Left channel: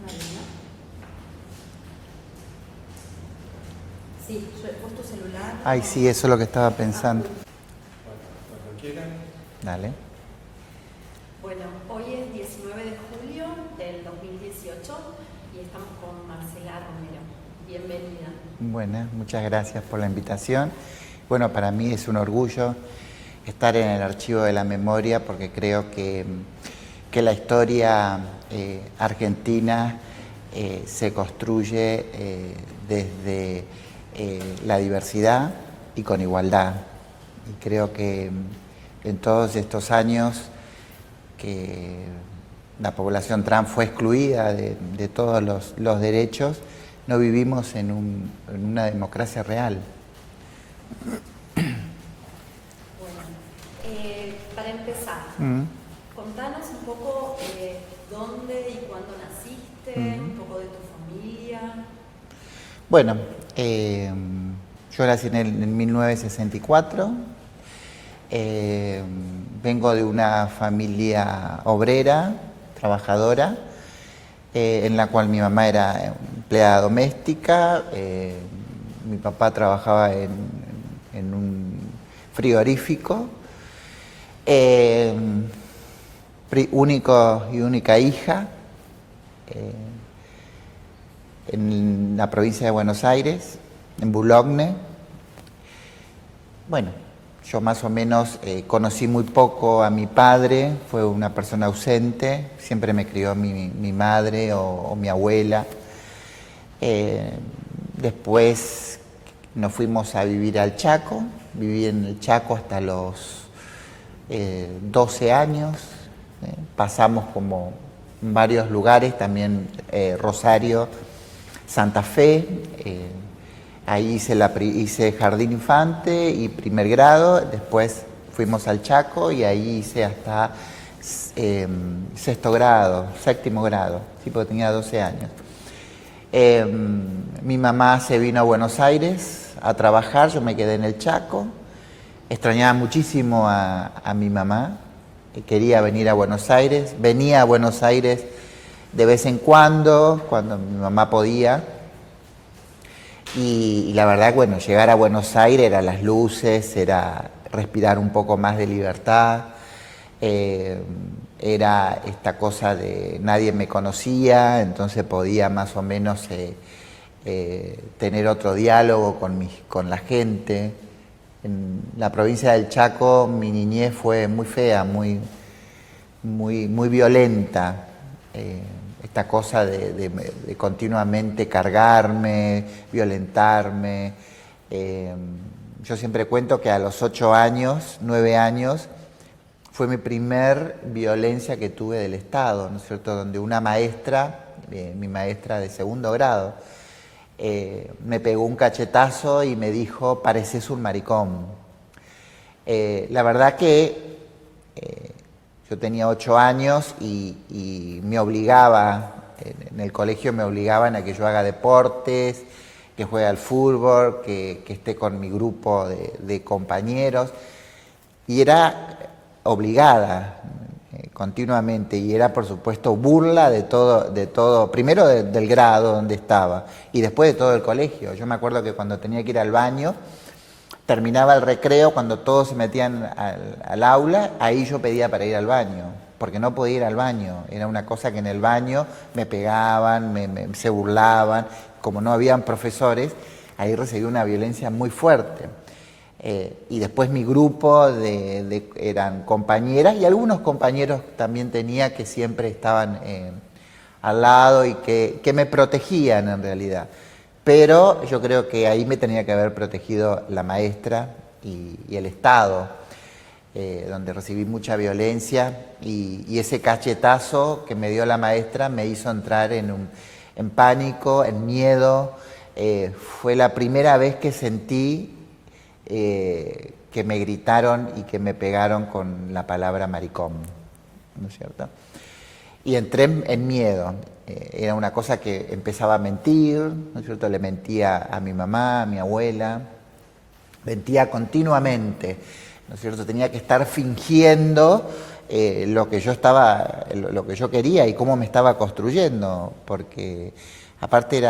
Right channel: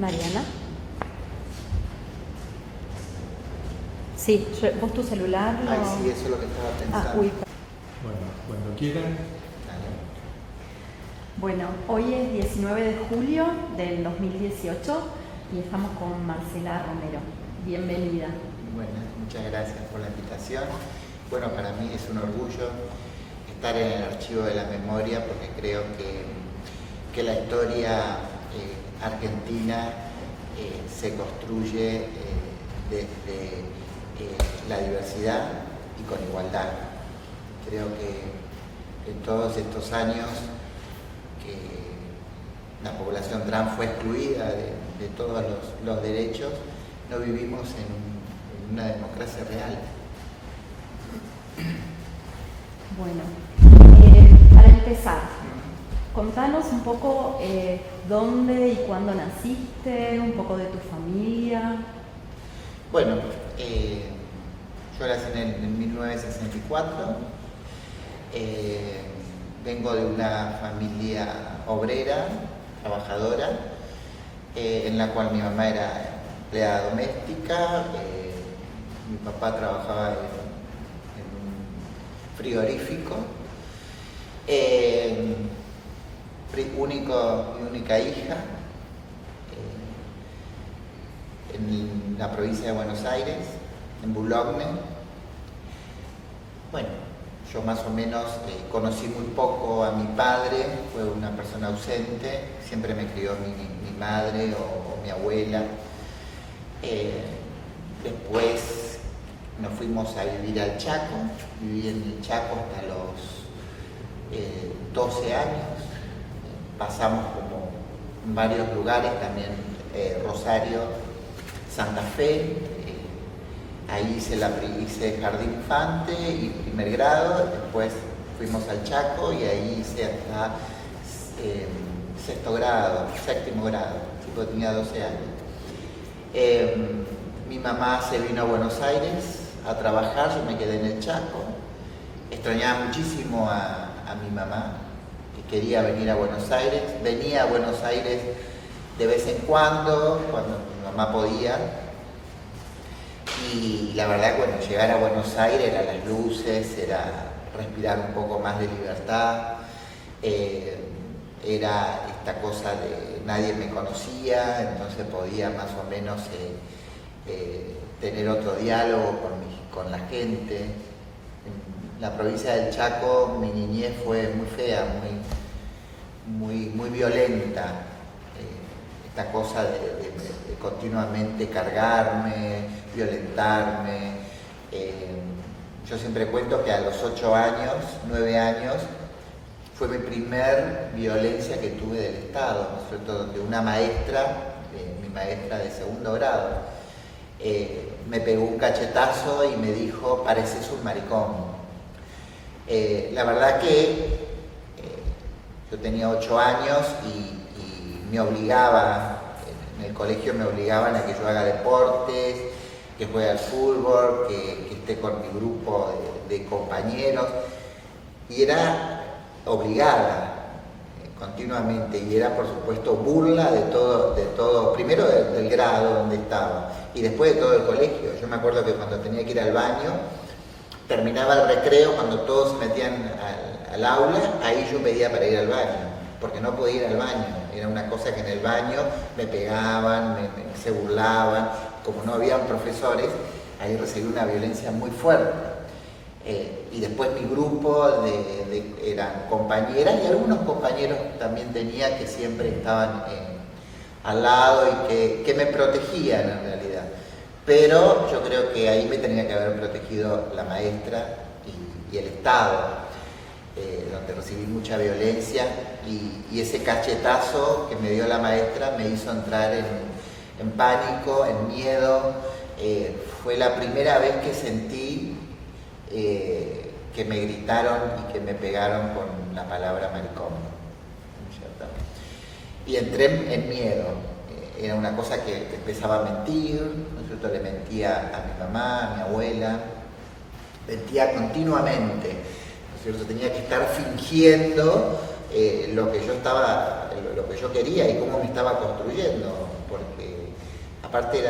Mariana. Sí, vos tu celular. Ay, sí, eso es lo que estaba pensando. Uy. Bueno, cuando quieran. Dale. Bueno, hoy es 19 de julio del 2018 y estamos con Marcela Romero. Bienvenida. Bueno, muchas gracias por la invitación. Bueno, para mí es un orgullo estar en el Archivo de la Memoria porque creo que la historia argentina se construye desde la diversidad y con igualdad. Y creo que en todos estos años que la población trans fue excluida de todos los derechos, no vivimos en una democracia real. Bueno, para empezar, contanos un poco dónde y cuándo naciste, un poco de tu familia. Bueno, yo nací en 1964, vengo de una familia obrera, trabajadora, en la cual mi mamá era empleada doméstica, mi papá trabajaba en un frigorífico, única hija, en la provincia de Buenos Aires, en Boulogne. Bueno, yo más o menos conocí muy poco a mi padre, fue una persona ausente, siempre me crió mi madre o mi abuela. Después nos fuimos a vivir al Chaco, viví en el Chaco hasta los 12 años, pasamos como en varios lugares, también Rosario, Santa Fe, ahí hice jardín infante y primer grado, después fuimos al Chaco y ahí hice hasta séptimo grado, sí, porque tenía 12 años. Mi mamá se vino a Buenos Aires a trabajar, yo me quedé en el Chaco, extrañaba muchísimo a mi mamá, quería venir a Buenos Aires, venía a Buenos Aires de vez en cuando mi mamá podía. Y la verdad, bueno, llegar a Buenos Aires era las luces, era respirar un poco más de libertad, era esta cosa de nadie me conocía, entonces podía más o menos tener otro diálogo con la gente. En la provincia del Chaco mi niñez fue muy fea, muy violenta. Esta cosa de continuamente cargarme, violentarme. Yo siempre cuento que a los 8 años, 9 años, fue mi primer violencia que tuve del Estado, ¿no es cierto? Donde una maestra, mi maestra de segundo grado, me pegó un cachetazo y me dijo, pareces un maricón. La verdad que yo tenía 8 años y me obligaba, en el colegio me obligaban a que yo haga deportes, que juegue al fútbol, que esté con mi grupo de compañeros, y era obligada continuamente, y era por supuesto burla de todo, primero del grado donde estaba, y después de todo el colegio. Yo me acuerdo que cuando tenía que ir al baño, terminaba el recreo, cuando todos se metían al aula, ahí yo pedía para ir al baño, porque no podía ir al baño. Era una cosa que en el baño me pegaban, se burlaban, como no habían profesores, ahí recibí una violencia muy fuerte. Y después mi grupo eran compañeras y algunos compañeros también tenía que siempre estaban al lado y que me protegían en realidad. Pero yo creo que ahí me tenía que haber protegido la maestra y el Estado, donde recibí mucha violencia y ese cachetazo que me dio la maestra me hizo entrar en pánico, en miedo. Fue la primera vez que sentí que me gritaron y que me pegaron con la palabra maricón, ¿no es cierto? Y entré en miedo. Era una cosa que empezaba a mentir, ¿no es cierto? Le mentía a mi mamá, a mi abuela, mentía continuamente, ¿no es cierto? Tenía que estar fingiendo lo que yo quería y cómo me estaba construyendo, porque aparte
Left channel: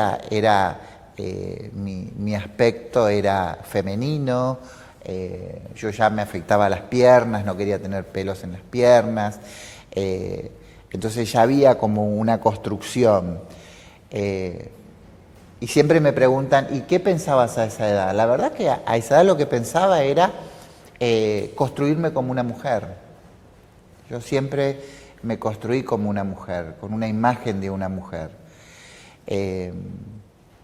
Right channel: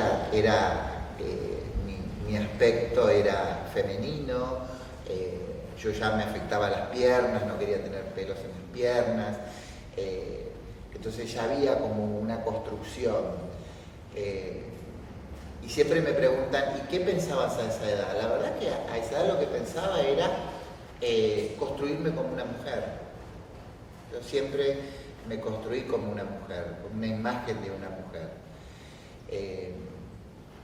mi aspecto era femenino, yo ya me afectaba las piernas, no quería tener pelos en las piernas, entonces ya había como una construcción. Y siempre me preguntan, ¿y qué pensabas a esa edad? La verdad que a esa edad lo que pensaba era construirme como una mujer. Yo siempre me construí como una mujer, con una imagen de una mujer.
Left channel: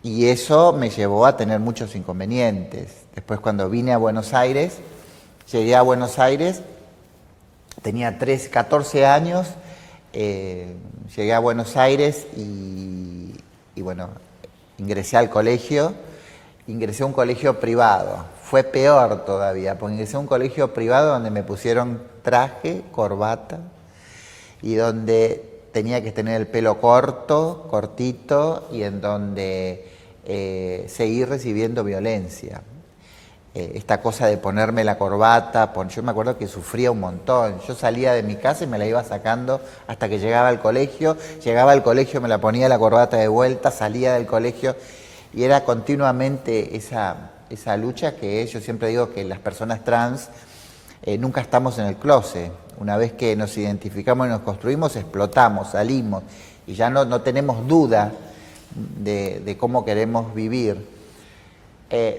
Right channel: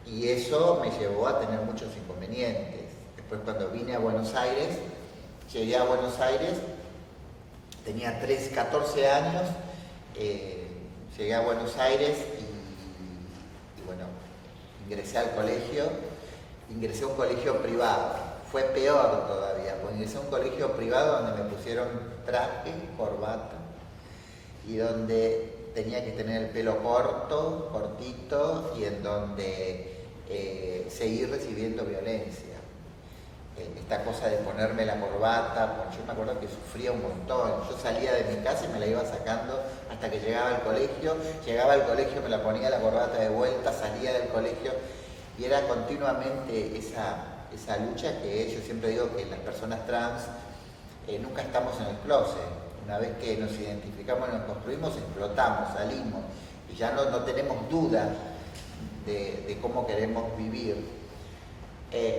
Y eso me llevó a tener muchos inconvenientes. Después cuando vine a Buenos Aires, llegué a Buenos Aires, tenía 14 años, llegué a Buenos Aires y bueno, ingresé al colegio, ingresé a un colegio privado. Fue peor todavía, porque ingresé a un colegio privado donde me pusieron traje, corbata, y donde tenía que tener el pelo cortito, y en donde seguí recibiendo violencia. Esta cosa de ponerme la corbata, yo me acuerdo que sufría un montón. Yo salía de mi casa y me la iba sacando hasta que llegaba al colegio. Llegaba al colegio, me la ponía la corbata de vuelta, salía del colegio y era continuamente esa lucha que yo siempre digo que las personas trans nunca estamos en el closet. Una vez que nos identificamos y nos construimos, explotamos, salimos y ya no tenemos duda de cómo queremos vivir.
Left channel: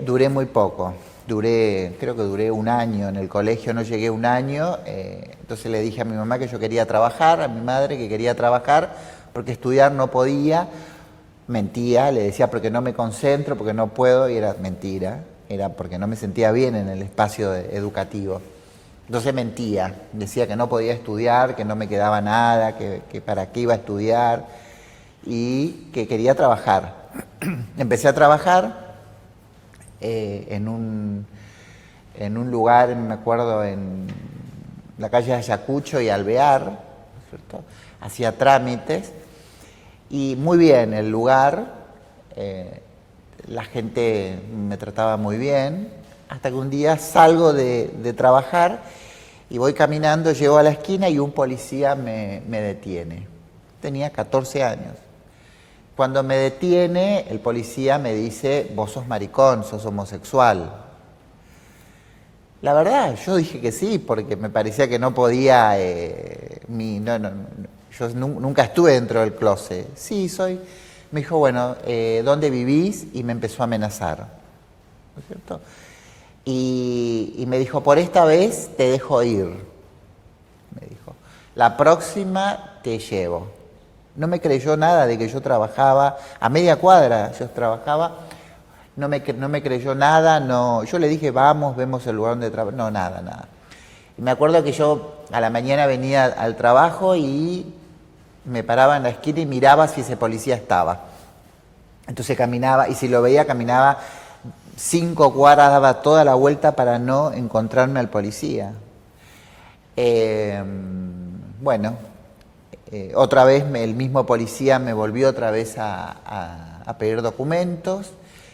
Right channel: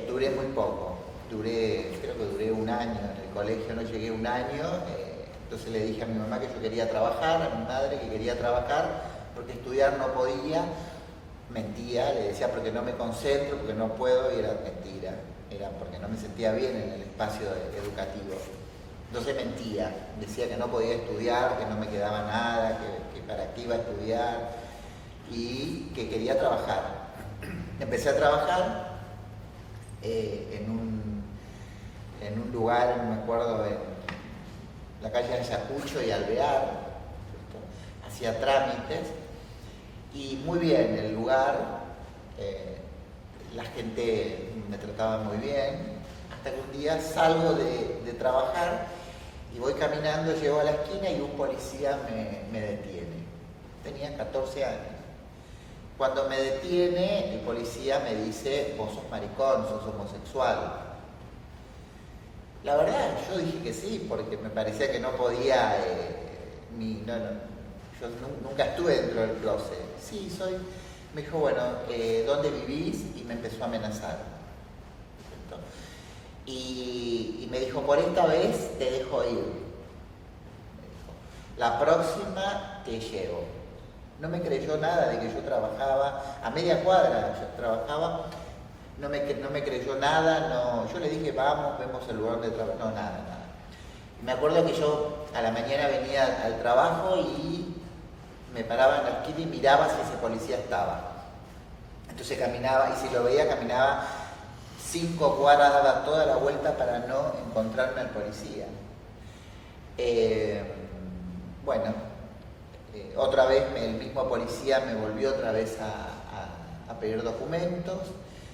Duré muy poco. Creo que duré un año en el colegio, no llegué un año, entonces le dije a mi mamá que yo quería trabajar, a mi madre que quería trabajar, porque estudiar no podía, mentía, le decía porque no me concentro, porque no puedo, y era mentira, era porque no me sentía bien en el espacio educativo. Entonces mentía, decía que no podía estudiar, que no me quedaba nada, que para qué iba a estudiar, y que quería trabajar. Empecé a trabajar en un lugar, me acuerdo, en la calle de Ayacucho y Alvear, ¿cierto? Hacía trámites y muy bien el lugar, la gente me trataba muy bien, hasta que un día salgo de trabajar y voy caminando, llego a la esquina y un policía me detiene. Tenía 14 años. Cuando me detiene, el policía me dice, vos sos maricón, sos homosexual. La verdad, yo dije que sí, porque me parecía que no podía, yo nunca estuve dentro del closet. Sí, soy. Me dijo, bueno, ¿dónde vivís? Y me empezó a amenazar, ¿no es cierto? Y me dijo, por esta vez te dejo ir. Me dijo, la próxima te llevo. No me creyó nada de que yo trabajaba, a media cuadra yo trabajaba, no me creyó nada, no. Yo le dije, vamos, vemos el lugar donde trabajo, no, nada. Y me acuerdo que yo a la mañana venía al trabajo y me paraba en la esquina y miraba si ese policía estaba. Entonces caminaba, y si lo veía caminaba 5 cuadras, daba toda la vuelta para no encontrarme al policía. Otra vez el mismo policía me volvió otra vez a pedir documentos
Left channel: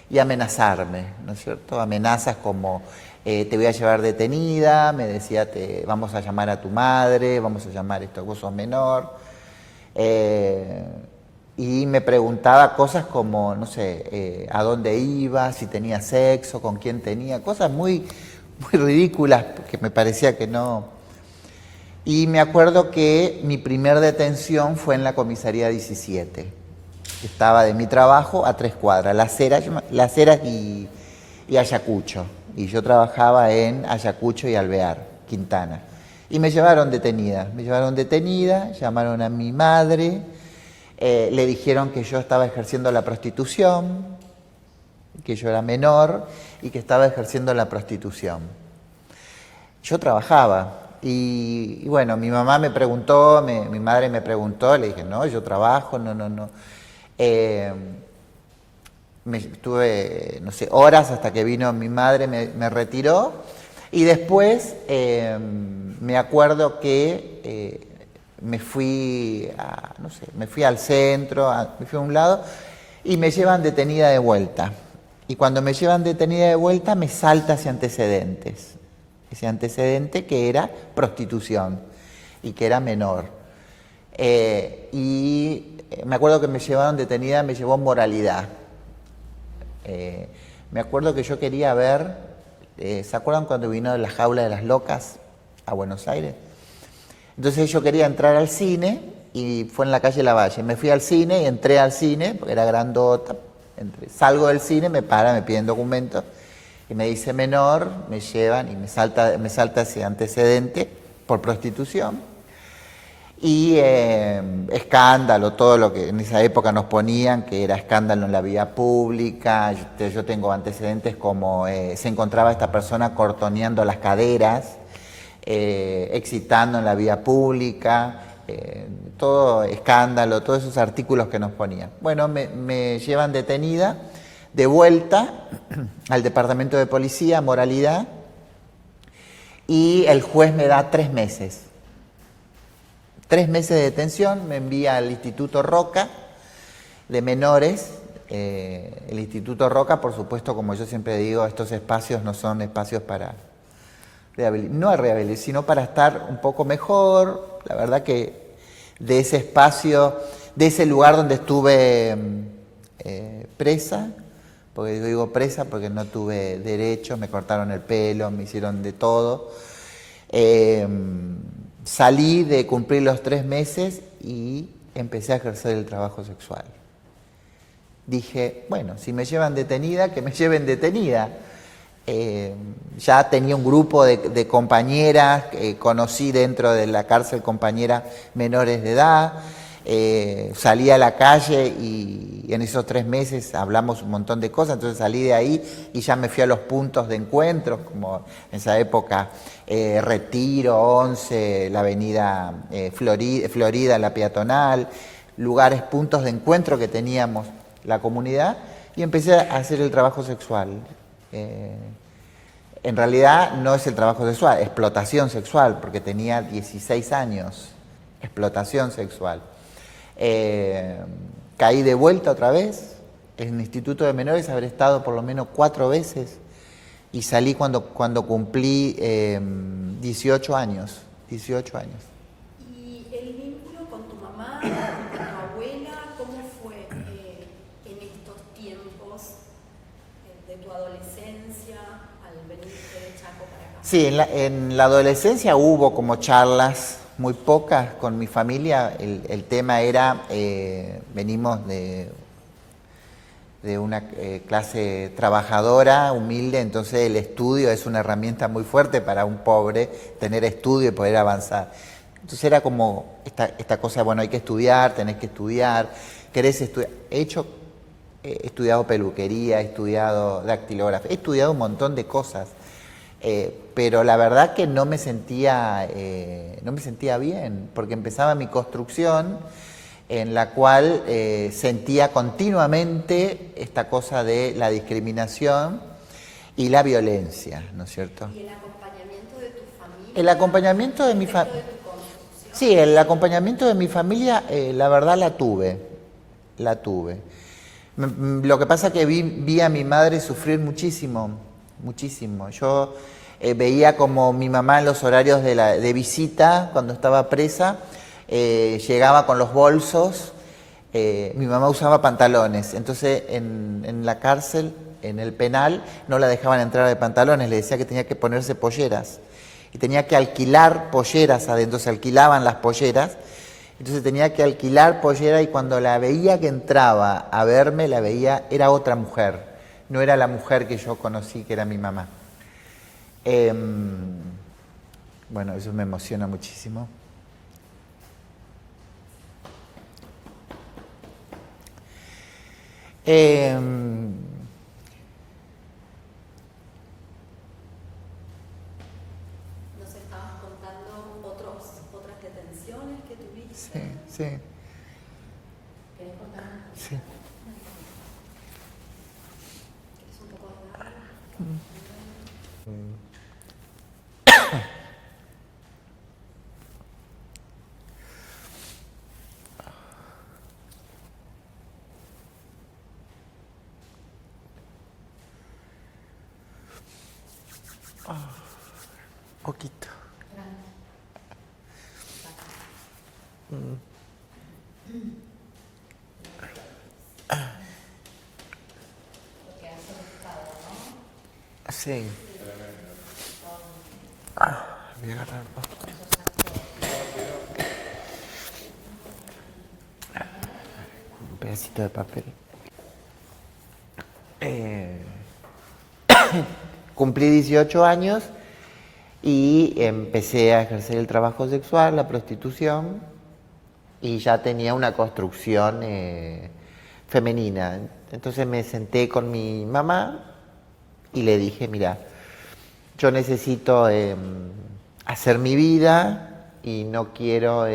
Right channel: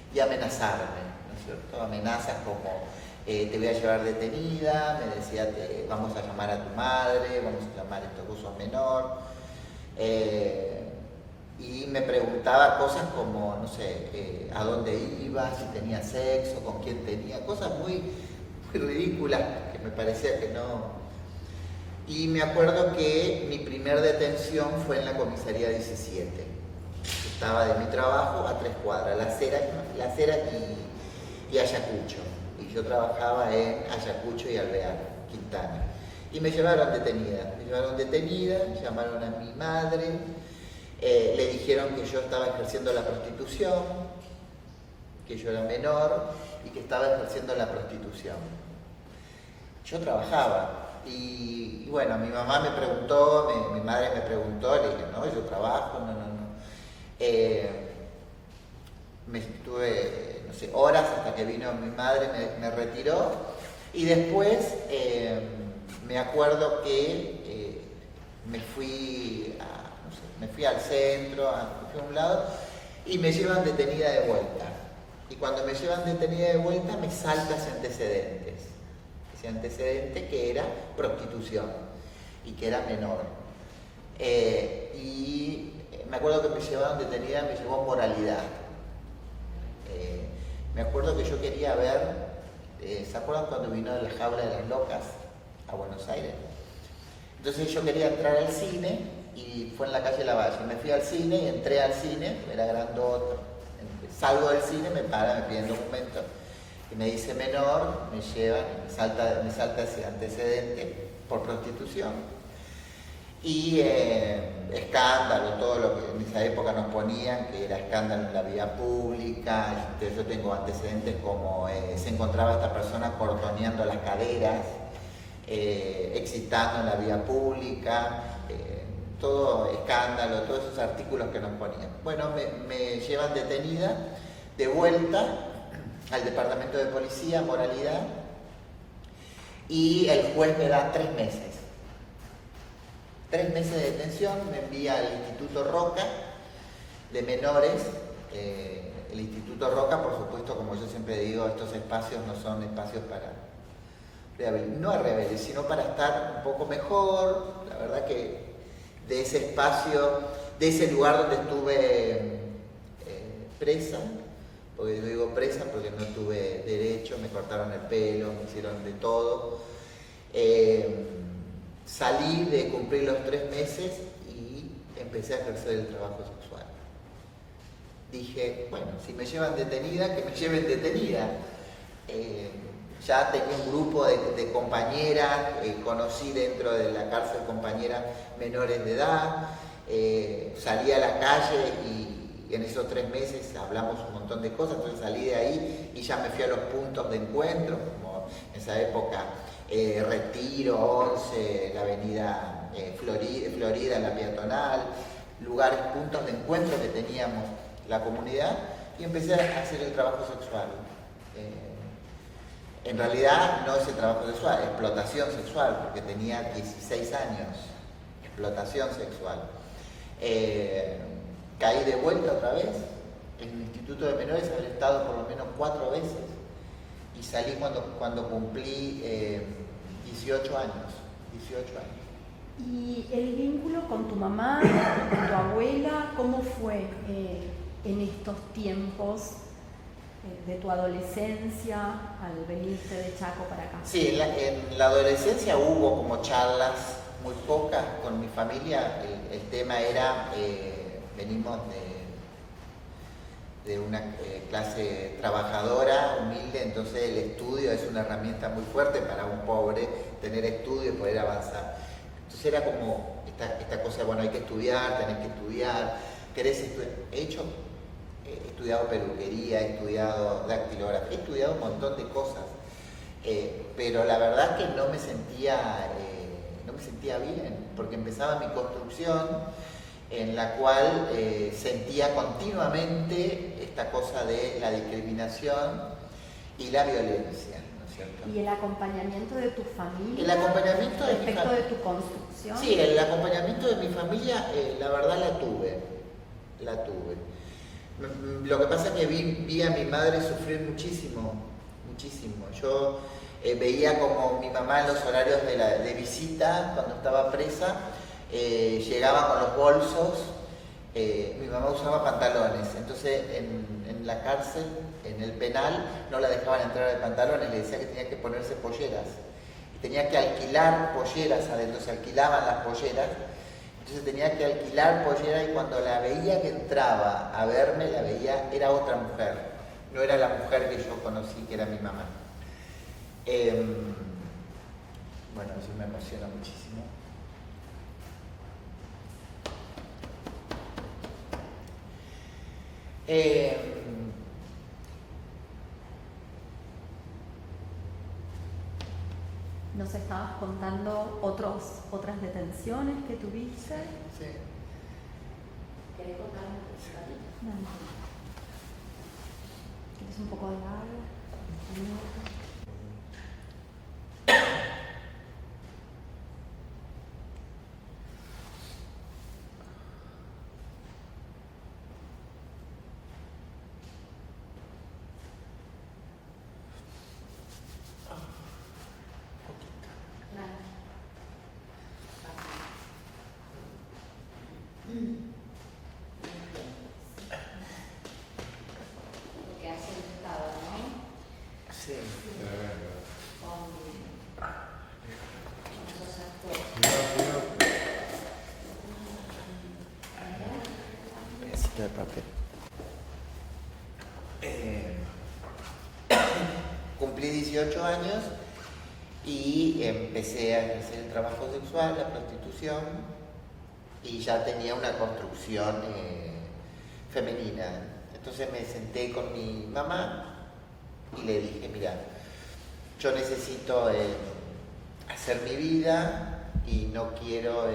y amenazarme, ¿no es cierto? Amenazas como te voy a llevar detenida, me decía vamos a llamar a tu madre, vamos a llamar esto, vos sos menor. Y me preguntaba cosas como, no sé, a dónde iba, si tenía sexo, con quién tenía, cosas muy ridículas que me parecía que no. Y me acuerdo que mi primer detención fue en la comisaría 17. Estaba de mi trabajo a 3 cuadras, Las Heras y Ayacucho. Y yo trabajaba en Ayacucho y Alvear, Quintana. Y me llevaron detenida, llamaron a mi madre, le dijeron que yo estaba ejerciendo la prostitución, que yo era menor y que estaba ejerciendo la prostitución. Yo trabajaba. Y bueno, mi mamá me preguntó, mi madre me preguntó, le dije, no, yo trabajo, no. Estuve, no sé, horas hasta que vino mi madre, me retiró. Y después me acuerdo que me fui al centro, me fui a un lado y me llevan detenida de vuelta. Y cuando me llevan detenida de vuelta me salta ese antecedente que era prostitución. y que era menor. Me acuerdo que me llevaron detenida, me llevó Moralidad. Me acuerdo que yo quería ver, ¿se acuerdan cuando vino La Jaula de las Locas a Buenos Aires? Entonces yo quería entrar al cine y fue en la calle Lavalle. Me fui al cine y entré al cine, porque era grandota. Salgo del cine, me piden documentos y me dice menor, me llevan y me salta ese antecedente por prostitución. Y escándalo, todo lo que en esa época nos ponían, que era escándalo en la vía pública. Yo tengo antecedentes como se encontraba esta persona cortoneando las caderas, excitando en la vía pública, todo escándalo, todos esos artículos que nos ponían. Bueno, me llevan detenida, de vuelta al departamento de policía, Moralidad, y el juez me da 3 meses. 3 meses de detención, me envía al Instituto Roca de Menores. El Instituto Roca, por supuesto, como yo siempre digo, estos espacios no son espacios para no rehabilitar, sino para estar un poco mejor. La verdad que de ese espacio, de ese lugar donde estuve presa, porque yo digo presa porque no tuve derecho, me cortaron el pelo, me hicieron de todo. Salí de cumplir los 3 meses y empecé a ejercer el trabajo sexual. Dije, bueno, si me llevan detenida, que me lleven detenida. Ya tenía un grupo de compañeras, conocí dentro de la cárcel compañeras menores de edad, salí a la calle y en esos 3 meses hablamos un montón de cosas, entonces salí de ahí y ya me fui a los puntos de encuentro, como en esa época Retiro, 11, la avenida Florida, la peatonal, lugares, puntos de encuentro que teníamos la comunidad, y empecé a hacer el trabajo sexual. En realidad no es el trabajo sexual, explotación sexual, porque tenía 16 años, explotación sexual. Caí de vuelta otra vez, en el Instituto de Menores habré estado por lo menos 4 veces, y salí cuando cumplí 18 años. ¿Y el vínculo con tu mamá, con tu abuela, cómo fue en estos tiempos de tu adolescencia al venirte de Chaco para acá? Sí, en la adolescencia hubo como charlas, muy pocas con mi familia. El tema era, venimos de una clase trabajadora, humilde, entonces el estudio es una herramienta muy fuerte para un pobre, tener estudio y poder avanzar. Entonces era como esta cosa, bueno, hay que estudiar, tenés que estudiar, querés estudiar. He estudiado peluquería, he estudiado dactilografía, he estudiado un montón de cosas, pero la verdad que no me sentía bien, porque empezaba mi construcción en la cual sentía continuamente esta cosa de la discriminación y la violencia, ¿no es cierto? ¿Y el acompañamiento de tu familia? El acompañamiento de mi familia. ¿De tu construcción? Sí, el acompañamiento de mi familia, la verdad la tuve. Lo que pasa es que vi a mi madre sufrir muchísimo. Yo veía como mi mamá en los horarios de visita, cuando estaba presa, llegaba con los bolsos. Mi mamá usaba pantalones, entonces en la cárcel, en el penal, no la dejaban entrar de pantalones, le decía que tenía que ponerse polleras. Y tenía que alquilar polleras adentro, se alquilaban las polleras. Entonces tenía que alquilar pollera, y cuando la veía que entraba a verme, la veía, era otra mujer. No era la mujer que yo conocí, que era mi mamá. Bueno, eso me emociona muchísimo. Nos estabas contando otras detenciones que tuviste. Sí. ¿Querés contar un poco? Sí. ¿Querés un poco de agua? Poquito. que has solicitado, ¿no? Sí. Voy a agarrar un pedacito de papel. Cumplí 18 años y empecé a ejercer el trabajo sexual, la prostitución, y ya tenía una construcción femenina. Entonces me senté con mi mamá y le dije, mira, yo necesito hacer mi vida y no quiero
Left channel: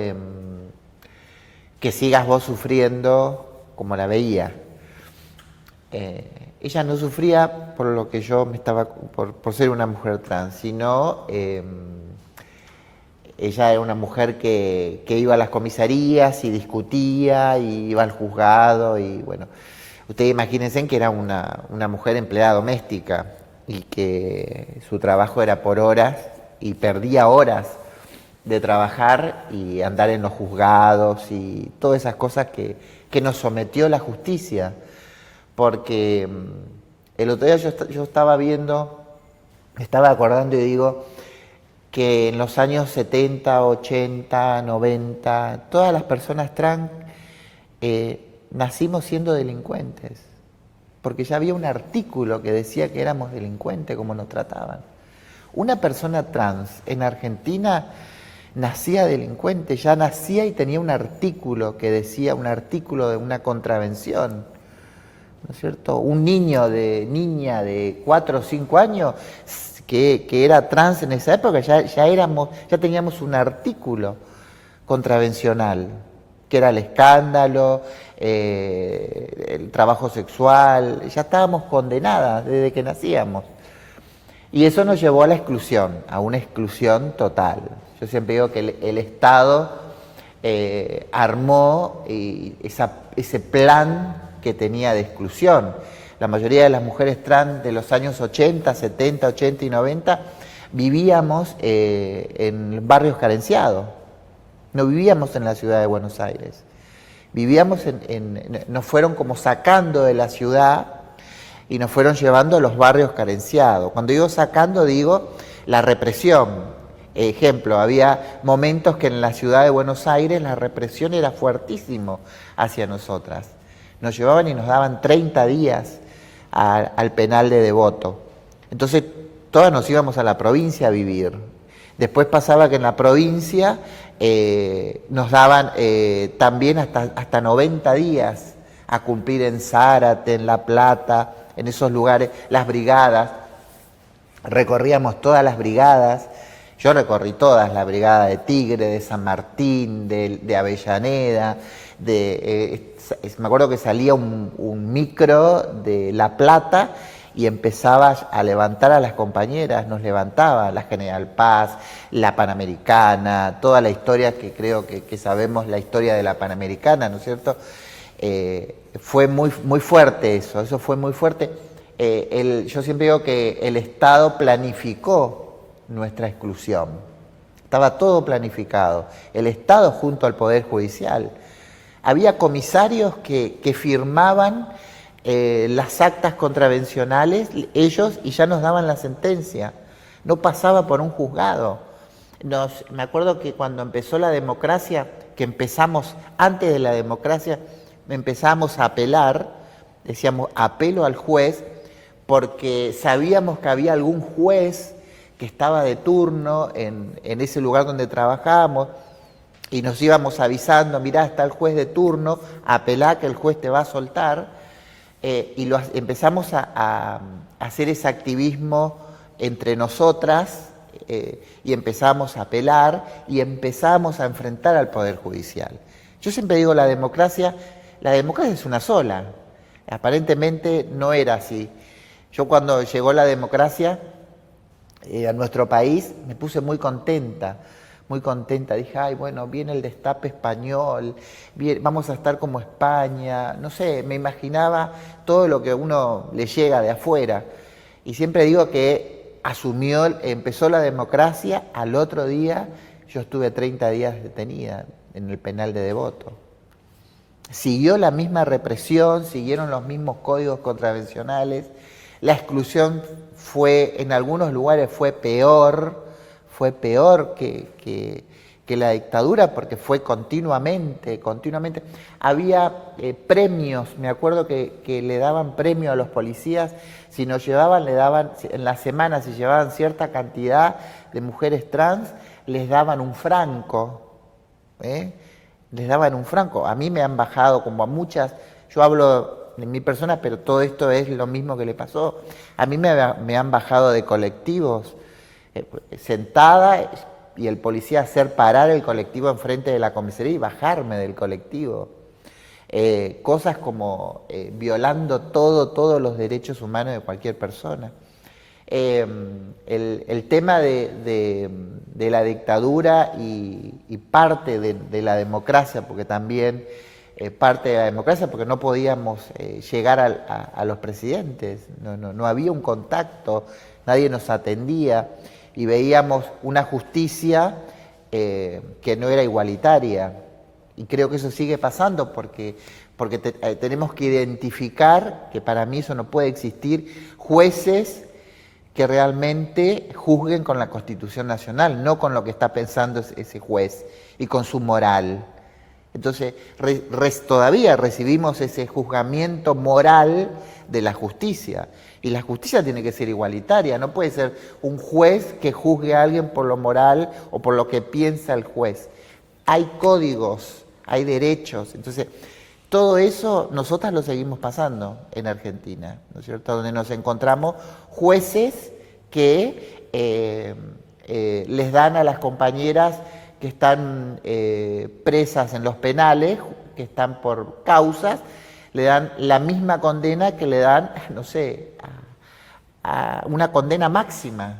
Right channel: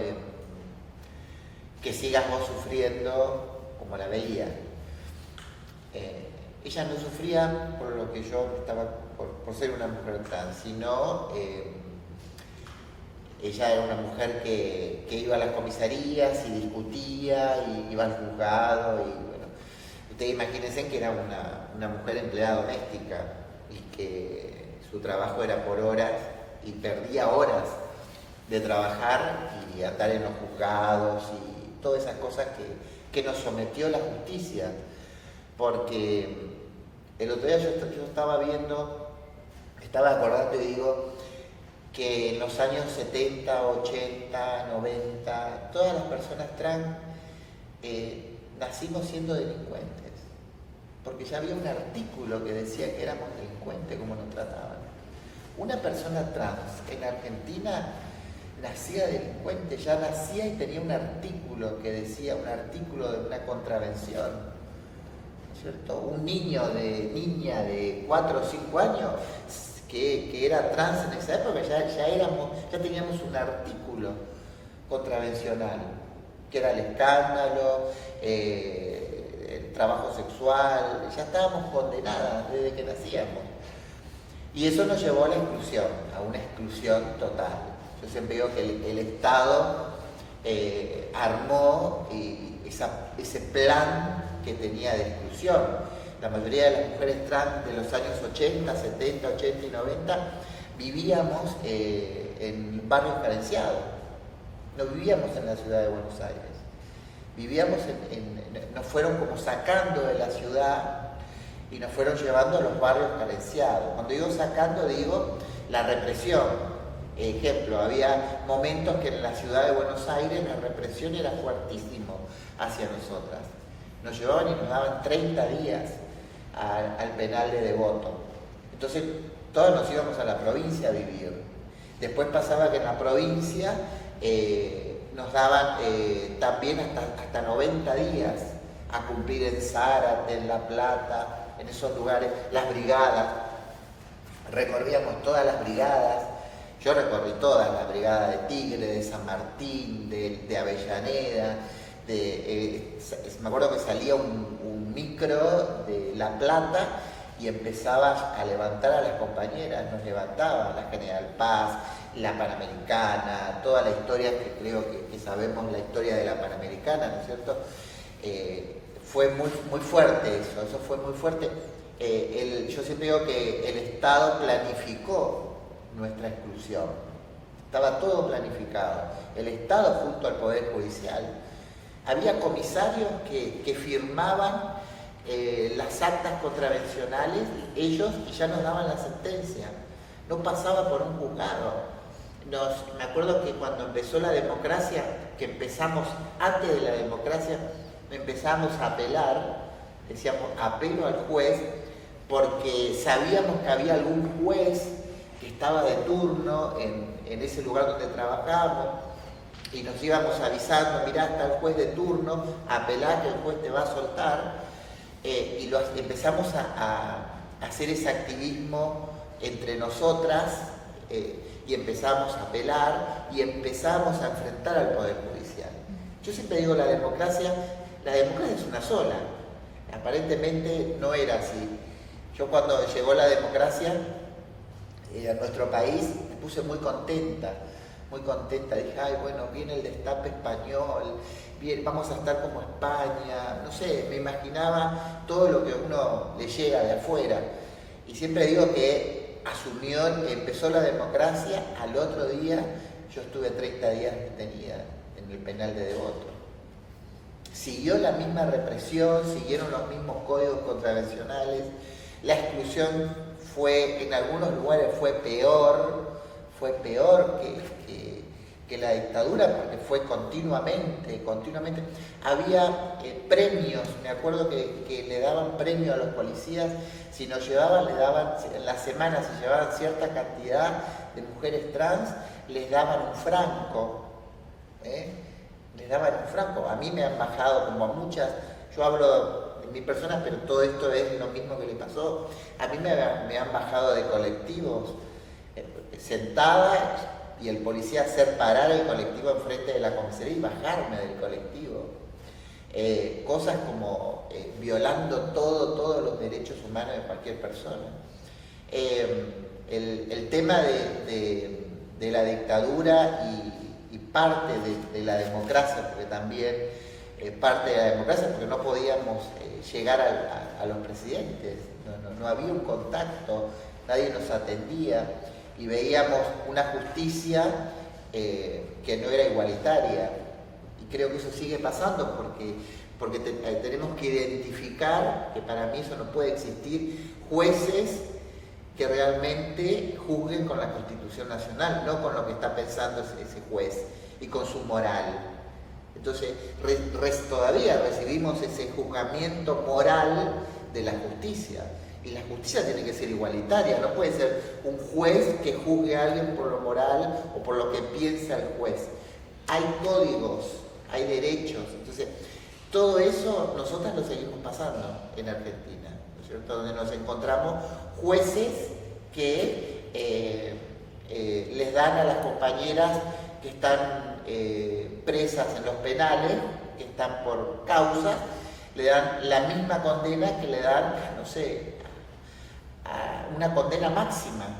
que sigas vos sufriendo como la veía. Ella no sufría por lo que yo me estaba, por ser una mujer trans, sino ella era una mujer que iba a las comisarías y discutía y iba al juzgado y bueno, ustedes imagínense que era una mujer empleada doméstica y que su trabajo era por horas y perdía horas de trabajar y andar en los juzgados y todas esas cosas que nos sometió la justicia. Porque el otro día yo estaba viendo, me estaba acordando y digo que en los años 70, 80, 90, todas las personas trans nacimos siendo delincuentes, porque ya había un artículo que decía que éramos delincuentes, como nos trataban. Una persona trans en Argentina nacía delincuente, ya nacía y tenía un artículo que decía, un artículo de una contravención, ¿no es cierto? Un niña de 4 o 5 años que era trans en esa época, ya teníamos un artículo contravencional, que era el escándalo, el trabajo sexual, ya estábamos condenadas desde que nacíamos. Y eso nos llevó a la exclusión, a una exclusión total. Yo siempre digo que el Estado armó ese plan que tenía de exclusión. La mayoría de las mujeres trans de los años 80, 70, 80 y 90 vivíamos en barrios carenciados. No vivíamos en la ciudad de Buenos Aires. Vivíamos nos fueron como sacando de la ciudad y nos fueron llevando a los barrios carenciados. Cuando digo sacando, digo la represión. Ejemplo, había momentos que en la ciudad de Buenos Aires la represión era fuertísimo hacia nosotras. Nos llevaban y nos daban 30 días al penal de Devoto. Entonces, todas nos íbamos a la provincia a vivir. Después pasaba que en la provincia nos daban también hasta 90 días a cumplir en Zárate, en La Plata, en esos lugares, las brigadas. Recorríamos todas las brigadas. Yo recorrí todas, la brigada de Tigre, de San Martín, de Avellaneda, me acuerdo que salía un micro de La Plata y empezaba a levantar a las compañeras, nos levantaba la General Paz, la Panamericana, toda la historia que creo que sabemos, la historia de la Panamericana, ¿no es cierto? Fue muy, muy fuerte eso fue muy fuerte. Yo siempre digo que el Estado planificó nuestra exclusión. Estaba todo planificado. El Estado junto al Poder Judicial. Había comisarios que firmaban las actas contravencionales, ellos, y ya nos daban la sentencia. No pasaba por un juzgado. Me acuerdo que cuando empezó la democracia, que empezamos, antes de la democracia, empezamos a apelar, decíamos apelo al juez, porque sabíamos que había algún juez que estaba de turno en ese lugar donde trabajábamos y nos íbamos avisando, mirá, está el juez de turno, apelá que el juez te va a soltar, y empezamos a hacer ese activismo entre nosotras y empezamos a apelar y empezamos a enfrentar al Poder Judicial. Yo siempre digo la democracia es una sola, aparentemente no era así. Yo cuando llegó la democracia a nuestro país me puse muy contenta, dije, ay, bueno, viene el destape español, vamos a estar como España, no sé, me imaginaba todo lo que a uno le llega de afuera. Y siempre digo que empezó la democracia, al otro día yo estuve 30 días detenida, en el penal de Devoto. Siguió la misma represión, siguieron los mismos códigos contravencionales, la exclusión fue, en algunos lugares fue peor que la dictadura, porque fue continuamente. Había premios, me acuerdo que le daban premio a los policías, si nos llevaban, le daban, en la semana, si llevaban cierta cantidad de mujeres trans, les daban un franco, les daban un franco. A mí me han bajado, como a muchas, yo hablo de mi persona, pero todo esto es lo mismo que le pasó. A mí me han bajado de colectivos, sentada, y el policía hacer parar el colectivo enfrente de la comisaría y bajarme del colectivo. Cosas como violando todos los derechos humanos de cualquier persona. El tema de la dictadura y parte de la democracia, porque también parte de la democracia, porque no podíamos llegar a los presidentes, no había un contacto, nadie nos atendía y veíamos una justicia que no era igualitaria. Y creo que eso sigue pasando porque tenemos que identificar, que para mí eso no puede existir, jueces que realmente juzguen con la Constitución Nacional, no con lo que está pensando ese juez y con su moral. Entonces, todavía recibimos ese juzgamiento moral de la justicia. Y la justicia tiene que ser igualitaria, no puede ser un juez que juzgue a alguien por lo moral o por lo que piensa el juez. Hay códigos, hay derechos, entonces todo eso nosotras lo seguimos pasando en Argentina, ¿no es cierto? Donde nos encontramos jueces que les dan a las compañeras que están presas en los penales, que están por causas, le dan la misma condena que le dan, no sé, a una condena máxima,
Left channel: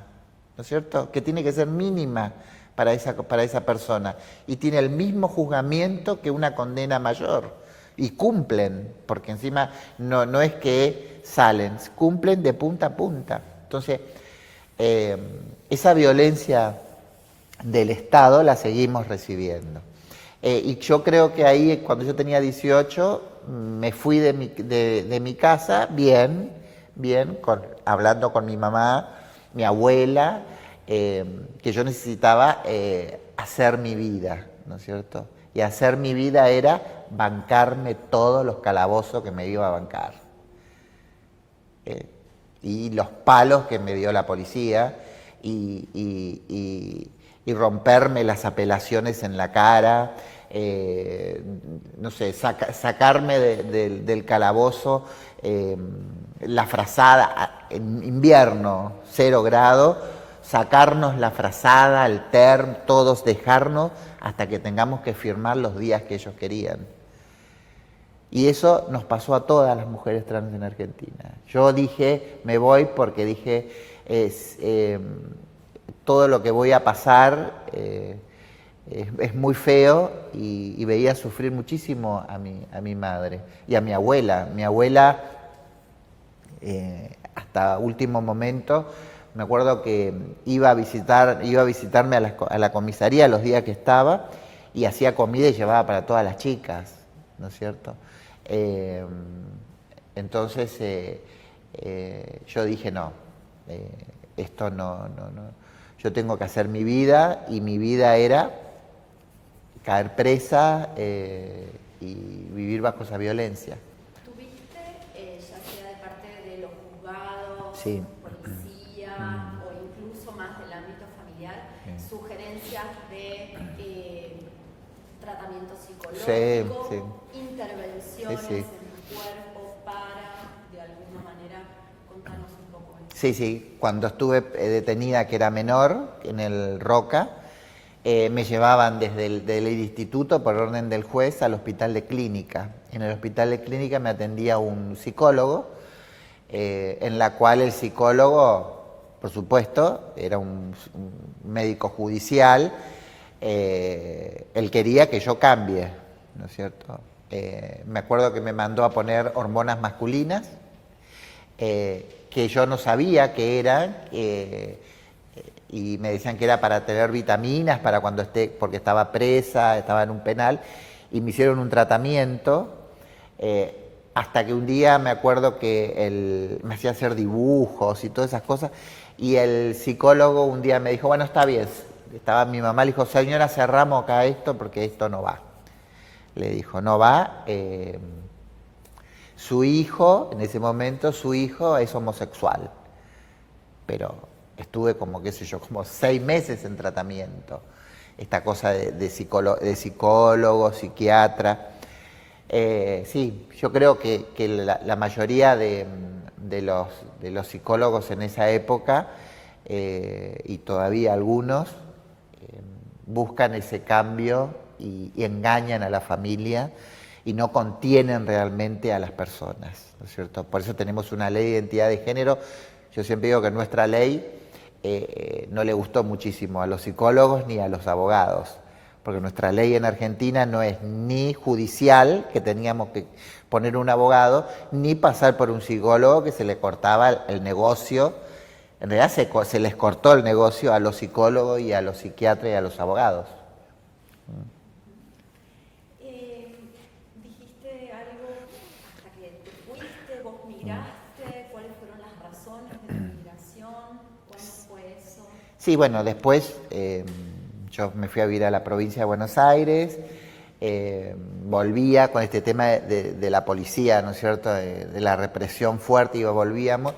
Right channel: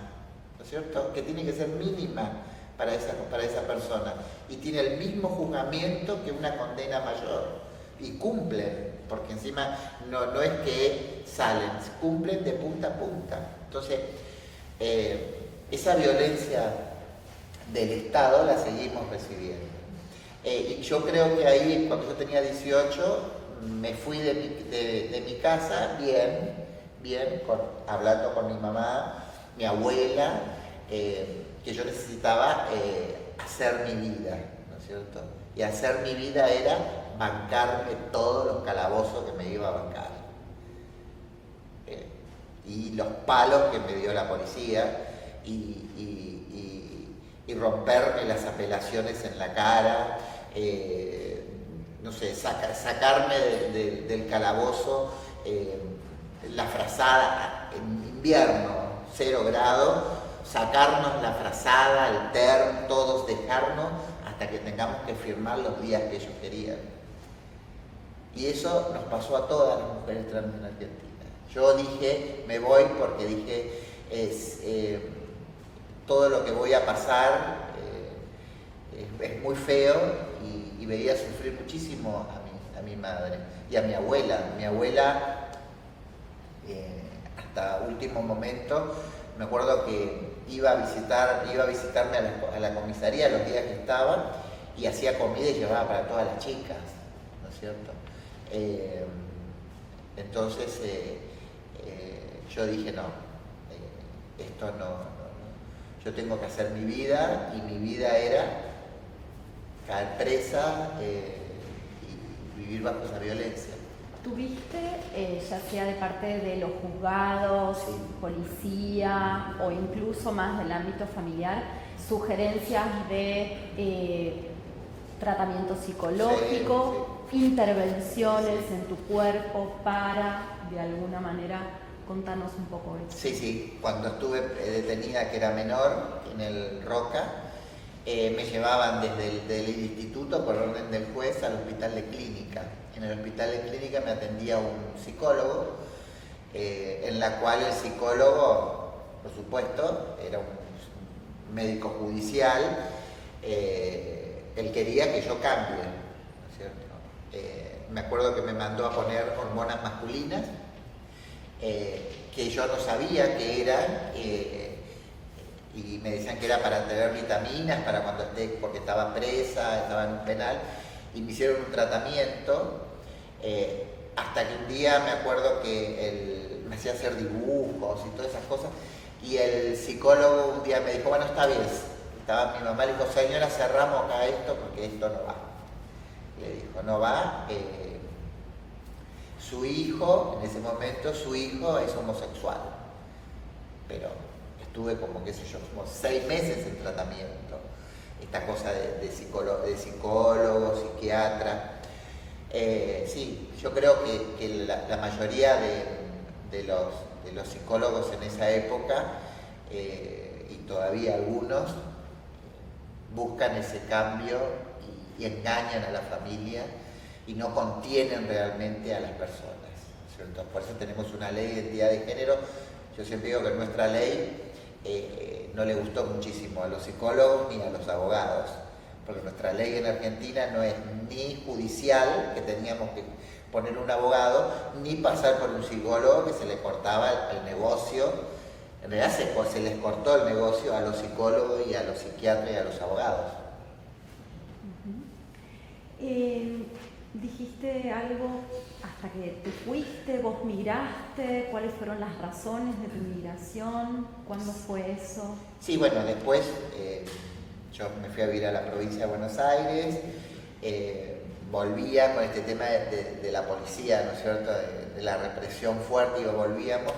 ¿no es cierto? Que tiene que ser mínima para esa persona. Y tiene el mismo juzgamiento que una condena mayor. Y cumplen, porque encima no es que salen, cumplen de punta a punta. Entonces, esa violencia del Estado la seguimos recibiendo. Y yo creo que ahí, cuando yo tenía 18, me fui de mi casa bien, hablando con mi mamá, mi abuela, que yo necesitaba hacer mi vida, ¿no es cierto? Y hacer mi vida era bancarme todos los calabozos que me iba a bancar. Y los palos que me dio la policía, y romperme las apelaciones en la cara, no sé, sacarme del calabozo, la frazada en invierno, 0 grados, sacarnos la frazada, el term, todos dejarnos hasta que tengamos que firmar los días que ellos querían. Y eso nos pasó a todas las mujeres trans en Argentina. Yo dije, me voy porque dije, todo lo que voy a pasar es muy feo, y veía sufrir muchísimo a mi madre y a mi abuela. Mi abuela, hasta último momento, me acuerdo que iba a visitarme a la comisaría los días que estaba, y hacía comida y llevaba para todas las chicas, ¿no es cierto? Entonces yo dije, no, esto no, yo tengo que hacer mi vida, y mi vida era caer presa y vivir bajo esa violencia. ¿Tuviste, ya sea de parte de los juzgados, sí, policía o incluso más del ámbito familiar, sugerencias de tratamiento psicológico, sí, intervenciones sí. en tu cuerpo para, de alguna manera, contarnos un poco de eso? Sí, cuando estuve detenida, que era menor, en el Roca, me llevaban desde el instituto, por orden del juez, al hospital de clínica. En el hospital de clínica me atendía un psicólogo, en la cual el psicólogo, por supuesto, era un médico judicial. Él quería que yo cambie, ¿no es cierto? Me acuerdo que me mandó a poner hormonas masculinas, que yo no sabía qué eran, y me decían que era para tener vitaminas, para cuando esté, porque estaba presa, estaba en un penal, y me hicieron un tratamiento, hasta que un día me acuerdo que me hacía hacer dibujos y todas esas cosas, y el psicólogo un día me dijo, bueno, está bien, estaba mi mamá, le dijo, señora, cerramos acá esto porque esto no va. Le dijo, no va, su hijo, en ese momento, su hijo es homosexual, pero estuve como, qué sé yo, como 6 meses en tratamiento, esta cosa de psicólogo, psiquiatra. Sí, yo creo que la mayoría de los psicólogos en esa época, y todavía algunos, buscan ese cambio y engañan a la familia y no contienen realmente a las personas, ¿no es cierto? Por eso tenemos una ley de identidad de género. Yo siempre digo que nuestra ley no le gustó muchísimo a los psicólogos ni a los abogados, porque nuestra ley en Argentina no es ni judicial, que teníamos que poner un abogado, ni pasar por un psicólogo que se le cortaba el negocio. En realidad se les cortó el negocio a los psicólogos y a los psiquiatras y a los abogados. Dijiste algo, hasta que te fuiste, vos migraste, ¿cuáles fueron las razones de tu migración? ¿Cuándo fue eso? Sí, bueno, después yo me fui a vivir a la provincia de Buenos Aires, volvía con este tema de la policía, ¿no es cierto?, de la represión fuerte, y volvíamos.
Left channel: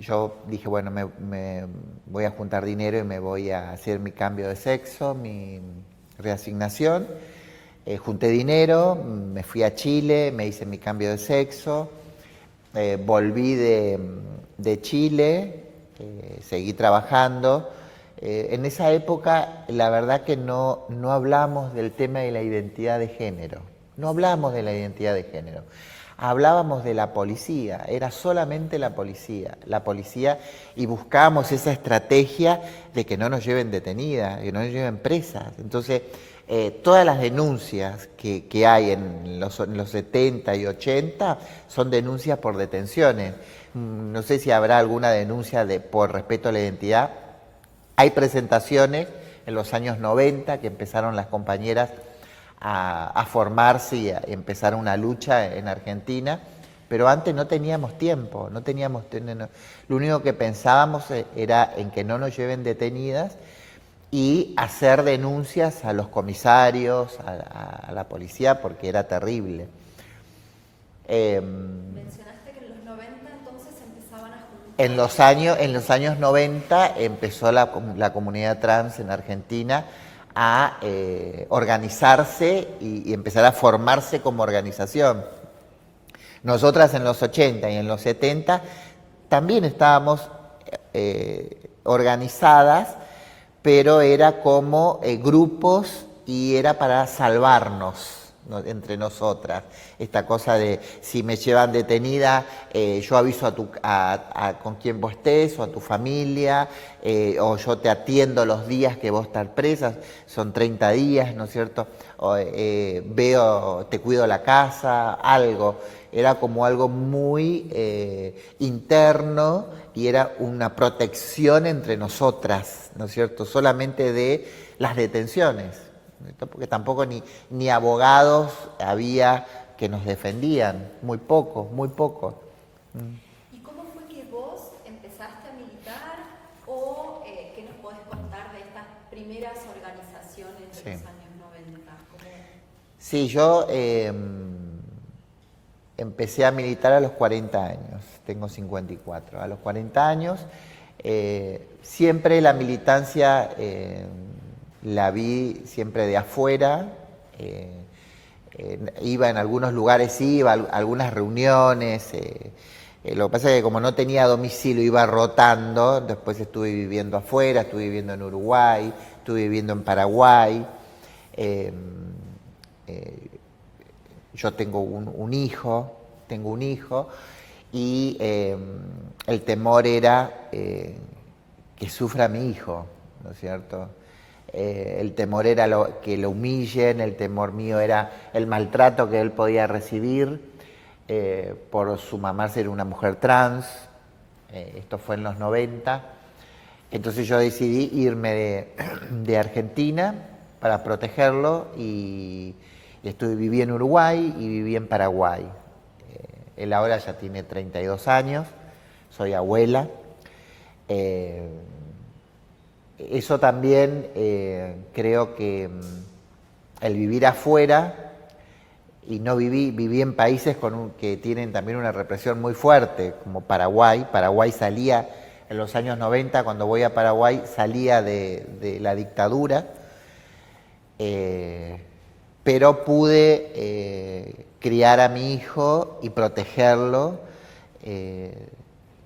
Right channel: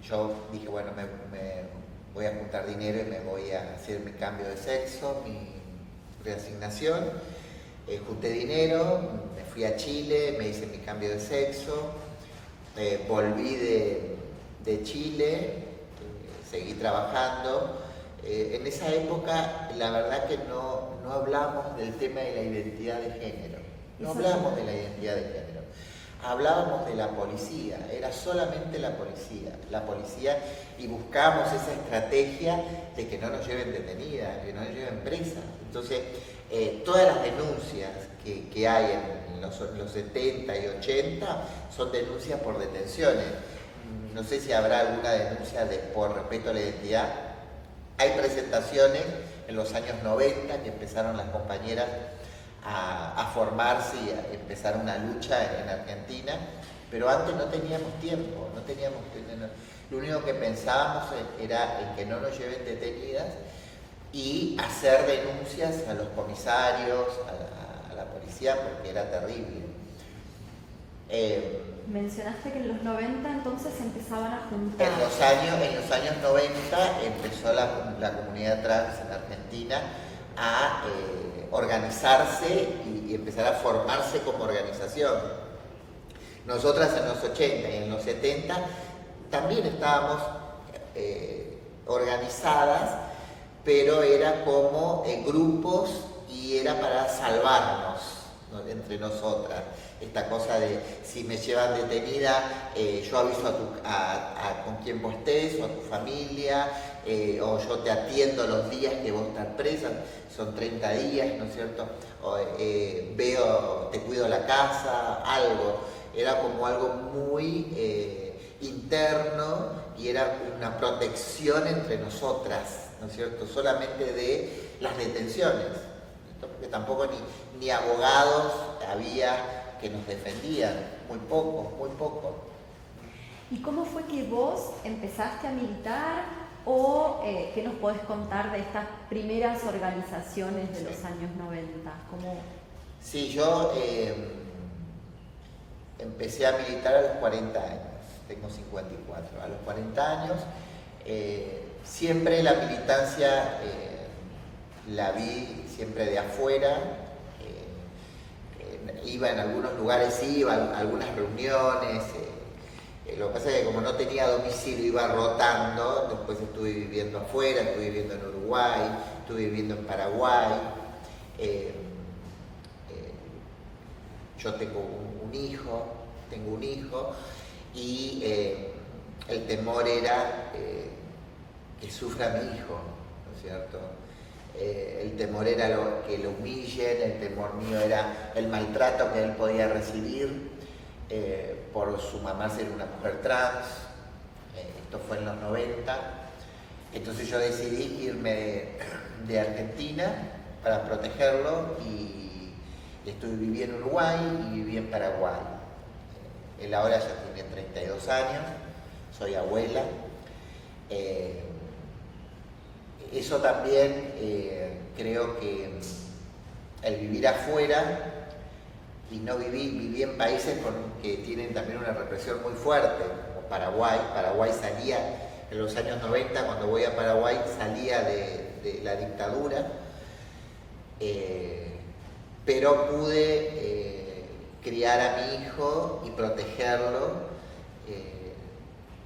Yo dije, bueno, me voy a juntar dinero y me voy a hacer mi cambio de sexo, mi reasignación. Junté dinero, me fui a Chile, me hice mi cambio de sexo, volví de Chile, seguí trabajando. En esa época, la verdad que no hablamos del tema de la identidad de género, no hablamos de la identidad de género. Hablábamos de la policía, era solamente la policía, y buscábamos esa estrategia de que no nos lleven detenidas, que no nos lleven presas. Entonces, todas las denuncias que hay en los 70 y 80 son denuncias por detenciones. No sé si habrá alguna denuncia por respeto a la identidad. Hay presentaciones en los años 90 que empezaron las compañeras a formarse y a empezar una lucha en Argentina, pero antes no teníamos tiempo, lo único que pensábamos era en que no nos lleven detenidas y hacer denuncias a los comisarios, a la policía, porque era terrible. Mencionaste que en los 90 entonces empezaban a juntar. En los años 90 empezó la comunidad trans en Argentina a organizarse y empezar a formarse como organización. Nosotras en los 80 y en los 70 también estábamos organizadas, pero era como grupos, y era para salvarnos, ¿no?, entre nosotras. Esta cosa de, si me llevan detenida, yo aviso con quién vos estés, o a tu familia, o yo te atiendo los días que vos estás presa, son 30 días, ¿no es cierto? O, te cuido la casa, algo. Era como algo muy interno, y era una protección entre nosotras, ¿no es cierto? Solamente de las detenciones, ¿no? Porque tampoco ni abogados había que nos defendían, muy poco. ¿Y cómo fue que vos empezaste a militar, o qué nos podés contar de estas primeras organizaciones de los años 90? Sí, yo empecé a militar a los 40 años, tengo 54. A los 40 años, siempre la militancia la vi siempre de afuera. Iba en algunos lugares, iba a algunas reuniones. Lo que pasa es que como no tenía domicilio, iba rotando. Después estuve viviendo afuera, estuve viviendo en Uruguay, estuve viviendo en Paraguay. Yo tengo un hijo, y el temor era que sufra mi hijo, ¿no es cierto? El temor era que lo humillen, el temor mío era el maltrato que él podía recibir por su mamá ser una mujer trans. Esto fue en los 90. Entonces yo decidí irme de Argentina para protegerlo y viví en Uruguay y viví en Paraguay. Él ahora ya tiene 32 años, soy abuela. Eso también creo que el vivir afuera y no viví en países que tienen también una represión muy fuerte, como Paraguay. Paraguay salía en los años 90, cuando voy a Paraguay, salía de la dictadura, pero pude criar a mi hijo y protegerlo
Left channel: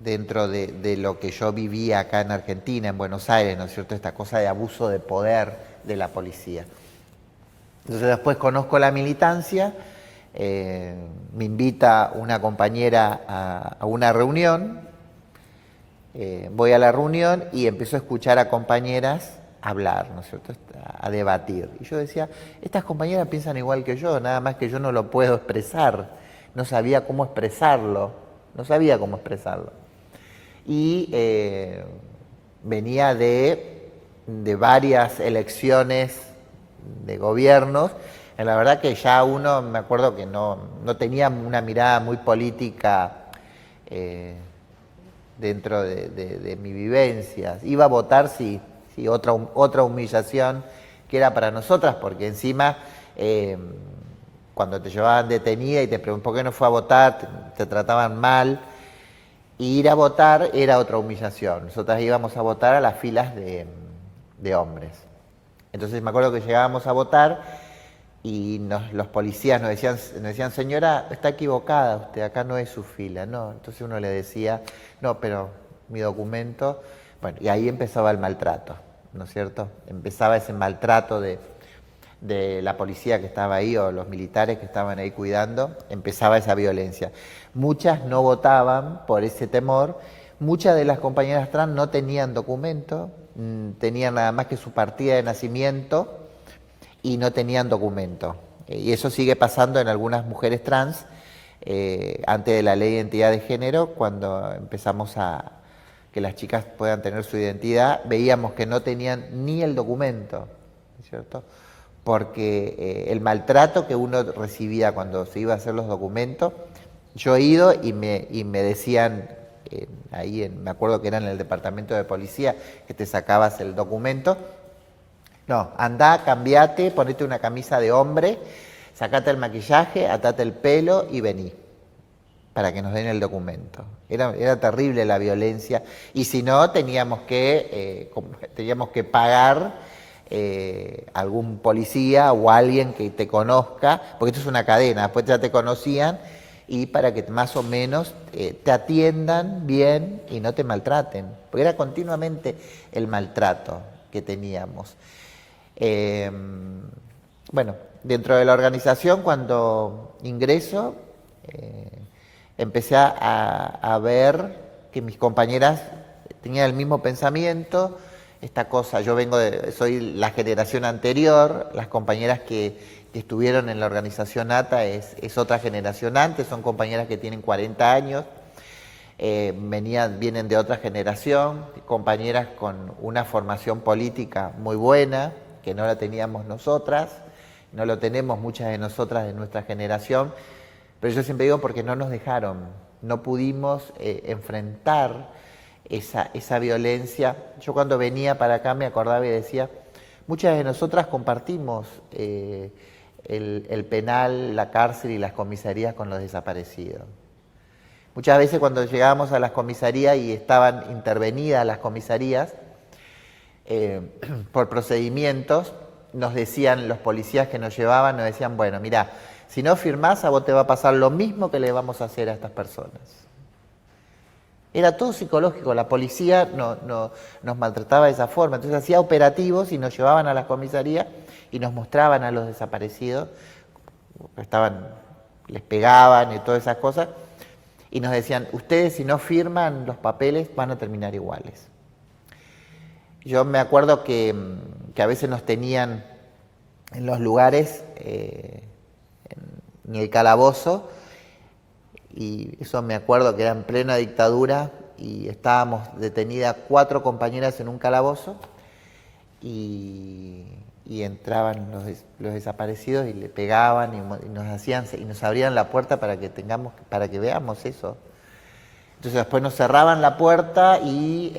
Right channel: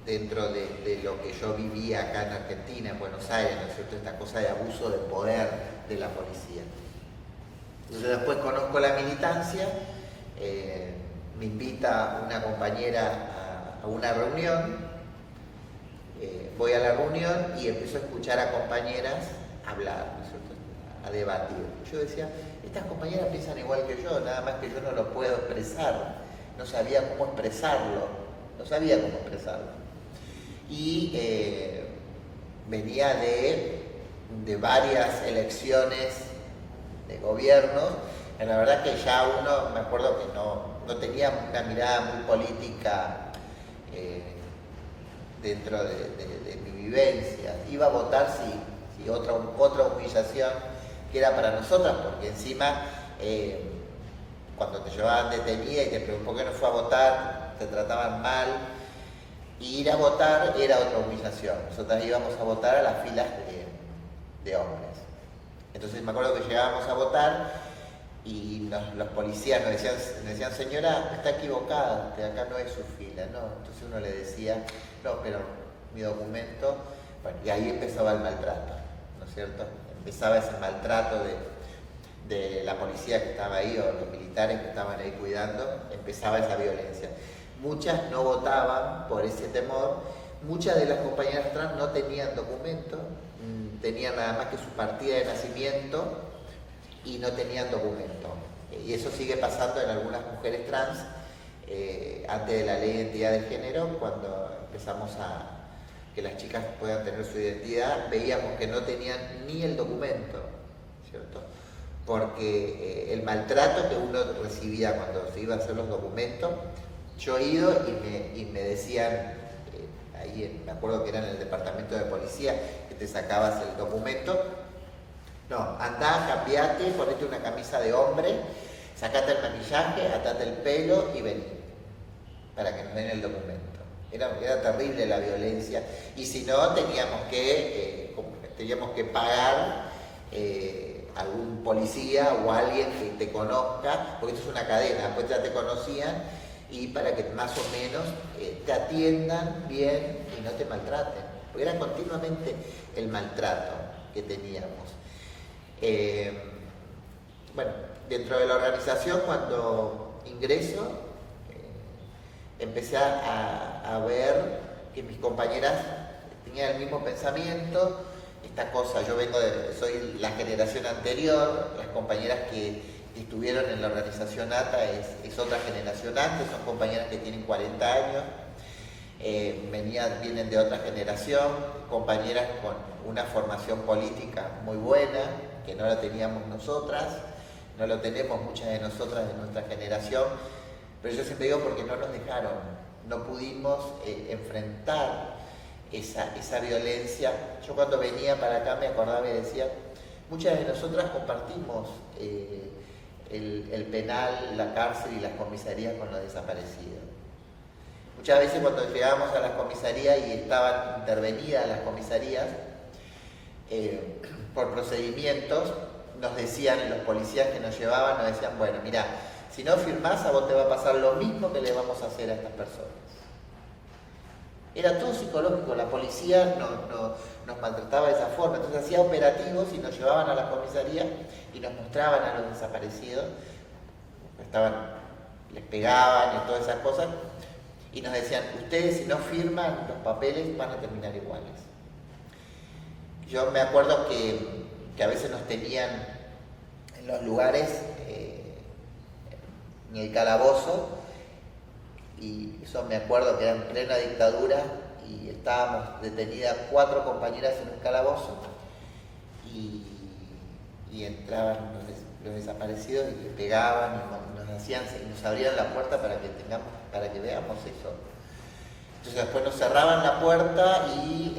dentro de lo que yo vivía acá en Argentina, en Buenos Aires, ¿no es cierto? Esta cosa de abuso de poder de la policía. Entonces después conozco la militancia, me invita una compañera a una reunión, voy a la reunión y empiezo a escuchar a compañeras hablar, ¿no es cierto?, a debatir. Y yo decía, estas compañeras piensan igual que yo, nada más que yo no lo puedo expresar, no sabía cómo expresarlo. Y venía de varias elecciones de gobiernos. La verdad que ya uno, me acuerdo que no tenía una mirada muy política dentro de mi vivencia. Iba a votar, sí, otra humillación que era para nosotras, porque encima cuando te llevaban detenida y te preguntaban por qué no fue a votar, te trataban mal. Y ir a votar era otra humillación. Nosotras íbamos a votar a las filas de hombres. Entonces me acuerdo que llegábamos a votar y los policías nos decían, señora, está equivocada, usted acá no es su fila, ¿no? Entonces uno le decía, no, pero mi documento. Bueno, y ahí empezaba el maltrato, ¿no es cierto? Empezaba ese maltrato de la policía que estaba ahí o los militares que estaban ahí cuidando, empezaba esa violencia. Muchas no votaban por ese temor, muchas de las compañeras trans no tenían documento, tenían nada más que su partida de nacimiento y no tenían documento. Y eso sigue pasando en algunas mujeres trans, antes de la ley de identidad de género, cuando empezamos a que las chicas puedan tener su identidad, veíamos que no tenían ni el documento, ¿cierto? Porque el maltrato que uno recibía cuando se iba a hacer los documentos, yo he ido y me decían, me acuerdo que era en el departamento de policía, que te sacabas el documento, no, andá, cambiate, ponete una camisa de hombre, sacate el maquillaje, atate el pelo y vení, para que nos den el documento. Era terrible la violencia, y si no, teníamos que pagar algún policía o alguien que te conozca, porque esto es una cadena, después ya te conocían, y para que más o menos te atiendan bien y no te maltraten, porque era continuamente el maltrato que teníamos. Bueno, dentro de la organización, cuando ingreso, empecé a ver que mis compañeras tenían el mismo pensamiento, esta cosa, soy la generación anterior, las compañeras que estuvieron en la organización ATA es otra generación antes, son compañeras que tienen 40 años, vienen de otra generación, compañeras con una formación política muy buena, que no la teníamos nosotras, no lo tenemos muchas de nosotras de nuestra generación, pero yo siempre digo porque no nos dejaron, no pudimos enfrentar esa violencia. Yo cuando venía para acá me acordaba y decía, muchas de nosotras compartimos el penal, la cárcel y las comisarías con los desaparecidos. Muchas veces cuando llegábamos a las comisarías y estaban intervenidas las comisarías por procedimientos, nos decían los policías que nos llevaban, nos decían, bueno, mirá, si no firmás, a vos te va a pasar lo mismo que le vamos a hacer a estas personas. Era todo psicológico, la policía nos maltrataba de esa forma, entonces hacía operativos y nos llevaban a la comisaría y nos mostraban a los desaparecidos, les pegaban y todas esas cosas, y nos decían, ustedes si no firman los papeles van a terminar iguales. Yo me acuerdo que a veces nos tenían en los lugares, en el calabozo, y eso me acuerdo que era en plena dictadura, y estábamos detenidas 4 compañeras en un calabozo y entraban los desaparecidos y le pegaban y nos abrían la puerta para que veamos eso. Entonces después nos cerraban la puerta y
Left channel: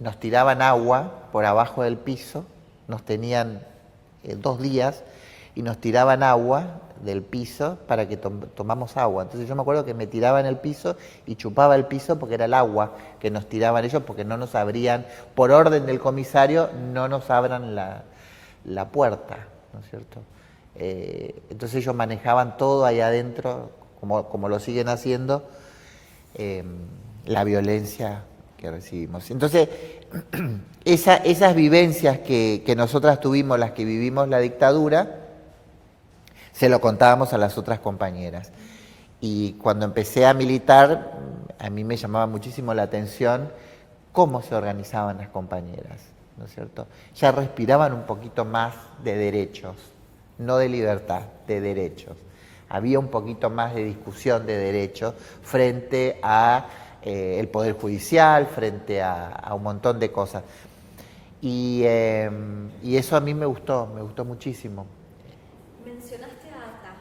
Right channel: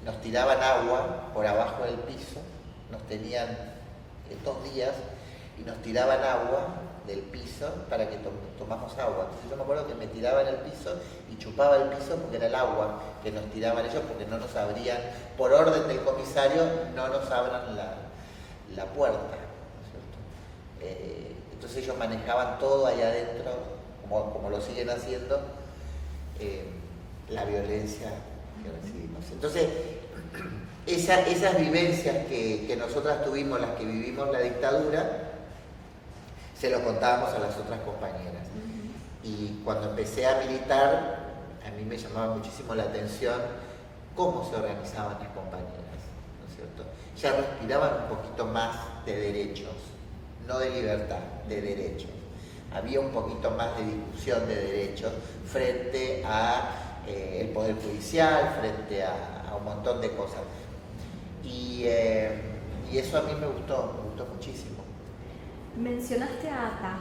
nos tiraban agua por abajo del piso, nos tenían 2 días y nos tiraban agua del piso para que tomamos agua. Entonces yo me acuerdo que me tiraba en el piso y chupaba el piso porque era el agua que nos tiraban ellos, porque no nos abrían, por orden del comisario, no nos abran la puerta, ¿no es cierto? Entonces ellos manejaban todo ahí adentro, como lo siguen haciendo, la violencia que recibimos. Entonces, esas vivencias que nosotras tuvimos, las que vivimos la dictadura, se lo contábamos a las otras compañeras. Y cuando empecé a militar, a mí me llamaba muchísimo la atención cómo se organizaban las compañeras, ¿no es cierto? Ya respiraban un poquito más de derechos, no de libertad, de derechos. Había un poquito más de discusión de derechos frente a el Poder Judicial, frente a un montón de cosas. Y eso a mí me gustó muchísimo. Mencionaste a ATA.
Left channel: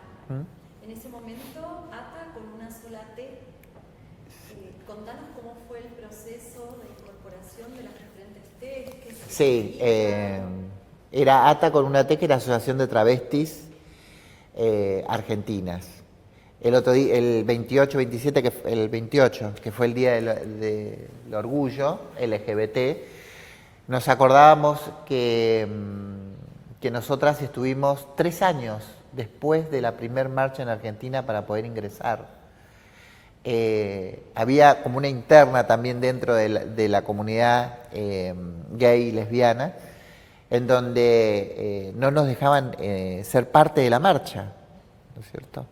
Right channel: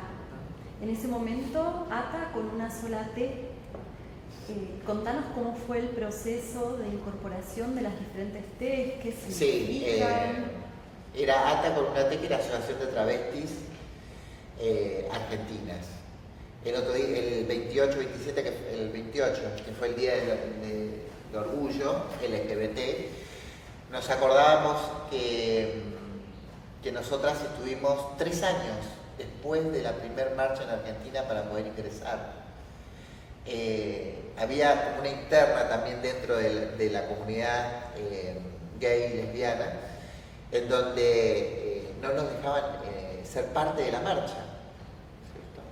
En ese momento, ATA con una sola T. Contanos cómo fue el proceso de incorporación de las diferentes T, qué significan. Era ATA con una T, que era Asociación de Travestis Argentinas. El otro día, el 28, que fue el Día del Orgullo LGBT, nos acordábamos que nosotras estuvimos 3 años después de la primer marcha en Argentina para poder ingresar. Había como una interna también dentro de la comunidad gay y lesbiana, en donde no nos dejaban ser parte de la marcha, ¿no es cierto?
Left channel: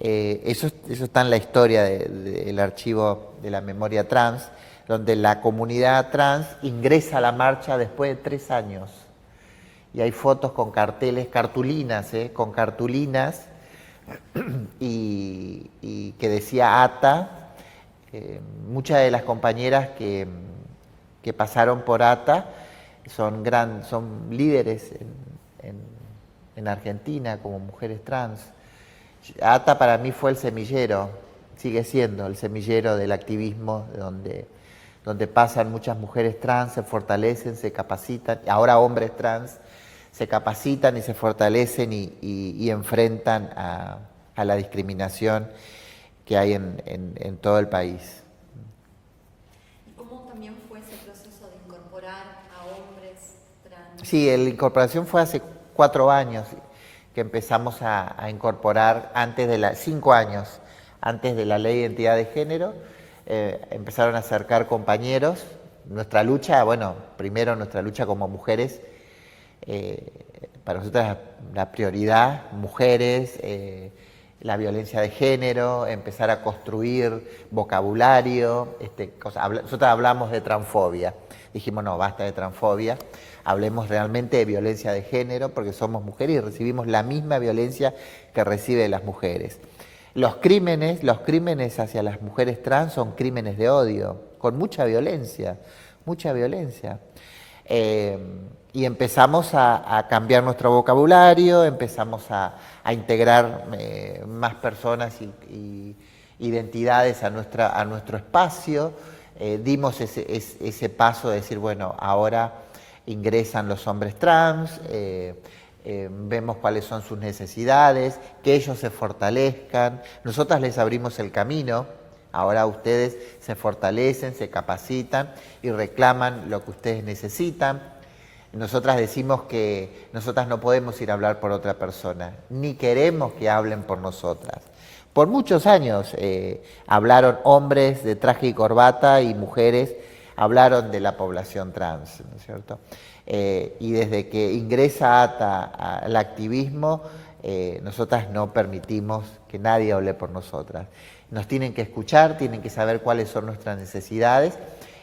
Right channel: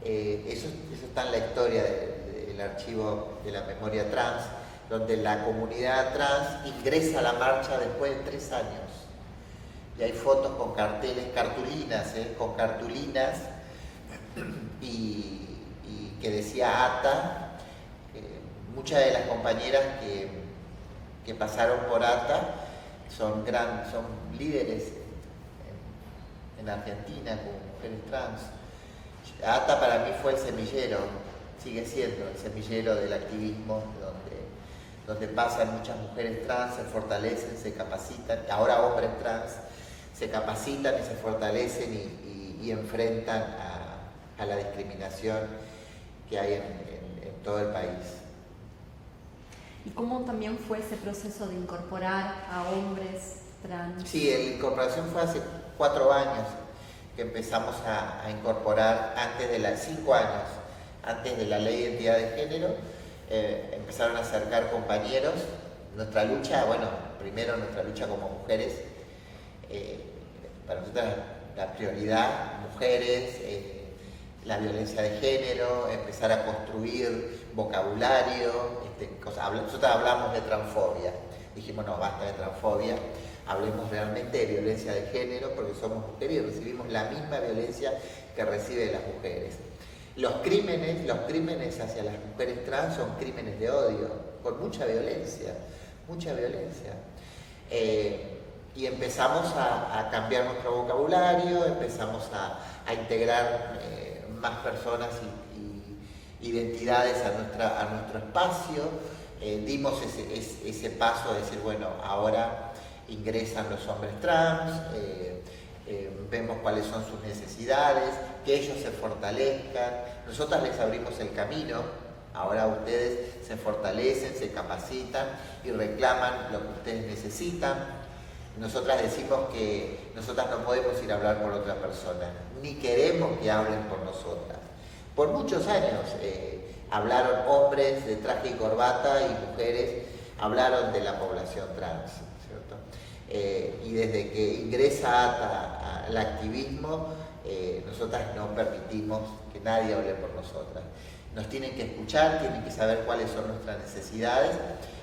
Eso está en la historia del archivo de la memoria trans, donde la comunidad trans ingresa a la marcha después de 3 años. Y hay fotos con cartulinas y que decía ATA. Muchas de las compañeras que pasaron por ATA son líderes en Argentina como mujeres trans. ATA para mí fue el semillero, sigue siendo el semillero del activismo, donde pasan muchas mujeres trans, se fortalecen, se capacitan, ahora hombres trans se capacitan y se fortalecen y enfrentan a la discriminación que hay en todo el país. ¿Y cómo también fue ese proceso de incorporar a hombres trans? Sí, la incorporación fue hace 4 años que empezamos a incorporar, 5 años antes de la ley de identidad de género. Empezaron a acercar compañeros. Nuestra lucha, primero nuestra lucha como mujeres, para nosotros la prioridad, mujeres, la violencia de género, empezar a construir vocabulario, nosotros hablamos de transfobia, dijimos no, basta de transfobia, hablemos realmente de violencia de género, porque somos mujeres y recibimos la misma violencia que reciben las mujeres. Los crímenes hacia las mujeres trans son crímenes de odio, con mucha violencia. Y empezamos a cambiar nuestro vocabulario, empezamos a integrar más personas y identidades a nuestro espacio. Dimos ese paso de decir, bueno, ahora ingresan los hombres trans, vemos cuáles son sus necesidades, que ellos se fortalezcan. Nosotras les abrimos el camino, ahora ustedes se fortalecen, se capacitan y reclaman lo que ustedes necesitan. Nosotras decimos que nosotras no podemos ir a hablar por otra persona, ni queremos que hablen por nosotras. Por muchos años hablaron hombres de traje y corbata y mujeres hablaron de la población trans, ¿no es cierto? Y desde que ingresa ATA al activismo, nosotras no permitimos que nadie hable por nosotras. Nos tienen que escuchar, tienen que saber cuáles son nuestras necesidades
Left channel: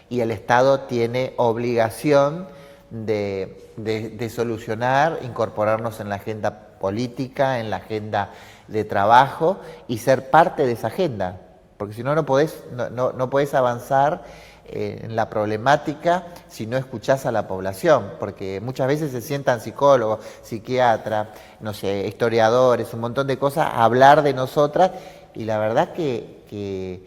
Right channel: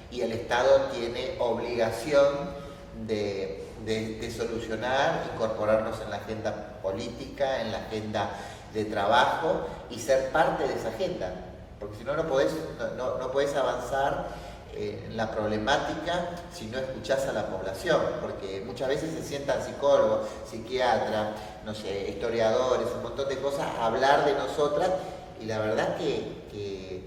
y el Estado tiene obligación de solucionar, incorporarnos en la agenda política, en la agenda de trabajo y ser parte de esa agenda. porque si no, no podés avanzar en la problemática si no escuchás a la población, porque muchas veces se sientan psicólogos, psiquiatras, no sé, historiadores, un montón de cosas a hablar de nosotras, y la verdad que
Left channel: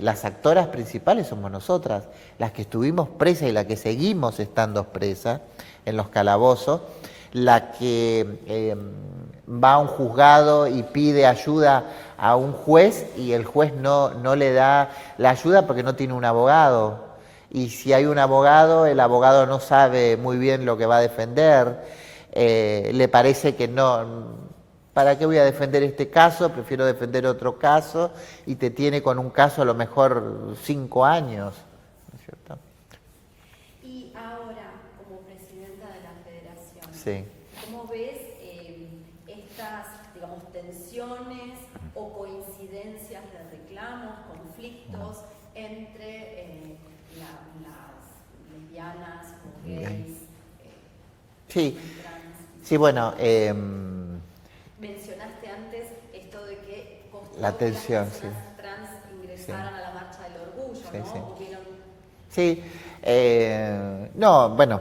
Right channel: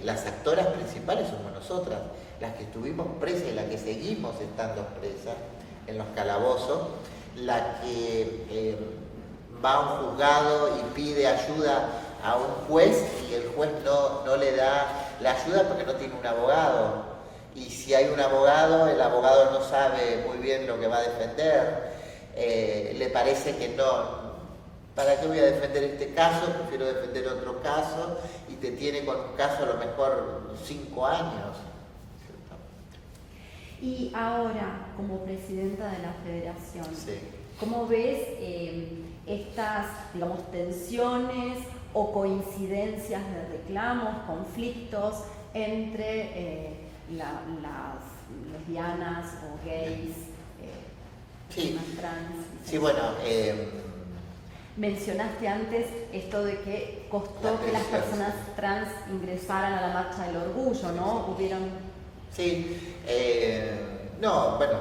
las actoras principales somos nosotras, las que estuvimos presas y las que seguimos estando presas en los calabozos, la que va a un juzgado y pide ayuda a un juez y el juez no le da la ayuda porque no tiene un abogado. Y si hay un abogado, el abogado no sabe muy bien lo que va a defender, le parece que no, ¿para qué voy a defender este caso? Prefiero defender otro caso, y te tiene con un caso a lo mejor 5 años. ¿Cierto? Y ahora, como presidenta de la federación, Sí. ¿cómo ves estas, digamos, tensiones o coincidencias de reclamos, conflictos entre las lesbianas o gays, Sí. trans? Sí, bueno, mencionaste antes esto de que costó la que las tensión, personas trans ingresaran a la marcha del orgullo, ¿no? Hubieron... Sí, no, bueno,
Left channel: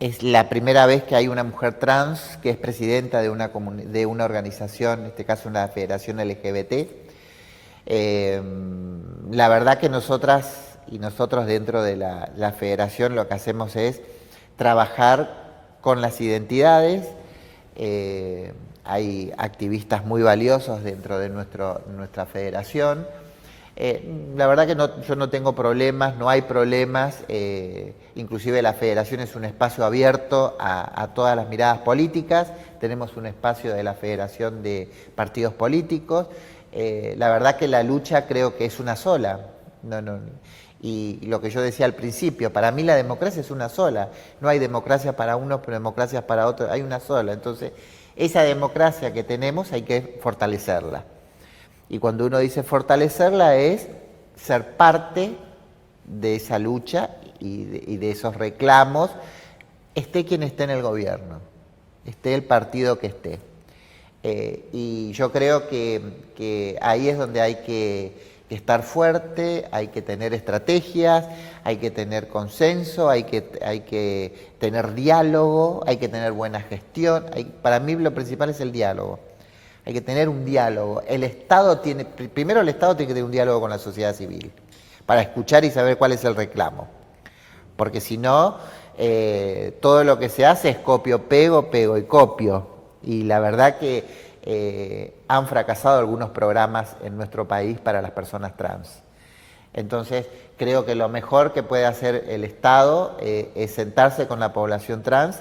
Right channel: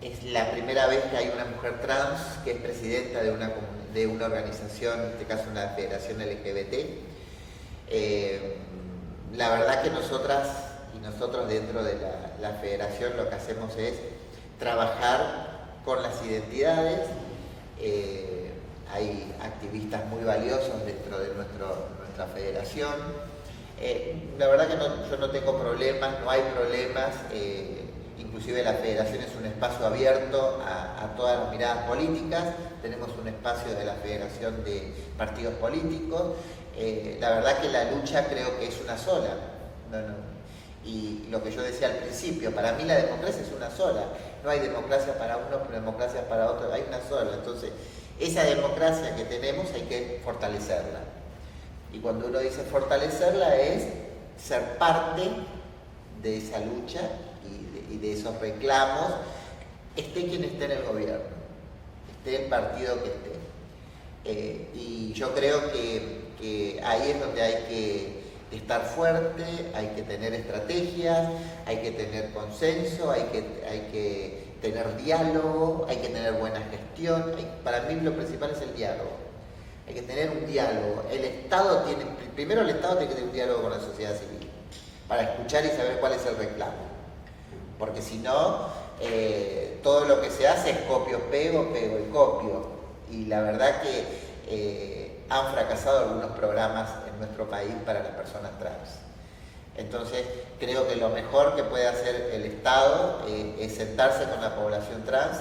es la primera vez que hay una mujer trans que es presidenta de una organización, en este caso una federación LGBT. La verdad que nosotras y nosotros dentro de la federación lo que hacemos es trabajar con las identidades. Hay activistas muy valiosos dentro de nuestra federación. La verdad que yo no tengo problemas, no hay problemas, inclusive la federación es un espacio abierto a todas las miradas políticas, tenemos un espacio de la federación de partidos políticos, la verdad que la lucha creo que es una sola, y lo que yo decía al principio, para mí la democracia es una sola, no hay democracia para unos, pero democracia para otros, hay una sola, entonces esa democracia que tenemos hay que fortalecerla. Y cuando uno dice fortalecerla es ser parte de esa lucha y de esos reclamos, esté quien esté en el gobierno, esté el partido que esté. Y yo creo que ahí es donde hay que estar fuerte, hay que tener estrategias, hay que tener consenso, hay que tener diálogo, hay que tener buena gestión. Para mí lo principal es el diálogo. Hay que tener un diálogo. Primero el Estado tiene que tener un diálogo con la sociedad civil para escuchar y saber cuál es el reclamo. Porque si no, todo lo que se hace es copio, pego y copio. Y la verdad que han fracasado algunos programas en nuestro país para las personas trans. Entonces, creo que lo mejor que puede hacer el Estado es sentarse con la población trans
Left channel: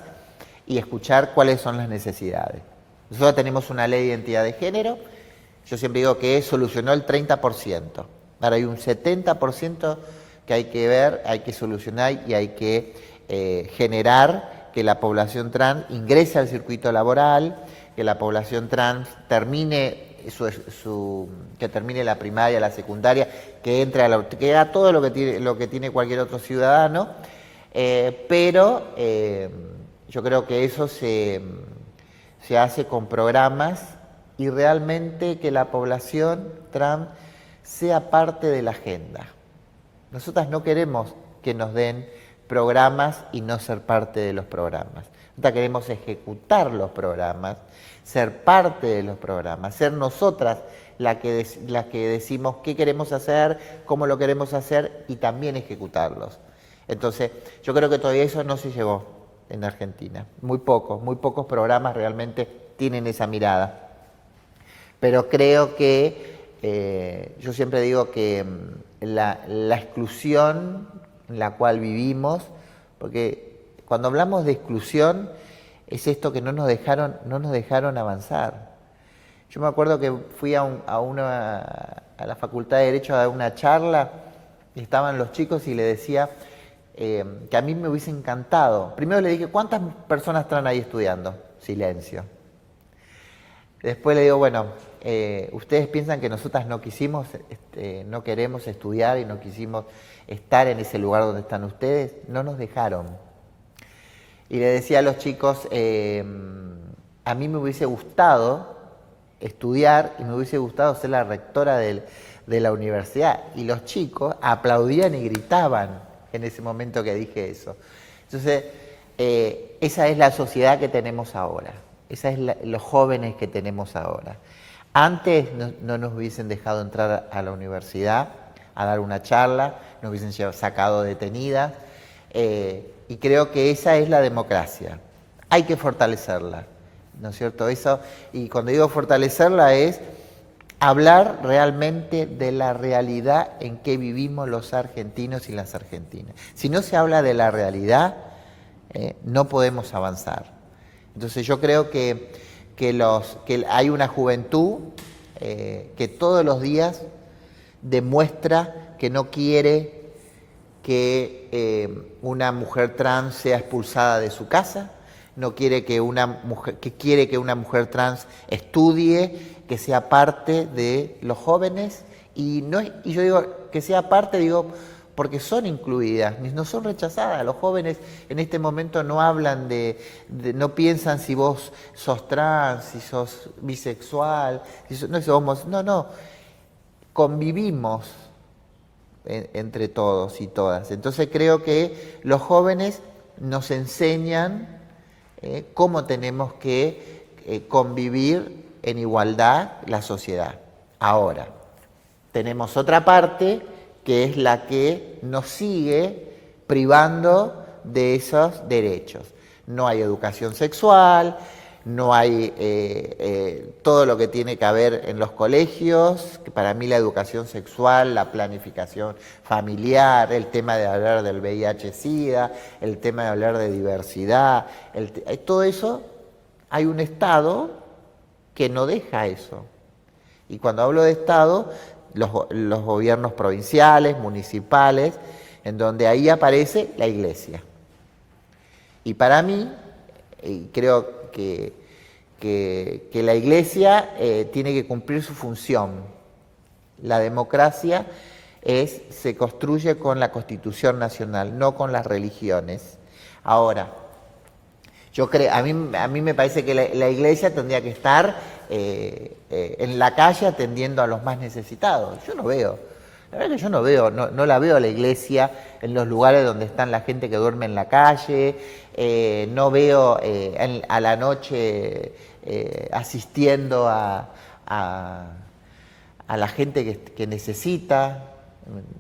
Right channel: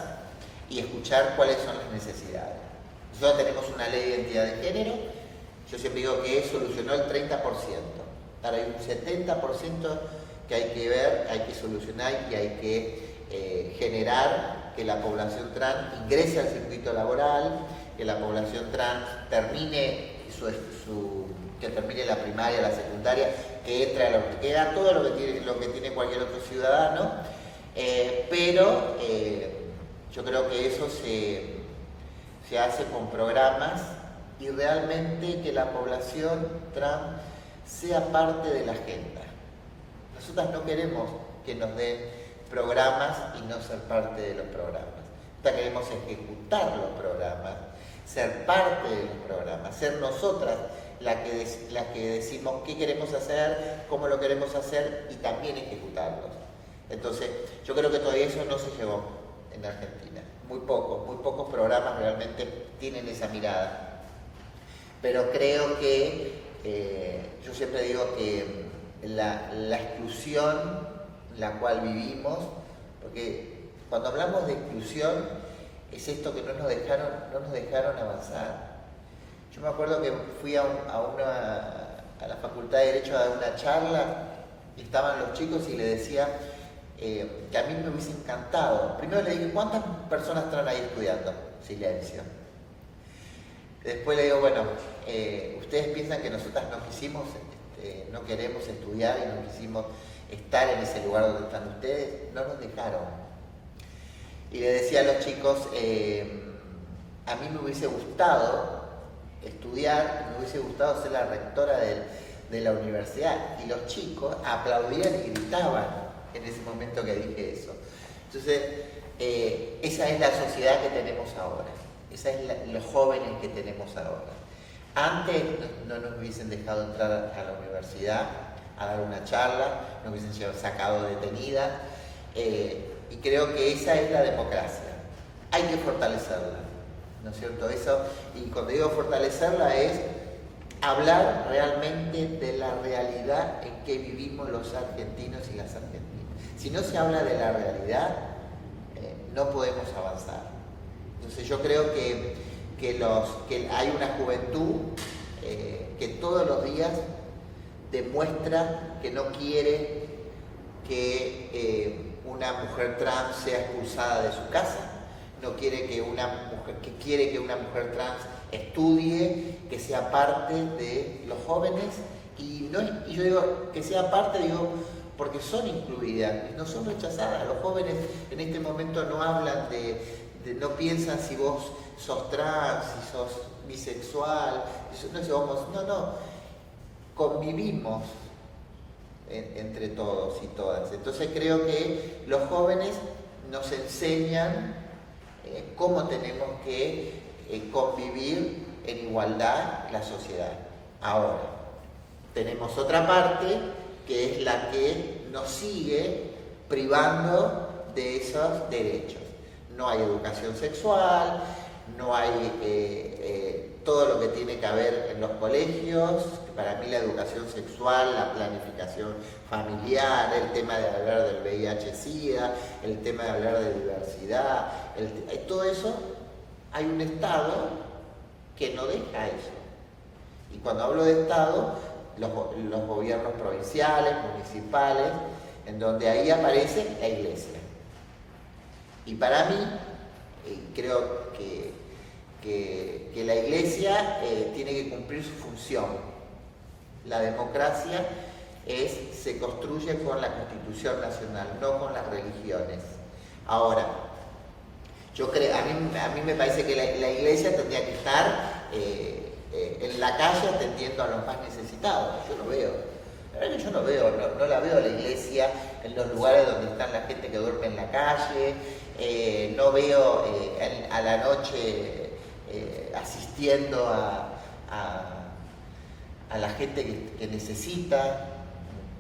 y escuchar cuáles son las necesidades. Nosotros tenemos una ley de identidad de género, yo siempre digo que solucionó el 30%, ahora hay un 70% que hay que ver, hay que solucionar y hay que generar que la población trans ingrese al circuito laboral, que la población trans termine que termine la primaria, la secundaria, que entre que haga todo lo que tiene cualquier otro ciudadano, pero yo creo que eso se hace con programas y realmente que la población trans sea parte de la agenda. Nosotras no queremos que nos den programas y no ser parte de los programas. Nosotras queremos ejecutar los programas, ser parte de los programas, ser nosotras las que decimos qué queremos hacer, cómo lo queremos hacer y también ejecutarlos. Entonces, yo creo que todavía eso no se llegó en Argentina. Muy pocos programas realmente tienen esa mirada. Pero creo que, yo siempre digo que la exclusión en la cual vivimos, porque cuando hablamos de exclusión es esto que no nos dejaron avanzar. Yo me acuerdo que fui a la Facultad de Derecho a dar una charla y estaban los chicos y le decía que a mí me hubiese encantado. Primero le dije, ¿cuántas personas están ahí estudiando? Silencio. Después le digo, bueno, ustedes piensan que nosotras no queremos estudiar y no quisimos estar en ese lugar donde están ustedes, no nos dejaron. Y le decía a los chicos, a mí me hubiese gustado estudiar y me hubiese gustado ser la rectora de la universidad. Y los chicos aplaudían y gritaban en ese momento que dije eso. Entonces, esa es la sociedad que tenemos ahora. Esa es los jóvenes que tenemos ahora. Antes no nos hubiesen dejado entrar a la universidad a dar una charla, nos hubiesen sacado detenidas, y creo que esa es la democracia. Hay que fortalecerla, ¿no es cierto? Eso, y cuando digo fortalecerla es hablar realmente de la realidad en que vivimos los argentinos y las argentinas. Si no se habla de la realidad, no podemos avanzar. Entonces yo creo que hay una juventud que todos los días demuestra que no quiere que una mujer trans sea expulsada de su casa, no quiere que quiere que una mujer trans estudie, que sea parte de los jóvenes, y yo digo que sea parte, digo, porque son incluidas, no son rechazadas. Los jóvenes en este momento no hablan no piensan si vos sos trans, si sos bisexual, no, convivimos entre todos y todas. Entonces creo que los jóvenes nos enseñan cómo tenemos que convivir en igualdad la sociedad. Ahora, tenemos otra parte que es la que nos sigue privando de esos derechos. No hay educación sexual, no hay todo lo que tiene que haber en los colegios, que para mí la educación sexual, la planificación familiar, el tema de hablar del VIH-Sida, el tema de hablar de diversidad, todo eso, hay un Estado que no deja eso. Y cuando hablo de Estado, los gobiernos provinciales, municipales, en donde ahí aparece la Iglesia. Y para mí, creo que la Iglesia tiene que cumplir su función. La democracia se construye con la Constitución Nacional, no con las religiones. Ahora, yo creo, a mí me parece que la Iglesia tendría que estar en la calle atendiendo a los más necesitados. Yo no veo, la verdad que yo no veo, no la veo a la Iglesia en los lugares donde están la gente que duerme en la calle, no veo a la noche asistiendo a la gente que necesita.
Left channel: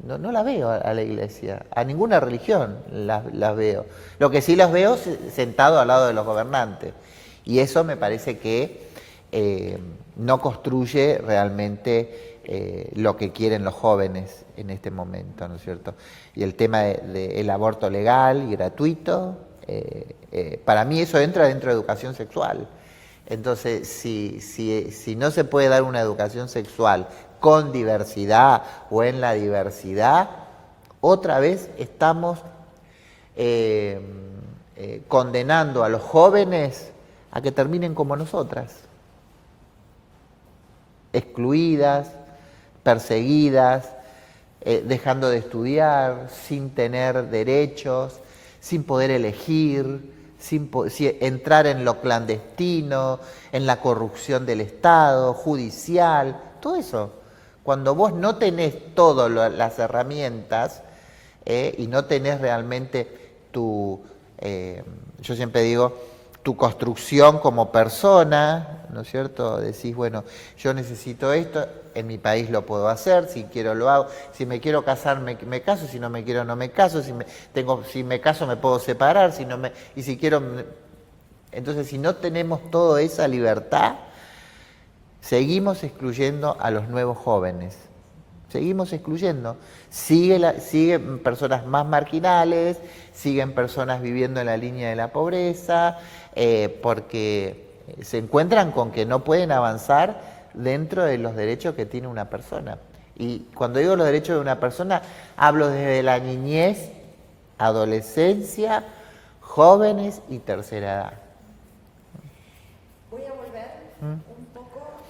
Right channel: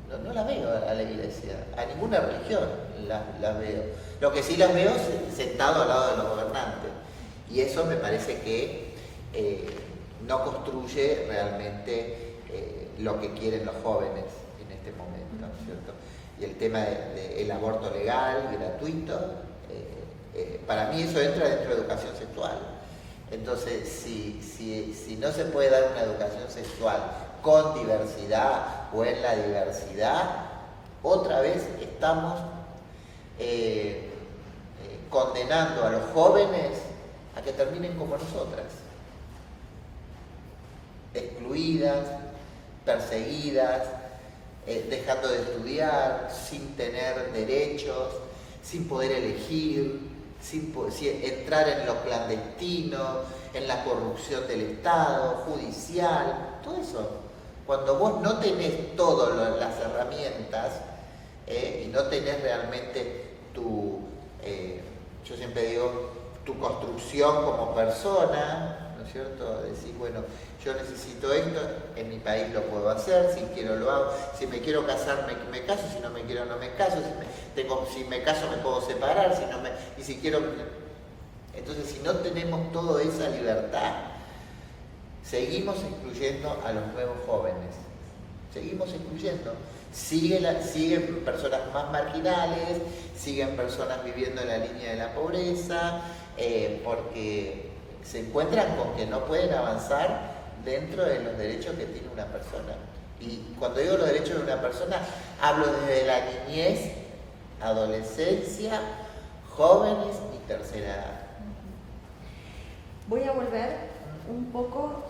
No la veo a la Iglesia, a ninguna religión las veo. Lo que sí las veo sentado al lado de los gobernantes. Y eso me parece que no construye realmente lo que quieren los jóvenes en este momento, ¿no es cierto? Y el tema del aborto legal y gratuito, para mí eso entra dentro de educación sexual. Entonces, si no se puede dar una educación sexual con diversidad o en la diversidad, otra vez estamos condenando a los jóvenes a que terminen como nosotras, excluidas, perseguidas, dejando de estudiar, sin tener derechos, sin poder elegir, sin entrar en lo clandestino, en la corrupción del Estado, judicial, todo eso. Cuando vos no tenés todas las herramientas y no tenés realmente yo siempre digo, tu construcción como persona, ¿no es cierto? Decís, bueno, yo necesito esto, en mi país lo puedo hacer, si quiero lo hago, si me quiero casar me caso, si no me quiero no me caso, si me caso me puedo separar, y si quiero... Entonces, si no tenemos toda esa libertad, seguimos excluyendo a los nuevos jóvenes, seguimos excluyendo. Siguen personas más marginales, siguen personas viviendo en la línea de la pobreza, porque se encuentran con que no pueden avanzar dentro de los derechos que tiene una persona. Y cuando digo los derechos de una persona, hablo desde la niñez, adolescencia, jóvenes y tercera edad. Voy a volver un poco.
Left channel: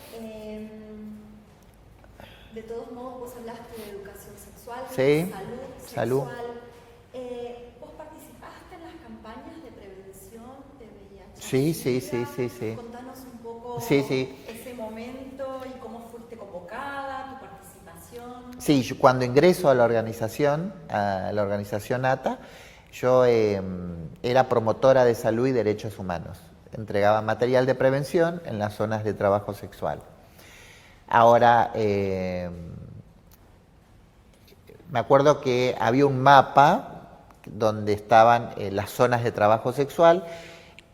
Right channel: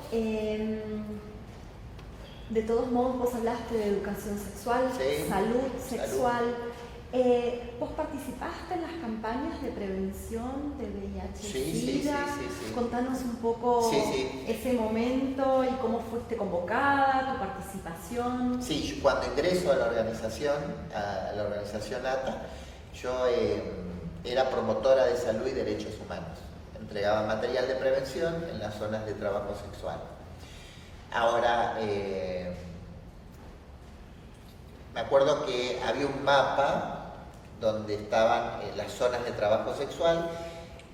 De todos modos, vos hablaste de educación sexual, Sí, salud sexual. ¿Vos participaste en las campañas de prevención de VIH? Sí. Contanos un poco ese momento y cómo fuiste convocada, tu participación. Sí, yo cuando ingreso a la organización ATA, yo era promotora de salud y derechos humanos. Entregaba material de prevención en las zonas de trabajo sexual. Ahora, me acuerdo que había un mapa donde estaban las zonas de trabajo sexual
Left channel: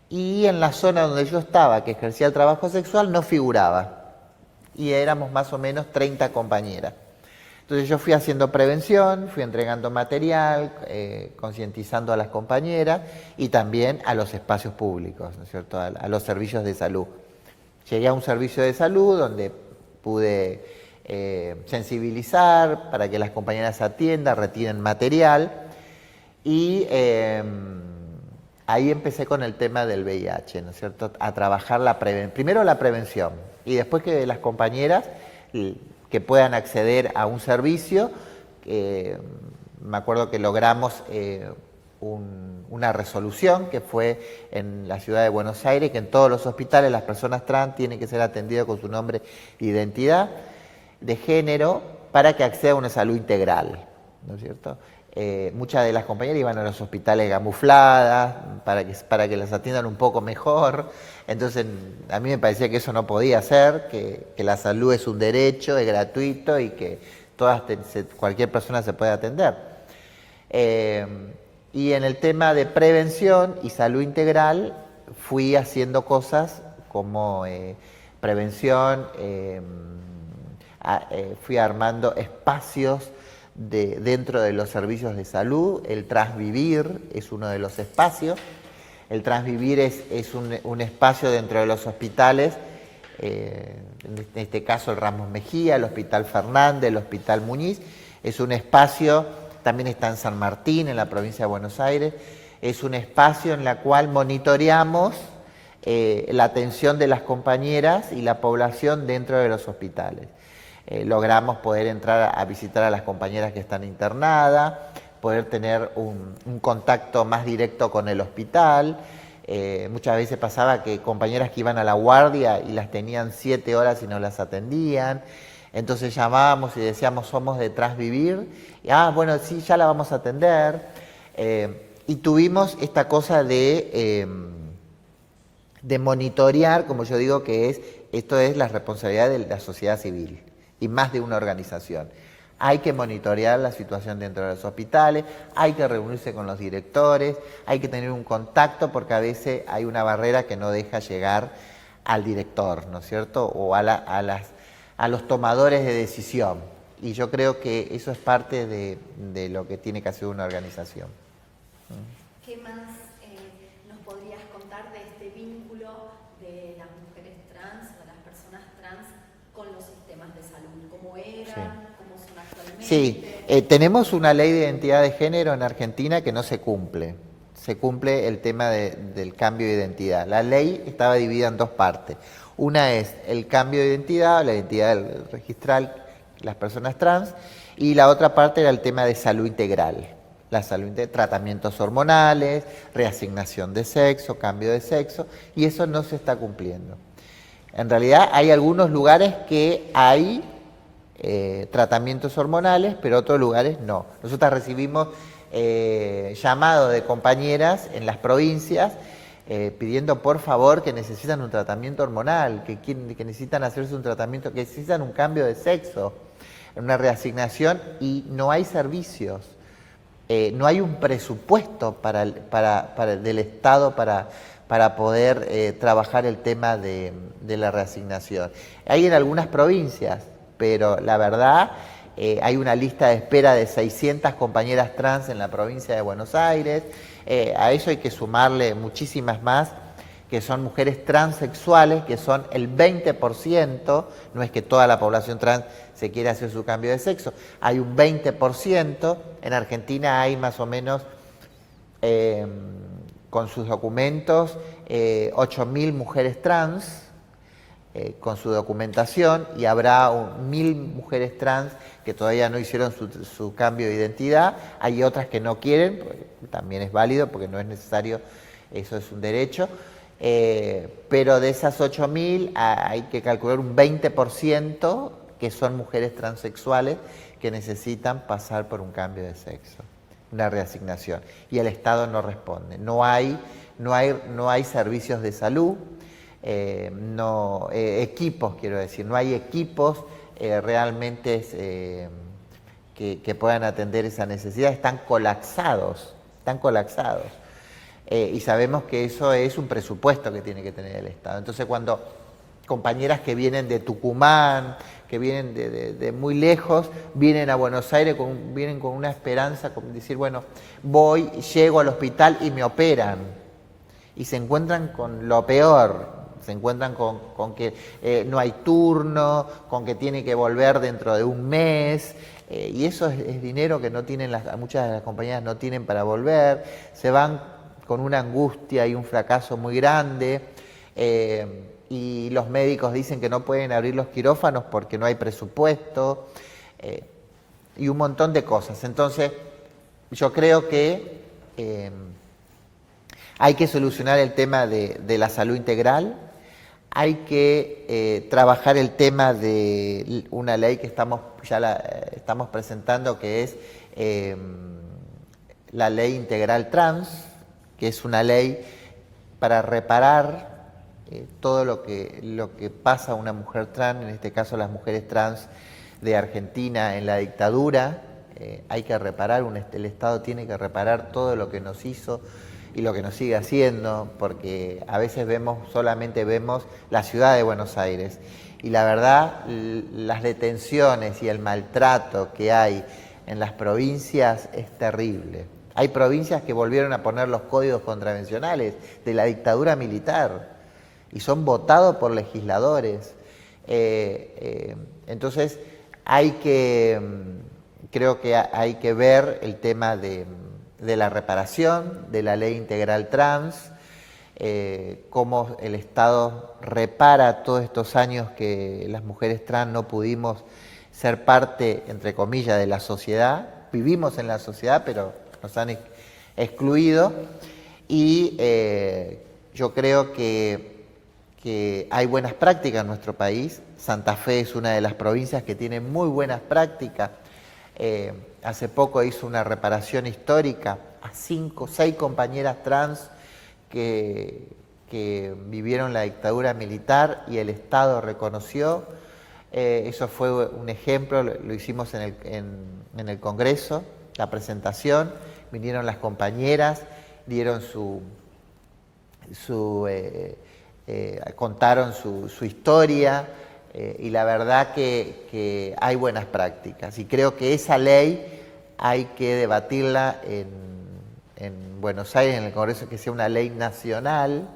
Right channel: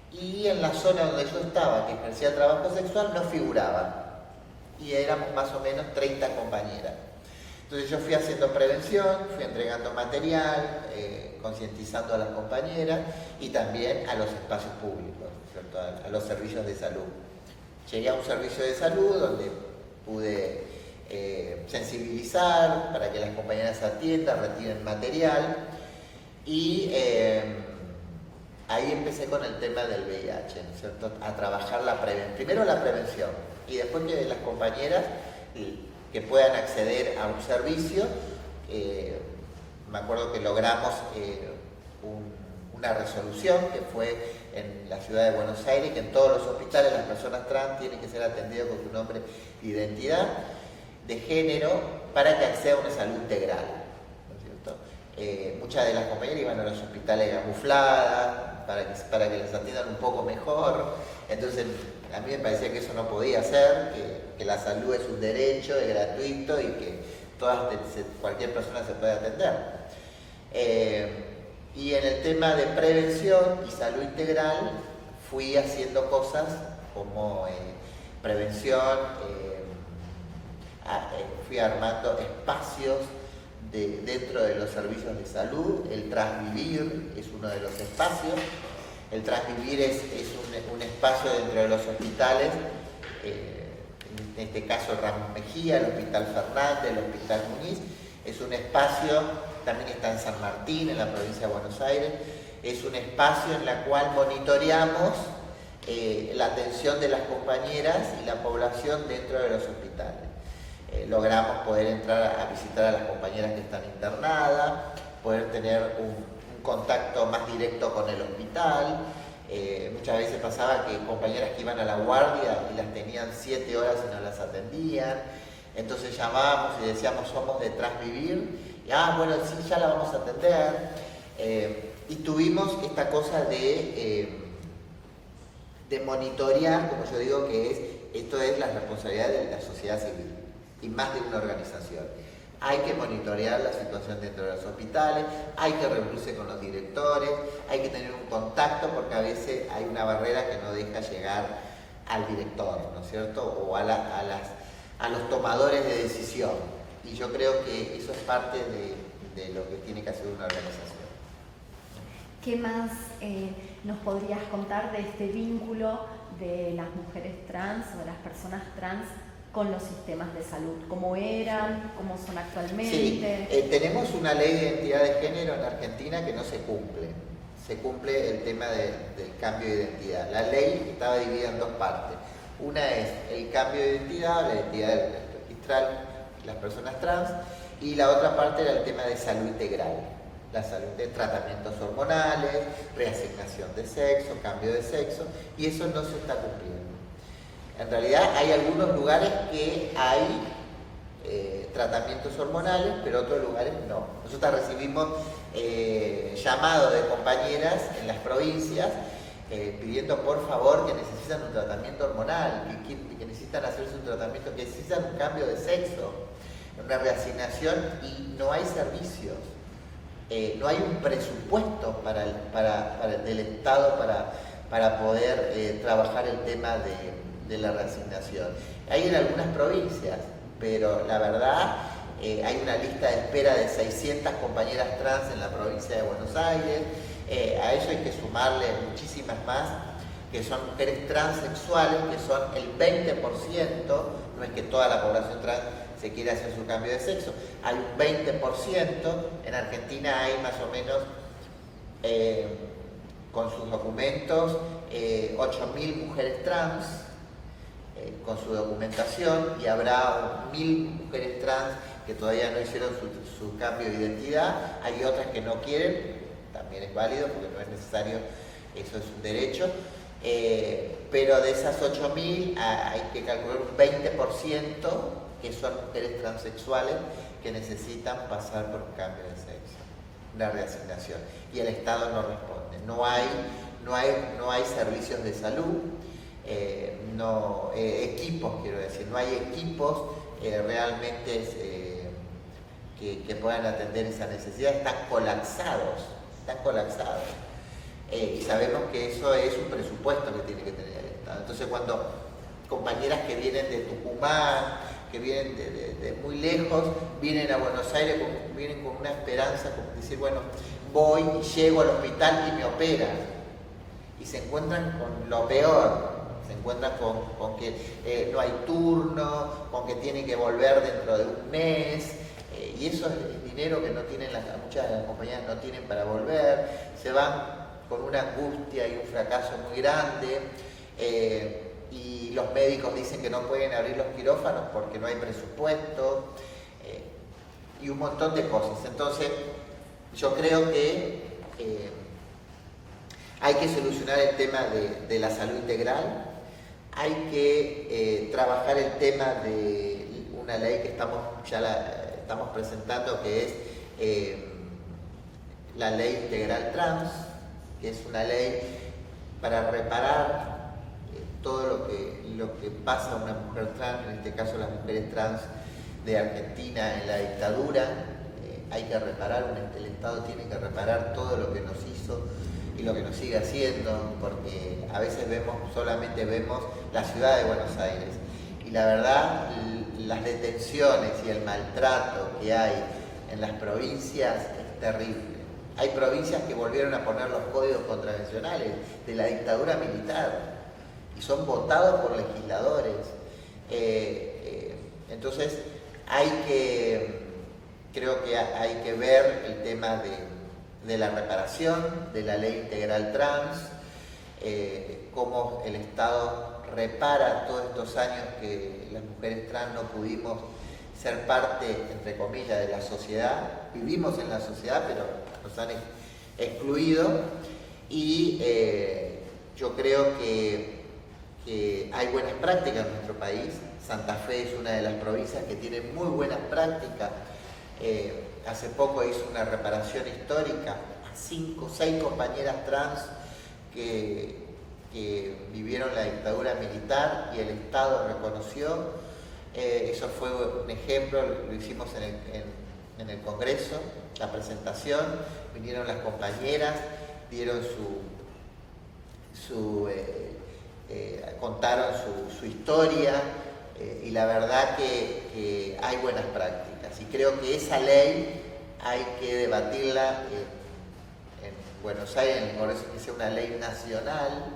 y en la zona donde yo estaba, que ejercía el trabajo sexual, no figuraba. Y éramos más o menos 30 compañeras. Entonces yo fui haciendo prevención, fui entregando material, concientizando a las compañeras y también a los espacios públicos, ¿no es cierto?, a los servicios de salud. Llegué a un servicio de salud donde pude sensibilizar para que las compañeras atiendan, retiren material y ahí empecé con el tema del VIH, ¿no es cierto?, a trabajar primero la prevención y después que las compañeras que puedan acceder a un servicio. Me acuerdo que logramos una resolución que fue en la ciudad de Buenos Aires, que en todos los hospitales las personas trans tienen que ser atendidas con su nombre e identidad de género para que acceda a una salud integral, ¿no es cierto? Muchas de las compañeras iban a los hospitales camufladas para que las atiendan un poco mejor. Entonces a mí me parecía que eso no podía ser, que la salud es un derecho, es gratuito y que cualquier persona se puede atender. Y en el tema de prevención y salud integral fui haciendo cosas como prevención, fui armando espacios dentro de los servicios de salud. El Transvivir es uno de los espacios. El Transvivir es un espacio dentro de los hospitales, en este caso el Ramos Mejía, el Hospital Fernández, el Hospital Muñiz. Es un espacio, también está en San Martín, en la provincia de Buenos Aires. Es un espacio en el cual monitoreamos la atención de las compañeras y la población dentro de los hospitales. Logramos poder entrar a visitar a las compañeras que están internadas, poder tener un contacto más directo con el hospital. Muchas veces pasaba que compañeras que iban a la guardia y las tenían 7 horas y no las atendían. Entonces llamábamos y decíamos, somos de Transvivir. Y, bueno, sí, ya la vamos a atender. Y tuvimos esta cosa de monitorear, como yo digo, esto es la responsabilidad de la sociedad civil y más de una organización. Hay que monitorear la situación dentro de los hospitales, hay que reunirse con los directores, hay que tener un contacto porque a veces hay una barrera que no deja llegar al director, ¿no es cierto?, o a los tomadores de decisión. Y yo creo que eso es parte de lo que tiene que hacer una organización. ¿Qué más nos podrías contar de este vínculo de las mujeres trans o de las personas trans con los sistemas de salud? ¿Cómo eran? Sí. ¿Cómo son actualmente? Sí, tenemos una ley de identidad de género en Argentina que no se cumple. Se cumple el tema del cambio de identidad. La ley estaba dividida en 2 partes. Una es el cambio de identidad, la identidad registral, las personas trans, y la otra parte era el tema de salud integral. La salud integral, tratamientos hormonales, reasignación de sexo, cambio de sexo, y eso no se está cumpliendo. En realidad hay algunos lugares que hay tratamientos hormonales, pero otros lugares no. Nosotros recibimos llamados de compañeras en las provincias pidiendo por favor que necesitan un tratamiento hormonal, que necesitan hacerse un tratamiento, que necesitan un cambio de sexo, una reasignación, y no hay servicios. No hay un presupuesto del Estado para poder trabajar el tema de la reasignación. Hay en algunas provincias, pero la verdad hay una lista de espera de 600 compañeras trans en la provincia de Buenos Aires. A eso hay que sumarle muchísimas más, que son mujeres transexuales, que son el 20%, no es que toda la población trans se quiere hacer su cambio de sexo, hay un 20%, en Argentina hay más o menos, con sus documentos, 8.000 mujeres trans, con su documentación, y habrá 1.000 mujeres trans que todavía no hicieron su cambio de identidad, hay otras que no quieren, también es válido porque no es necesario, eso es un derecho, pero de esas 8.000 hay que calcular un 20% que son mujeres transexuales que necesitan pasar por un cambio de sexo, una reasignación, y el Estado no responde, no hay servicios de salud, equipos, quiero decir, no hay equipos realmente que puedan atender esa necesidad, están colapsados. Y sabemos que eso es un presupuesto que tiene que tener el Estado. Entonces, cuando compañeras que vienen de Tucumán, que vienen de muy lejos, vienen a Buenos Aires, vienen con una esperanza, como decir, bueno, voy, llego al hospital y me operan. Y se encuentran con lo peor, se encuentran con que no hay turno, con que tiene que volver dentro de un mes, y eso es dinero que no tienen muchas de las compañías no tienen para volver, se van con una angustia y un fracaso muy grande, y los médicos dicen que no pueden abrir los quirófanos porque no hay presupuesto, y un montón de cosas. Entonces, yo creo que hay que solucionar el tema de la salud integral, hay que trabajar el tema de una ley que estamos presentando, que es la ley integral trans, que es una ley para reparar todo lo que pasa a una mujer trans, en este caso las mujeres trans de Argentina en la dictadura. Hay que reparar, el Estado tiene que reparar todo lo que nos hizo y lo que nos sigue haciendo, porque a veces solamente vemos la ciudad de Buenos Aires, y la verdad las detenciones y el maltrato que hay en las provincias es terrible. Hay provincias que volvieron a poner los códigos contravencionales de la dictadura militar y son votados por legisladores. Entonces creo que hay que ver el tema de la reparación, de la ley integral trans, cómo el Estado repara todos estos años que las mujeres trans no pudimos ser parte, entre comillas, de la sociedad. Vivimos en la sociedad, pero nos han excluido, y yo creo que hay buenas prácticas en nuestro país. Santa Fe es una de las provincias que tiene muy buenas prácticas. Hace poco hizo una reparación histórica a 5 o 6 compañeras trans que vivieron la dictadura militar y el Estado reconoció. Eso fue un ejemplo, lo hicimos en el Congreso, la presentación, vinieron las compañeras, dieron contaron su historia. Y la verdad que hay buenas prácticas, y creo que esa ley hay que debatirla en Buenos Aires, en el Congreso, que sea una ley nacional,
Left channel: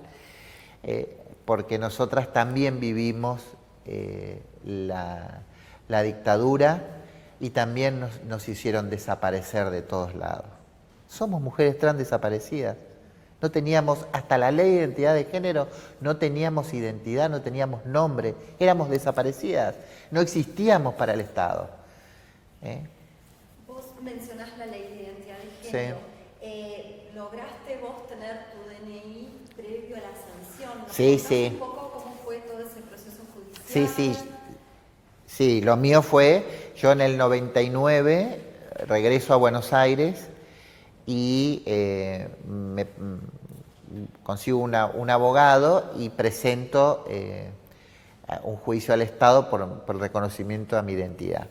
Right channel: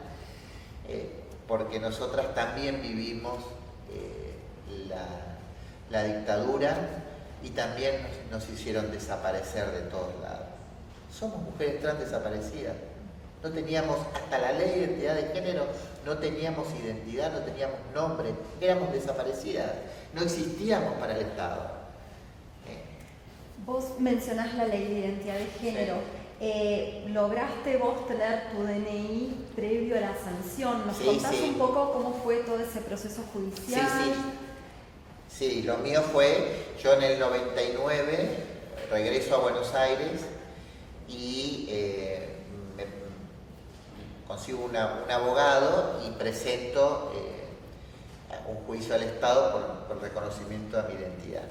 porque nosotras también vivimos la dictadura, y también nos hicieron desaparecer de todos lados. Somos mujeres trans desaparecidas. No teníamos, hasta la ley de identidad de género, no teníamos identidad, no teníamos nombre, éramos desaparecidas, no existíamos para el Estado. Vos mencionás la ley de identidad de género. Sí. ¿Lograste vos tener tu DNI previo a la sanción? ¿Nos contás un poco cómo fue todo ese proceso judicial? Sí, lo mío fue, yo en el 99 regreso a Buenos Aires y consigo un abogado y presento un juicio al Estado por reconocimiento a mi identidad.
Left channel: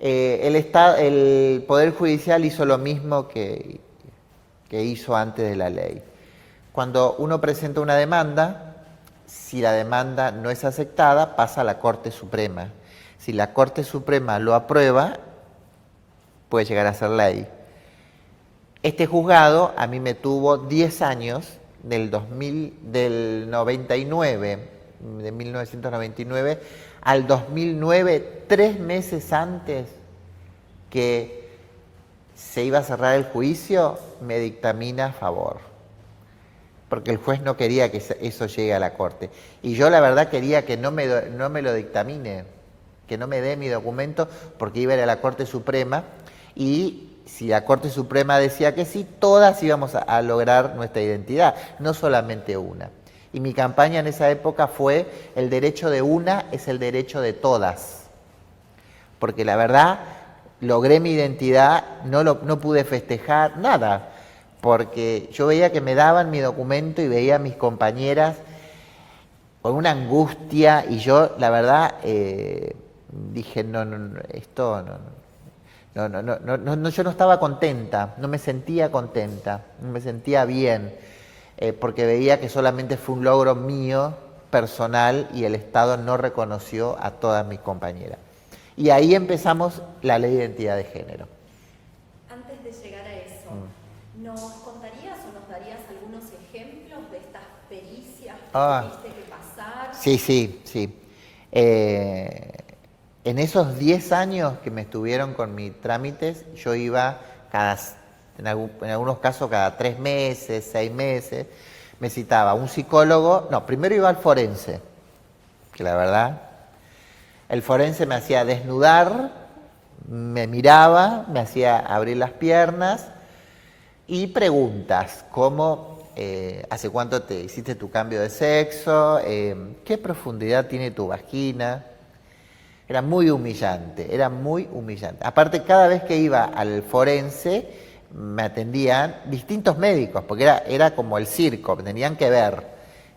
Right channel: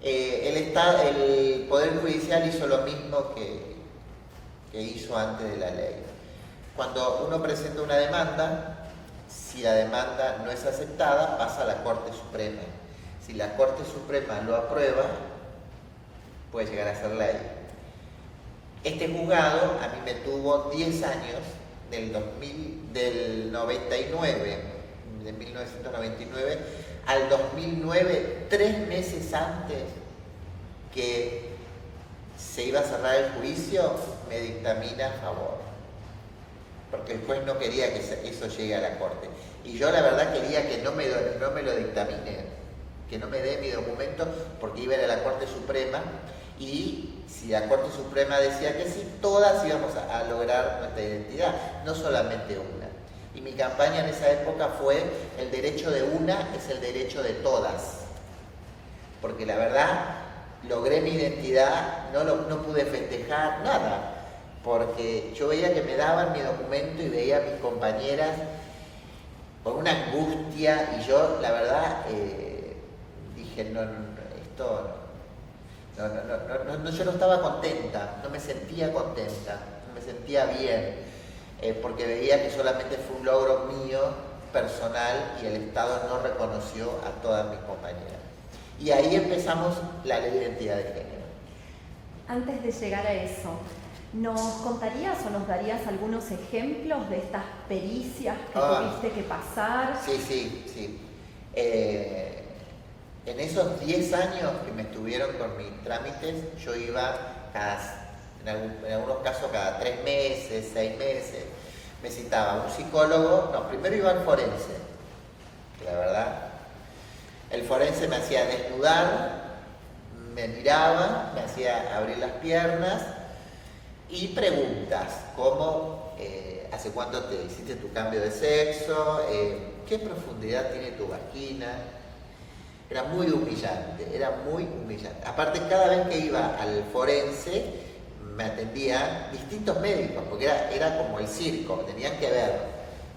El Poder Judicial hizo lo mismo que hizo antes de la ley. Cuando uno presenta una demanda, si la demanda no es aceptada, pasa a la Corte Suprema. Si la Corte Suprema lo aprueba, puede llegar a ser ley. Este juzgado a mí me tuvo 10 años, del 99, de 1999 al 2009, 3 meses antes que se iba a cerrar el juicio, me dictamina a favor. Porque el juez no quería que eso llegue a la Corte. Y yo la verdad quería que no me lo dictaminen. que no me dé mi documento porque iba a ir a la Corte Suprema y si la Corte Suprema decía que sí, todas íbamos a lograr nuestra identidad, no solamente una. Y mi campaña en esa época fue: el derecho de una es el derecho de todas. Porque la verdad, logré mi identidad, no pude festejar nada, porque yo veía que me daban mi documento y veía a mis compañeras con una angustia, y yo, la verdad, dije, no, esto no, yo no estaba contenta, no me sentía contenta, no me sentía bien, porque veía que solamente fue un logro mío, personal, y el Estado no reconoció a todas mis compañeras. Y ahí empezamos la ley de identidad de género. Antes de llegar a eso, ¿nos contarías o nos darías algunos ejemplos de estas pericias que tuviste que pasar? Sí. En esos 10 años que me estuvieron con mis trámites, yo iba en algunos casos cada 3 meses, 6 meses, me citaba un psicólogo. No, primero iba al forense, que la verdad, el forense me hacía desnudar, me miraba, me hacía abrir las piernas y preguntas como ¿hace cuánto te hiciste tu cambio de sexo? ¿Qué profundidad tiene tu vagina? Era muy humillante. Aparte, cada vez que iba al forense me atendían distintos médicos, porque era como el circo, me tenían que ver,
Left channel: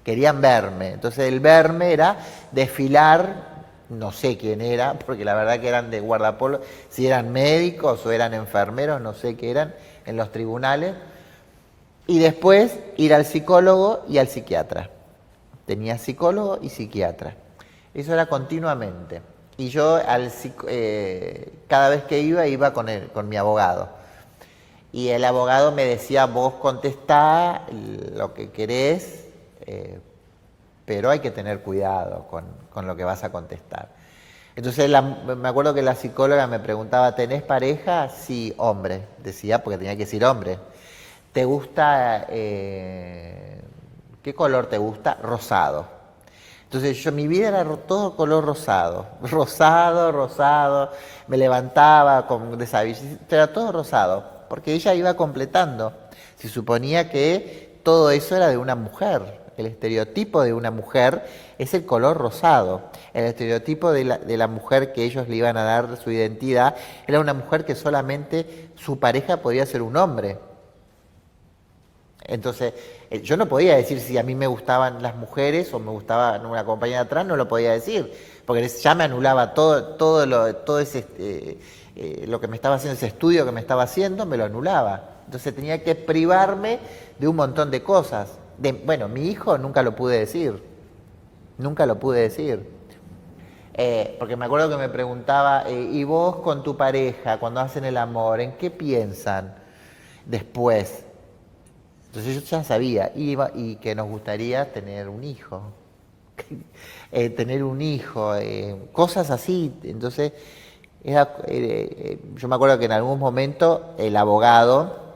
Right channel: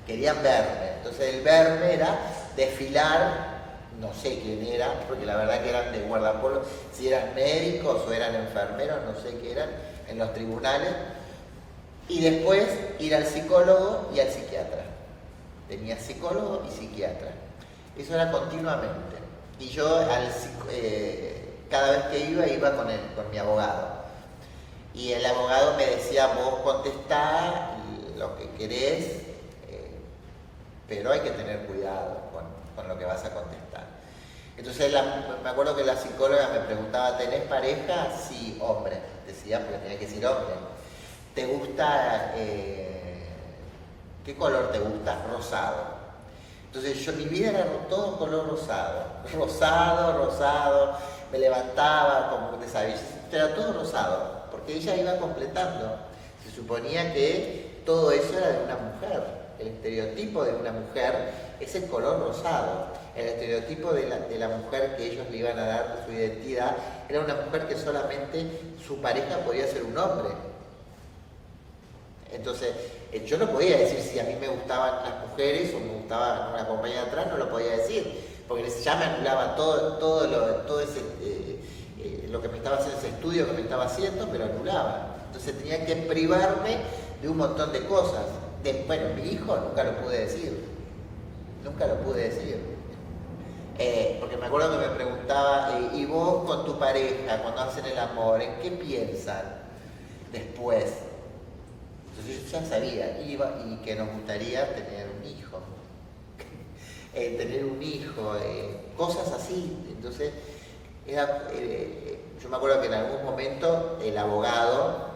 querían verme. Entonces el verme era desfilar, no sé quién era, porque la verdad que eran de guardapolvo, si eran médicos o eran enfermeros, no sé qué eran, en los tribunales. Y después ir al psicólogo y al psiquiatra. Tenía psicólogo y psiquiatra. Eso era continuamente. Y yo cada vez que iba con mi abogado. Y el abogado me decía: vos contestá lo que querés, pero hay que tener cuidado con lo que vas a contestar. Entonces me acuerdo que la psicóloga me preguntaba: ¿tenés pareja? Sí, hombre. Decía, porque tenía que decir hombre. ¿Te gusta, qué color te gusta? Rosado. Entonces mi vida era todo color rosado, me levantaba con desabillado, era todo rosado, porque ella iba completando. Se suponía que todo eso era de una mujer, el estereotipo de una mujer es el color rosado, el estereotipo de la mujer que ellos le iban a dar su identidad era una mujer que solamente su pareja podía ser un hombre. Entonces, yo no podía decir si a mí me gustaban las mujeres o me gustaba una compañera atrás, no lo podía decir, porque ya me anulaba todo lo que me estaba haciendo, ese estudio que me estaba haciendo, me lo anulaba. Entonces tenía que privarme de un montón de cosas. Bueno, mi hijo nunca lo pude decir, porque me acuerdo que me preguntaba, ¿y vos con tu pareja, cuando hacen el amor, en qué piensan después? Entonces yo ya sabía, y que nos gustaría tener un hijo, cosas así. Entonces, yo me acuerdo que en algún momento el abogado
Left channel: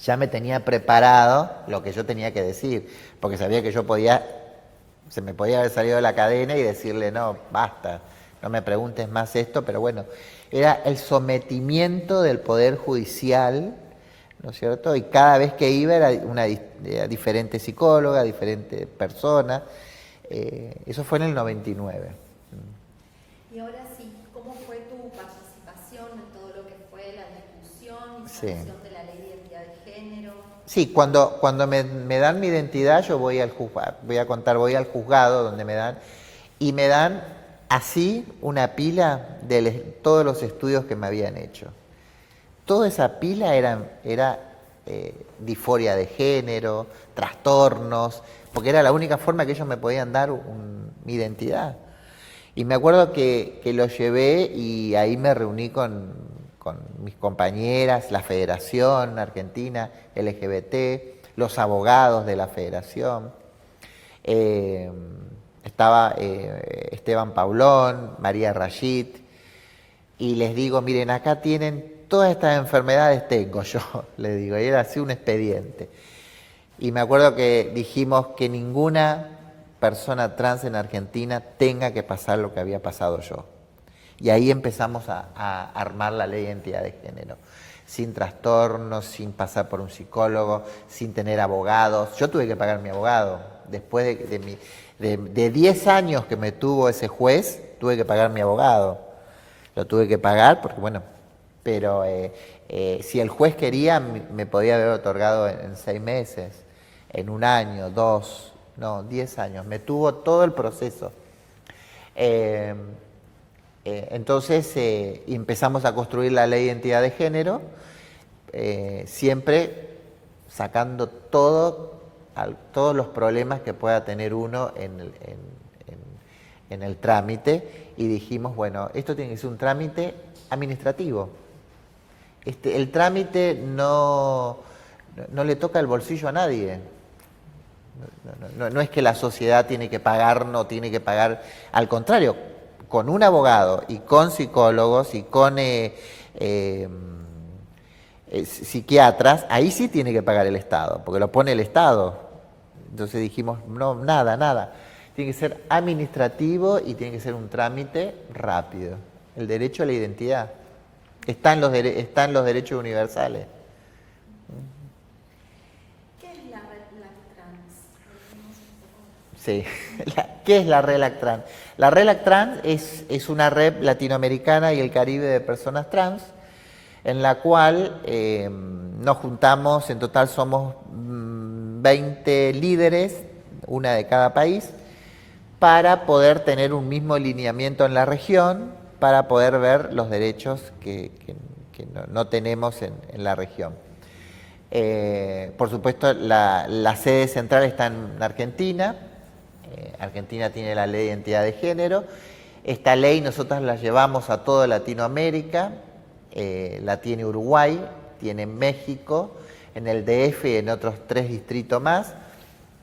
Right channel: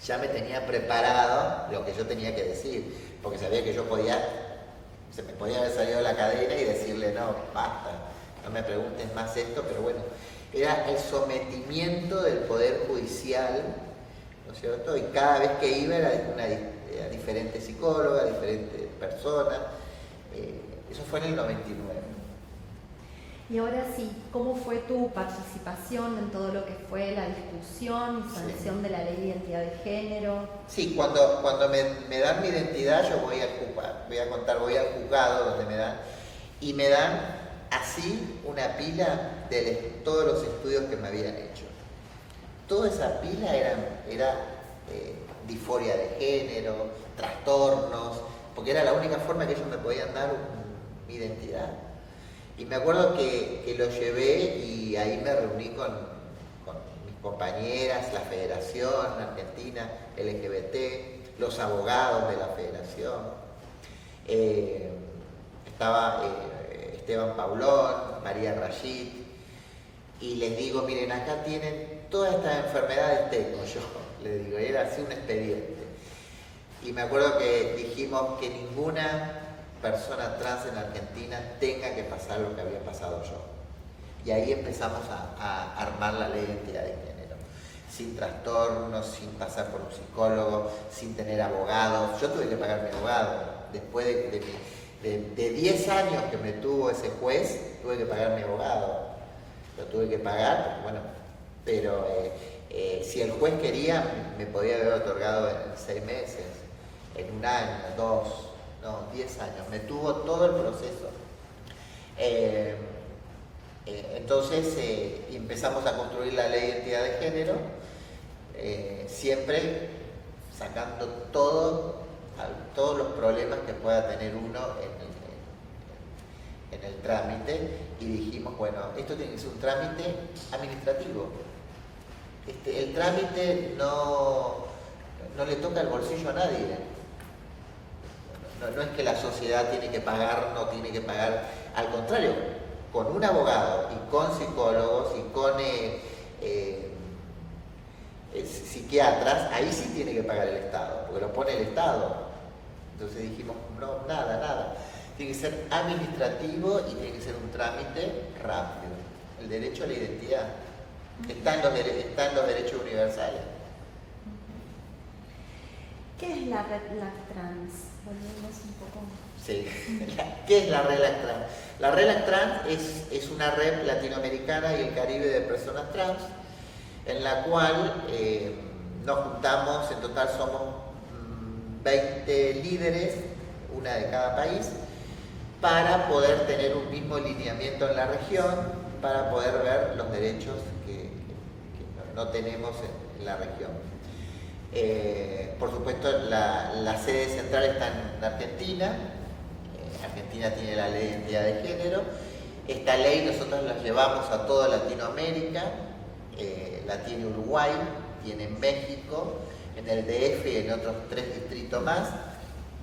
ya me tenía preparado lo que yo tenía que decir, porque sabía que se me podía haber salido de la cadena y decirle: no, basta, no me preguntes más esto, pero bueno, era el sometimiento del Poder Judicial, ¿no es cierto? Y cada vez que iba era una diferente psicóloga, diferente persona. Eso fue en el 99. Y ahora sí, ¿cómo fue tu participación en todo lo que fue la discusión y sanción de la ley de identidad de género? Sí, cuando me dan mi identidad, yo voy al juzgado donde me dan, y me dan así una pila de todos los estudios que me habían hecho. Toda esa pila era disforia de género, trastornos, porque era la única forma que ellos me podían dar mi identidad. Y me acuerdo que lo llevé y ahí me reuní con mis compañeras, la Federación Argentina LGBT, los abogados de la Federación. Estaba Esteban Paulón, María Rashid, y les digo: miren, acá tienen todas estas enfermedades, tengo yo, les digo, y era así un expediente. Y me acuerdo que dijimos que ninguna persona trans en Argentina tenga que pasar lo que había pasado yo. Y ahí empezamos a armar la ley de identidad de género. Sin trastornos, sin pasar por un psicólogo, sin tener abogados. Yo tuve que pagar mi abogado. Después de 10 años que me tuvo ese juez, tuve que pagar mi abogado. Lo tuve que pagar porque, bueno, pero si el juez quería, me podía haber otorgado en 6 meses, en 1 año, 2, no, 10 años. Me tuvo todo el proceso. Entonces empezamos a construir la ley de identidad de género, siempre sacando todos los problemas que pueda tener uno en el trámite, y dijimos, bueno, esto tiene que ser un trámite administrativo. El trámite no le toca el bolsillo a nadie. No es que la sociedad tiene que pagar, no tiene que pagar, al contrario, con un abogado y con psicólogos y con psiquiatras, ahí sí tiene que pagar el Estado, porque lo pone el Estado. Entonces dijimos, no, nada. Tiene que ser administrativo y tiene que ser un trámite rápido. El derecho a la identidad está en los derechos universales. ¿Qué es la RELAC-Trans? Hablemos un poco. Sí. ¿Qué es la RELAC-Trans? La RELAC-Trans es una red latinoamericana y el Caribe de personas trans, en la cual nos juntamos, en total somos 20 líderes, una de cada país, para poder tener un mismo lineamiento en la región, para poder ver los derechos que no tenemos en la región. Por supuesto, la sede central está en Argentina. Argentina tiene la ley de identidad de género. Esta ley nosotros la llevamos a toda Latinoamérica, la tiene Uruguay, tiene México, en el DF y en otros 3 distritos más,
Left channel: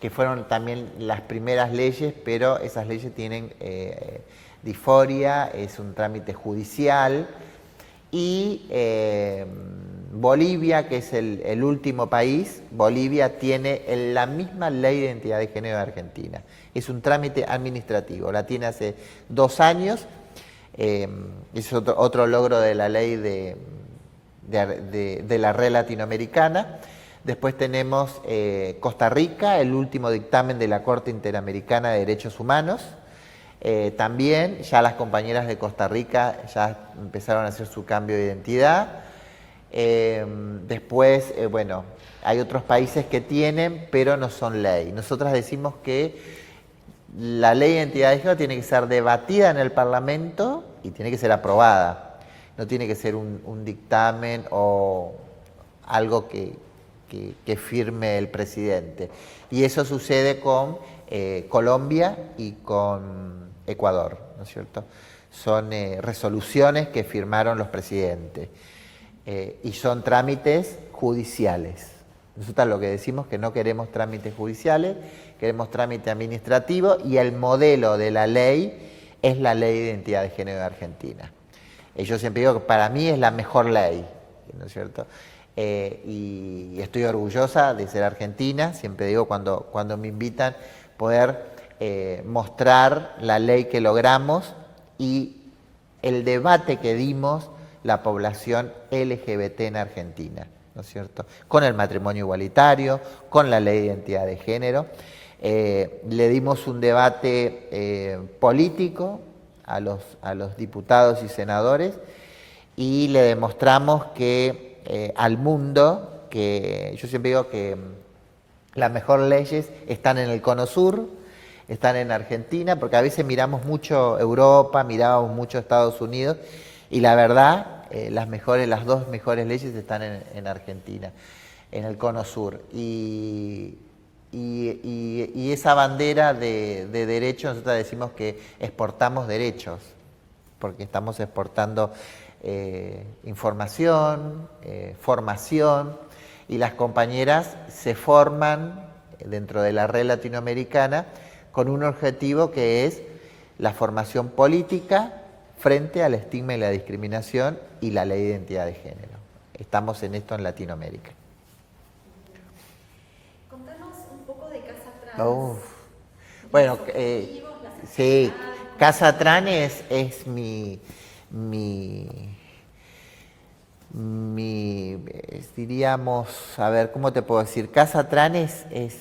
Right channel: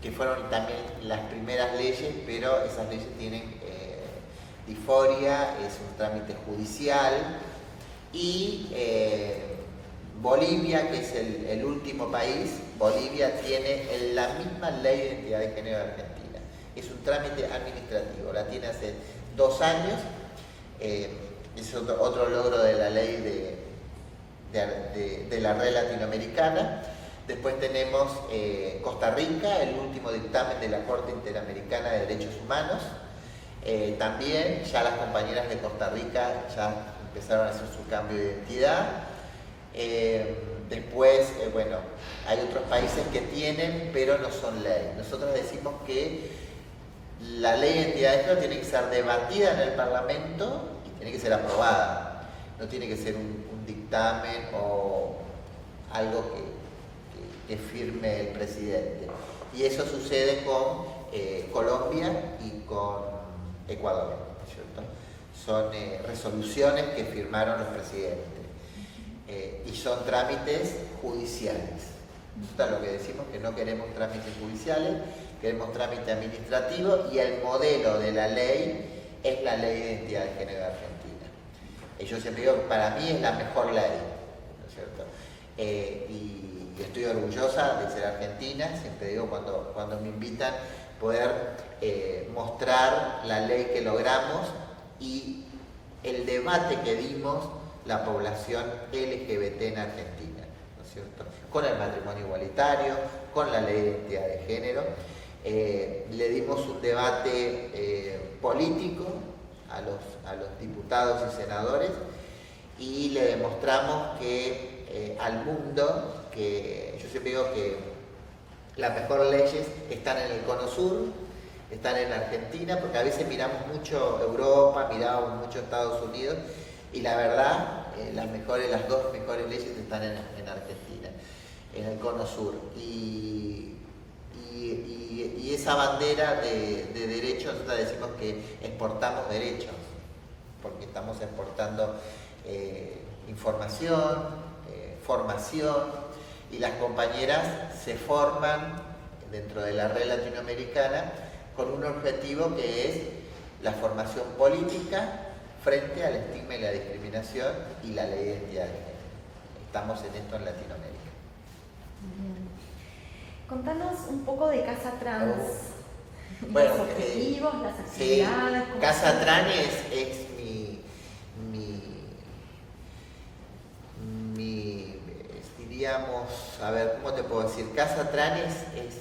que fueron también las primeras leyes, pero esas leyes tienen disforia, es un trámite judicial, y Bolivia, que es el último país, Bolivia tiene la misma ley de identidad de género de Argentina. Es un trámite administrativo, la tiene hace 2 años, es otro logro de la ley de la red latinoamericana. Después tenemos Costa Rica, el último dictamen de la Corte Interamericana de Derechos Humanos. También ya las compañeras de Costa Rica ya empezaron a hacer su cambio de identidad. Después, bueno, hay otros países que tienen, pero no son ley. Nosotros decimos que la ley de identidad de género tiene que ser debatida en el Parlamento y tiene que ser aprobada. No tiene que ser un dictamen o algo que firme el presidente. Y eso sucede con Colombia y con Ecuador, ¿no es cierto? Son resoluciones que firmaron los presidentes y son trámites judiciales. Nosotros lo que decimos es que no queremos trámites judiciales, queremos trámite administrativo, y el modelo de la ley es la ley de identidad de género de Argentina. Yo siempre digo que para mí es la mejor ley, ¿no es cierto? Y estoy orgullosa de ser argentina, siempre digo cuando me invitan poder mostrar la ley que logramos y el debate que dimos la población LGBT en Argentina, ¿no es cierto? Con el matrimonio igualitario, con la ley de identidad de género. Le dimos un debate político a los diputados y senadores y le demostramos que al mundo, que yo siempre digo que las mejores leyes están en el Cono Sur, están en Argentina, porque a veces miramos mucho Europa, miramos mucho Estados Unidos, y la verdad, las 2 mejores leyes están en Argentina, en el Cono Sur. Y esa bandera de derechos, nosotros decimos que exportamos derechos, porque estamos exportando información, formación, y las compañeras se forman dentro de la red latinoamericana con un objetivo que es la formación política frente al estigma y la discriminación y la ley de identidad de género. Estamos en esto en Latinoamérica. Contanos un poco de Casa Trans. Bueno, los objetivos, las sí, actividades. Casa Trans es diríamos, a ver, ¿cómo te puedo decir? Casa Trans es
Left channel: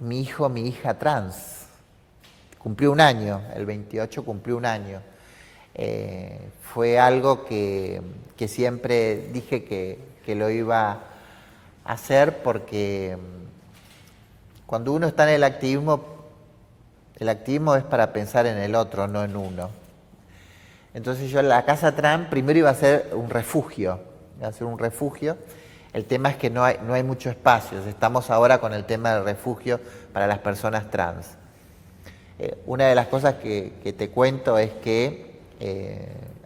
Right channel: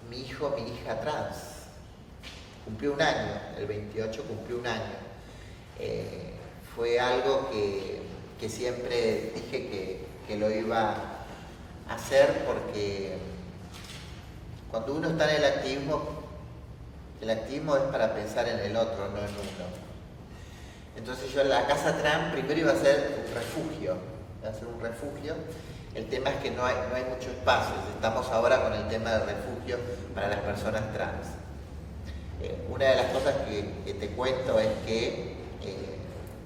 mi hijo, mi hija trans. Cumplió un año, el 28 cumplió un año. Fue algo que siempre dije que lo iba a hacer porque cuando uno está en el activismo es para pensar en el otro, no en uno. Entonces yo la Casa Trans primero iba a ser un refugio, El tema es que no hay mucho espacio, estamos ahora con el tema del refugio para las personas trans. Una de las cosas que te cuento es que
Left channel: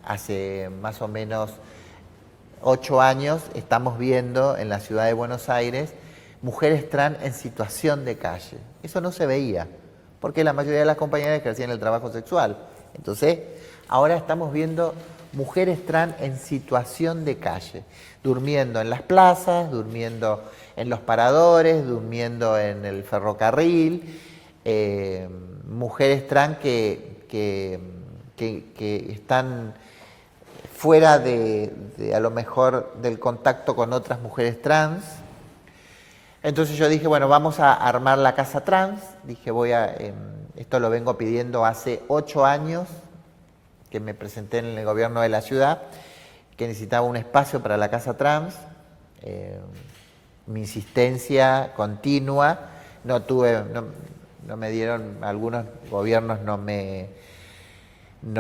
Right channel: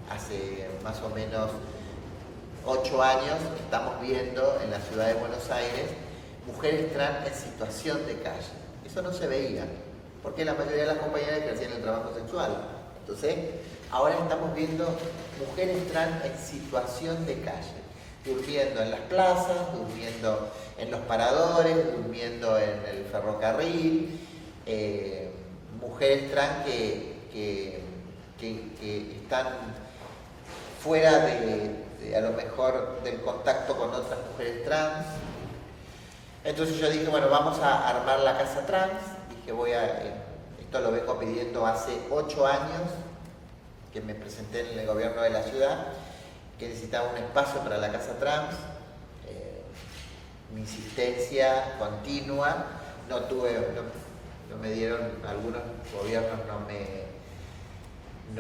hace más o menos 8 años estamos viendo en la ciudad de Buenos Aires mujeres trans en situación de calle. Eso no se veía, porque la mayoría de las compañeras ejercían el trabajo sexual. Entonces, ahora estamos viendo mujeres trans en situación de calle, durmiendo en las plazas, durmiendo en los paradores, durmiendo en el ferrocarril, mujeres trans que están fuera de a lo mejor del contacto con otras mujeres trans. Entonces yo dije, bueno, vamos a armar la Casa Trans. Dije, esto lo vengo pidiendo hace 8 años, que me presenté en el gobierno de la ciudad, que necesitaba un espacio para la Casa Trans. Mi insistencia continua, no me dieron, algunos gobiernos no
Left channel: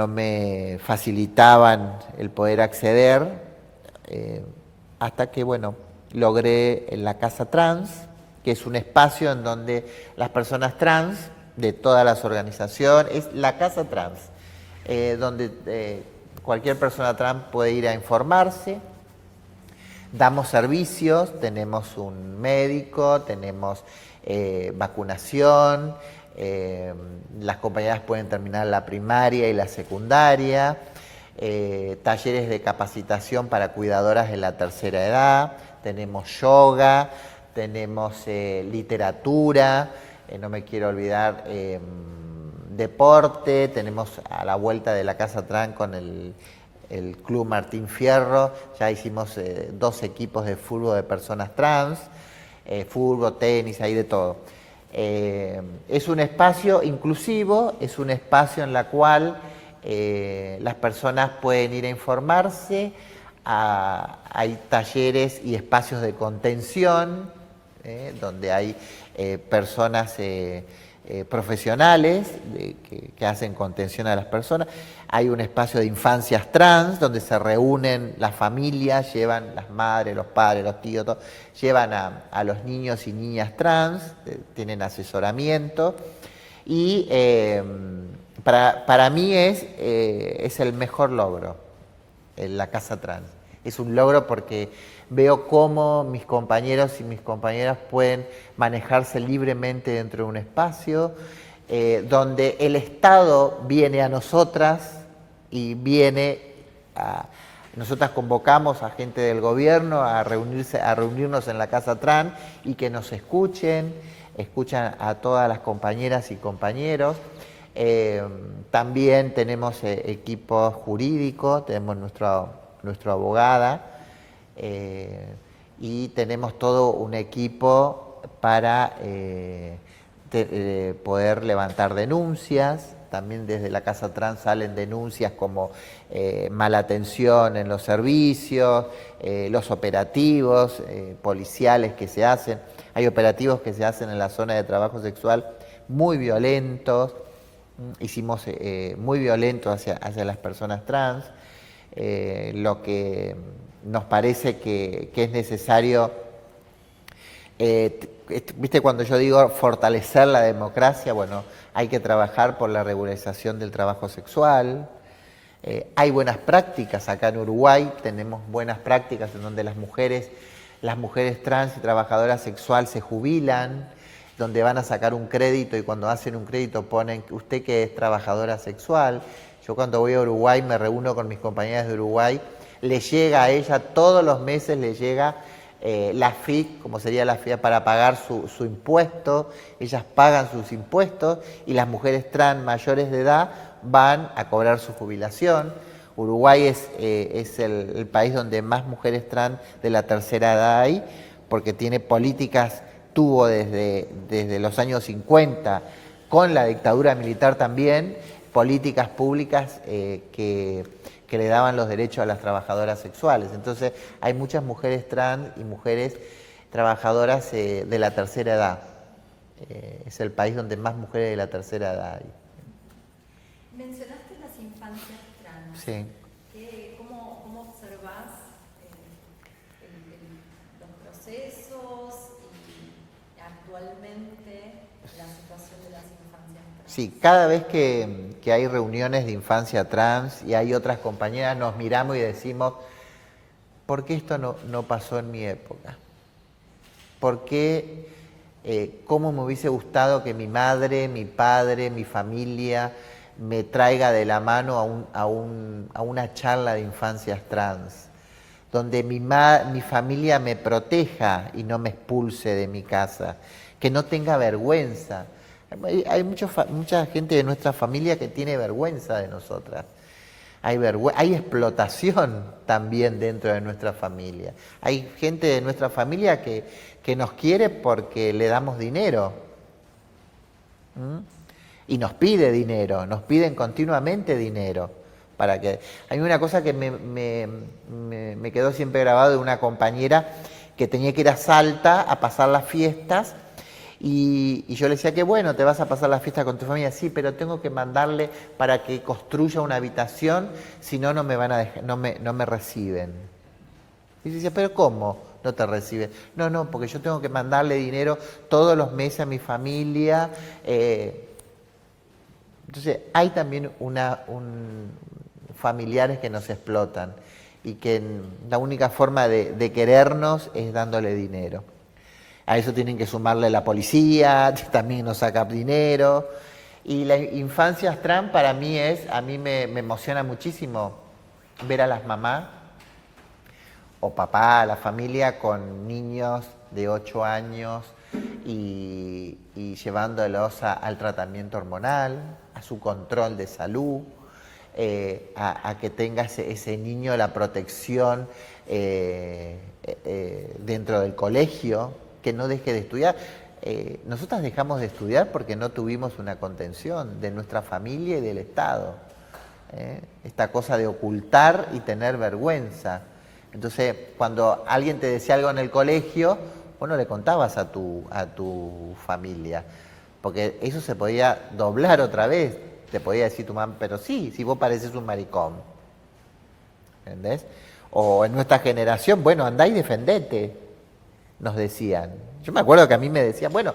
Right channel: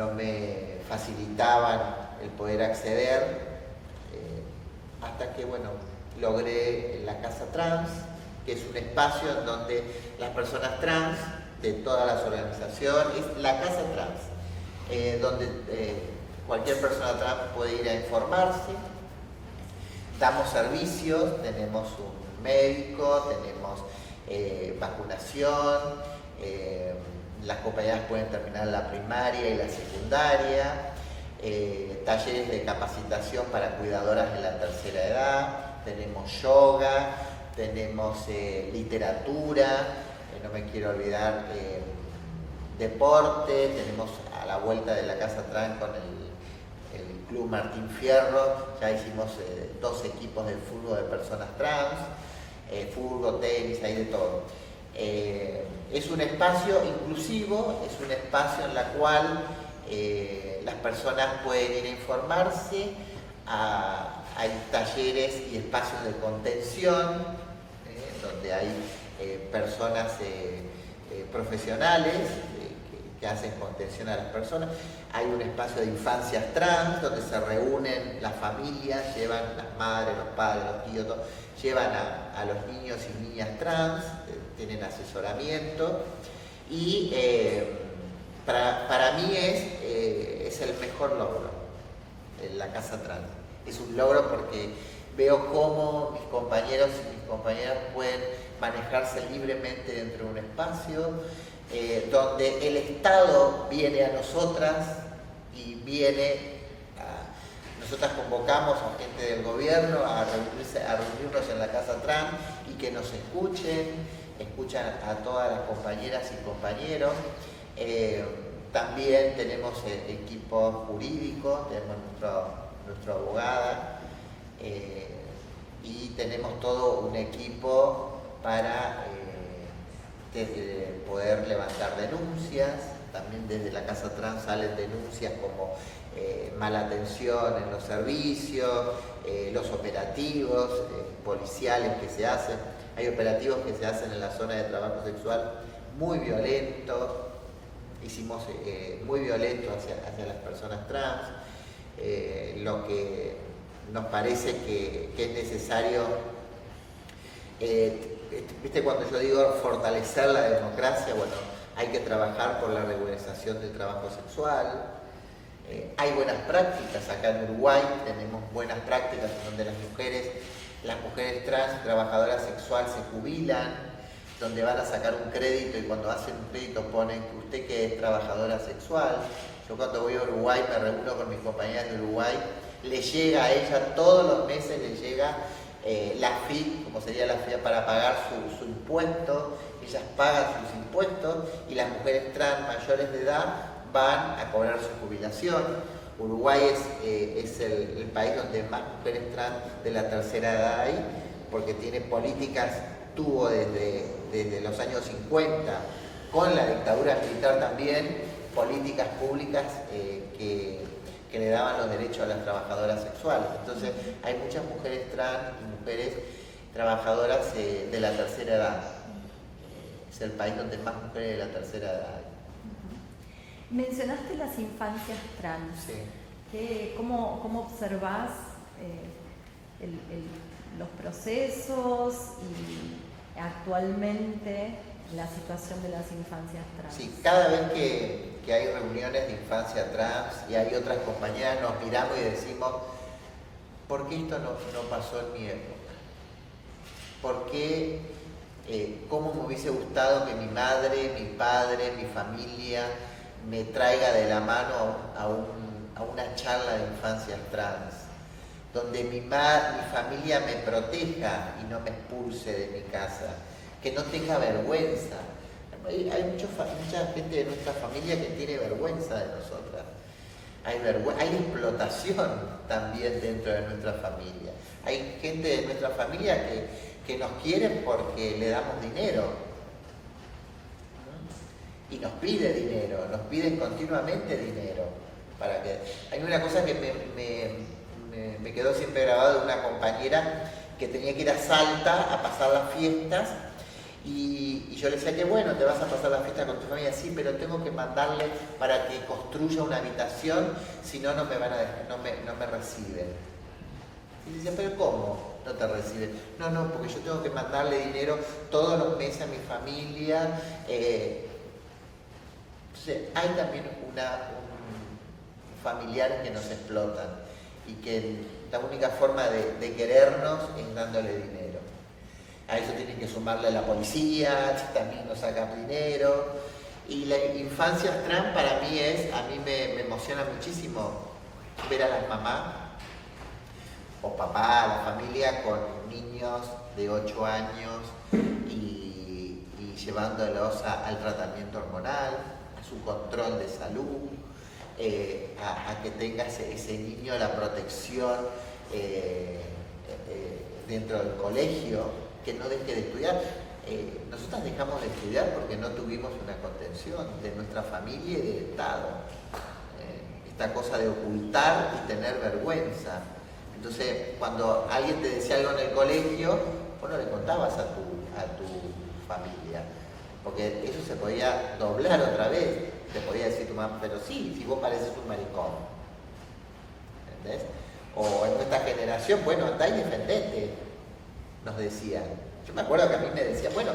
me facilitaban el poder acceder, hasta que, bueno, logré la Casa Trans, que es un espacio en donde las personas trans de todas las organizaciones, es la Casa Trans, donde cualquier persona trans puede ir a informarse. Damos servicios, tenemos un médico, tenemos vacunación, las compañeras pueden terminar la primaria y la secundaria, talleres de capacitación para cuidadoras de la tercera edad, tenemos yoga, tenemos literatura, no me quiero olvidar, deporte, tenemos a la vuelta de la Casa Trans con el Club Martín Fierro, ya hicimos 2 equipos de fútbol de personas trans, fútbol, tenis, hay de todo. Es un espacio inclusivo, es un espacio en el cual las personas pueden ir a informarse, hay talleres y espacios de contención, donde hay personas profesionales que hacen contención a las personas. Hay un espacio de infancias trans donde se reúnen las familias, llevan las madres, los padres, los tíos, todo, llevan a los niños y niñas trans, tienen asesoramiento y para mí es el mejor logro la Casa Trans. Es un logro porque veo cómo mis compañeros y mis compañeras pueden manejarse libremente dentro de un espacio, donde el Estado viene a nosotras y nosotras convocamos a gente del gobierno a reunirnos en la Casa Trans y que nos escuchan a todas las compañeras y compañeros. También tenemos equipo jurídico, tenemos nuestra abogada y tenemos todo un equipo para poder levantar denuncias. También desde la Casa Trans salen denuncias como mala atención en los servicios, los operativos policiales que se hacen. Hay operativos que se hacen en la zona de trabajo sexual muy violentos, hicimos muy violentos hacia las personas trans, lo que nos parece que es necesario. ¿Viste cuando yo digo fortalecer la democracia? Bueno, hay que trabajar por la regularización del trabajo sexual. Hay buenas prácticas acá en Uruguay, tenemos buenas prácticas en donde las mujeres trans y trabajadoras sexuales se jubilan, donde van a sacar un crédito y cuando hacen un crédito ponen que usted que es trabajadora sexual. Yo cuando voy a Uruguay me reúno con mis compañeras de Uruguay, le llega a ella todos los meses, le llega la FIP, como sería la FIP, para pagar su impuesto. Ellas pagan sus impuestos y las mujeres trans mayores de edad van a cobrar su jubilación. Uruguay es el país donde más mujeres trans de la tercera edad hay, porque tiene políticas, tuvo desde los años 50, con la dictadura militar también, políticas públicas que le daban los derechos a las trabajadoras sexuales. Entonces hay muchas mujeres trans y mujeres trabajadoras de la tercera edad. Es el país donde más mujeres de la tercera edad hay. Mencionaste las infancias trans. Sí. ¿Cómo observás los procesos y actualmente la situación de las infancias trans? Sí, cada vez que hay reuniones de infancia trans y hay otras compañeras, nos miramos y decimos, ¿por qué esto no pasó en mi época? ¿Por qué, cómo me hubiese gustado que mi madre, mi padre, mi familia me traiga de la mano a una charla de infancias trans, donde mi familia me proteja y no me expulse de mi casa, que no tenga vergüenza? Hay mucha gente de nuestra familia que tiene vergüenza de nosotras. Hay explotación también dentro de nuestra familia. Hay gente de nuestra familia que nos quiere porque le damos dinero. Y nos pide dinero, nos piden continuamente dinero. Hay una cosa que me quedó siempre grabado de una compañera que tenía que ir a Salta a pasar las fiestas. Y yo le decía que bueno, te vas a pasar la fiesta con tu familia, sí, pero tengo que mandarle para que construya una habitación, si no, no me van a dejar, no me reciben. Y decía, pero ¿cómo no te reciben? No, porque yo tengo que mandarle dinero todos los meses a mi familia. Entonces hay también familiares que nos explotan y que la única forma de querernos es dándole dinero. A eso tienen que sumarle la policía, también nos saca dinero. Y las infancias trans para mí a mí me emociona muchísimo ver a las mamás o papá, la familia con niños de 8 años y llevándolos al tratamiento hormonal, a su control de salud, a que tenga ese niño la protección dentro del colegio, que no deje de estudiar. Nosotras dejamos de estudiar porque no tuvimos una contención de nuestra familia y del Estado. Esta cosa de ocultar y tener vergüenza. Entonces, cuando alguien te decía algo en el colegio, vos no le contabas a tu familia, porque eso se podía doblar otra vez. Te podía decir tu mamá, pero sí, si vos pareces un maricón. ¿Entendés? O en nuestra generación, bueno, andá y defendete, nos decían. Yo me acuerdo que a mí me decían, bueno,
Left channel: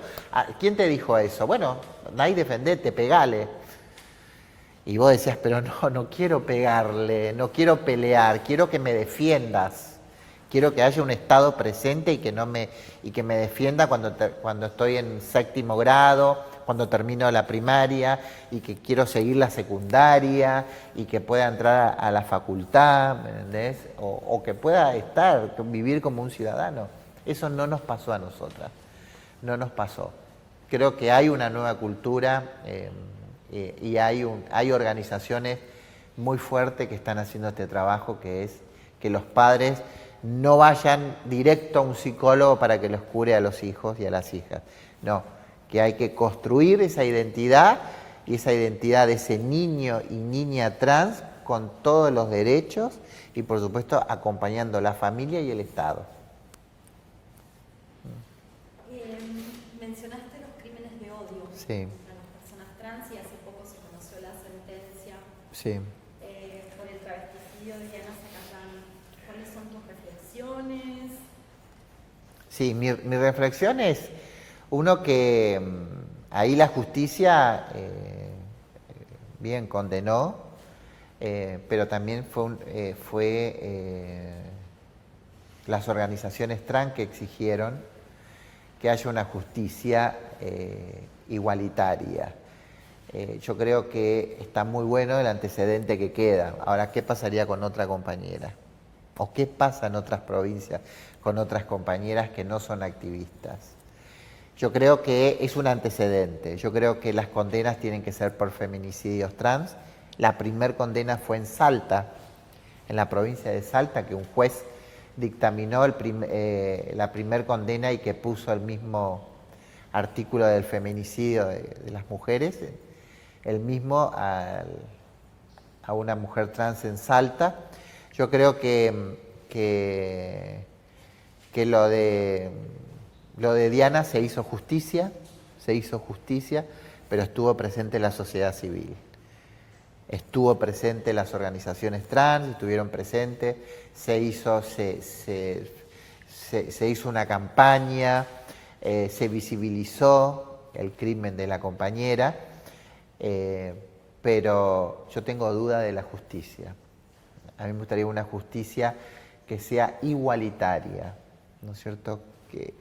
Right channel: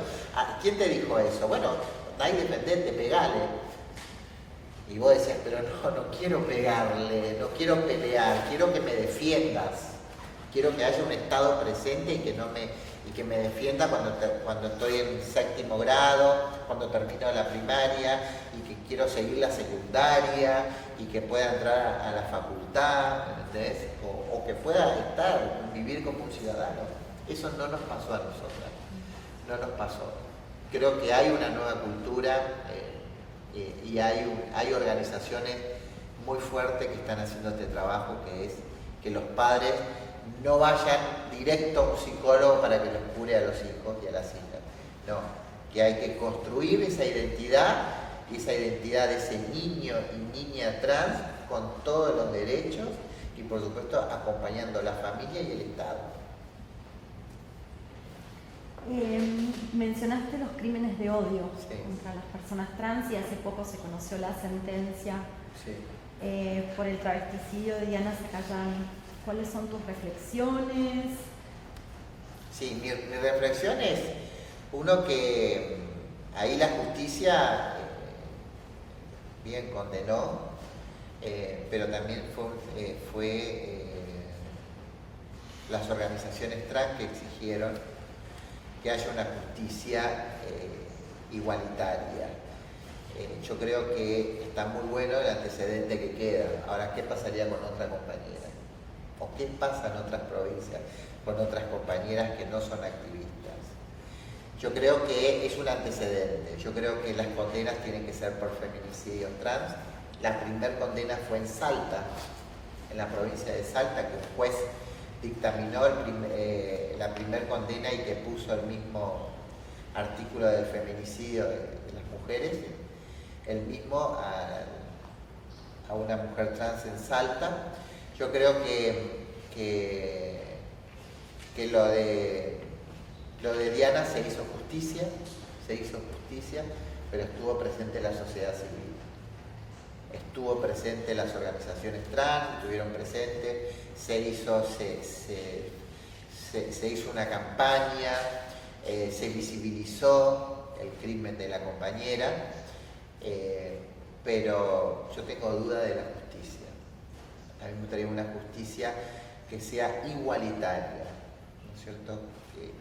¿quién te dijo eso? Bueno, andá y defendete, pegale. Y vos decías, pero no quiero pegarle, no quiero pelear, quiero que me defiendas. Quiero que haya un Estado presente y que me defienda cuando estoy en 7º grado, cuando termino la primaria y que quiero seguir la secundaria y que pueda entrar a la facultad, ¿entendés? O que pueda vivir como un ciudadano. Eso no nos pasó a nosotras, no nos pasó. Creo que hay una nueva cultura y hay organizaciones muy fuertes que están haciendo este trabajo, que es que los padres no vayan directo a un psicólogo para que los cure a los hijos y a las hijas. No, que hay que construir esa identidad y esa identidad de ese niño y niña trans con todos los derechos y por supuesto acompañando a la familia y el Estado. Mencionaste los crímenes de odio contra las personas trans y hace poco se conoció la sentencia por el travesticidio de Diana Zacayán. ¿Cuáles son tus reflexiones? Sí, mi reflexión es, uno, que ahí la justicia bien condenó, pero también fue las organizaciones trans que exigieron que haya una justicia igualitaria. Yo creo que está muy bueno el antecedente que queda. Ahora, ¿qué pasaría con otra compañera? ¿O qué pasa en otras provincias con otras compañeras que no son activistas? Yo creo que es un antecedente. Yo creo que las condenas tienen que ser por feminicidios trans La primer condena fue en Salta, en la provincia de Salta, que un juez dictaminó la primer condena y que puso el mismo artículo del feminicidio de las mujeres, el mismo a una mujer trans en Salta. Yo creo que lo de Diana se hizo justicia, pero estuvo presente la sociedad civil. Estuvo presente las organizaciones trans, estuvieron presentes, se hizo una campaña, se visibilizó el crimen de la compañera, pero yo tengo duda de la justicia. A mí me gustaría una justicia que sea igualitaria, ¿no es cierto?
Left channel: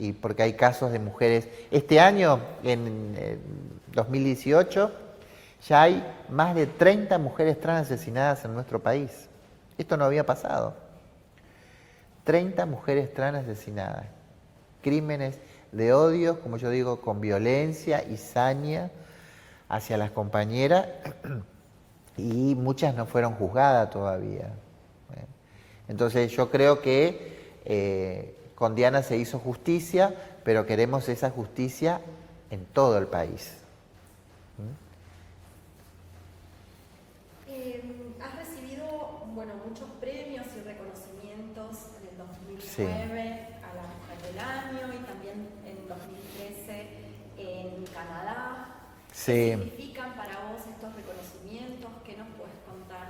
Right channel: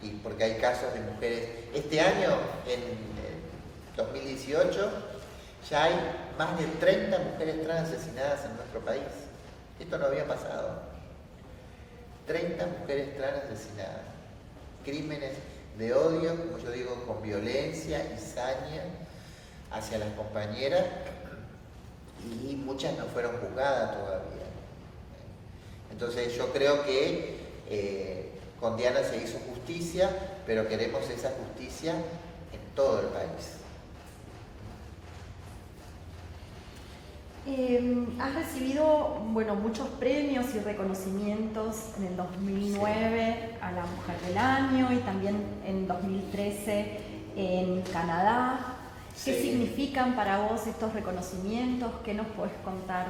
Y porque hay casos de mujeres. Este año, en 2018, ya hay más de 30 mujeres trans asesinadas en nuestro país. Esto no había pasado. 30 mujeres trans asesinadas. Crímenes de odio, como yo digo, con violencia y saña hacia las compañeras, y muchas no fueron juzgadas todavía. Entonces yo creo que con Diana se hizo justicia, pero queremos esa justicia en todo el país. Has recibido, bueno, muchos premios y reconocimientos en el 2009 Sí. a la Mujer del Año y también en 2013 en Canadá. Sí. ¿Qué significan para vos estos reconocimientos? ¿Qué nos puedes contar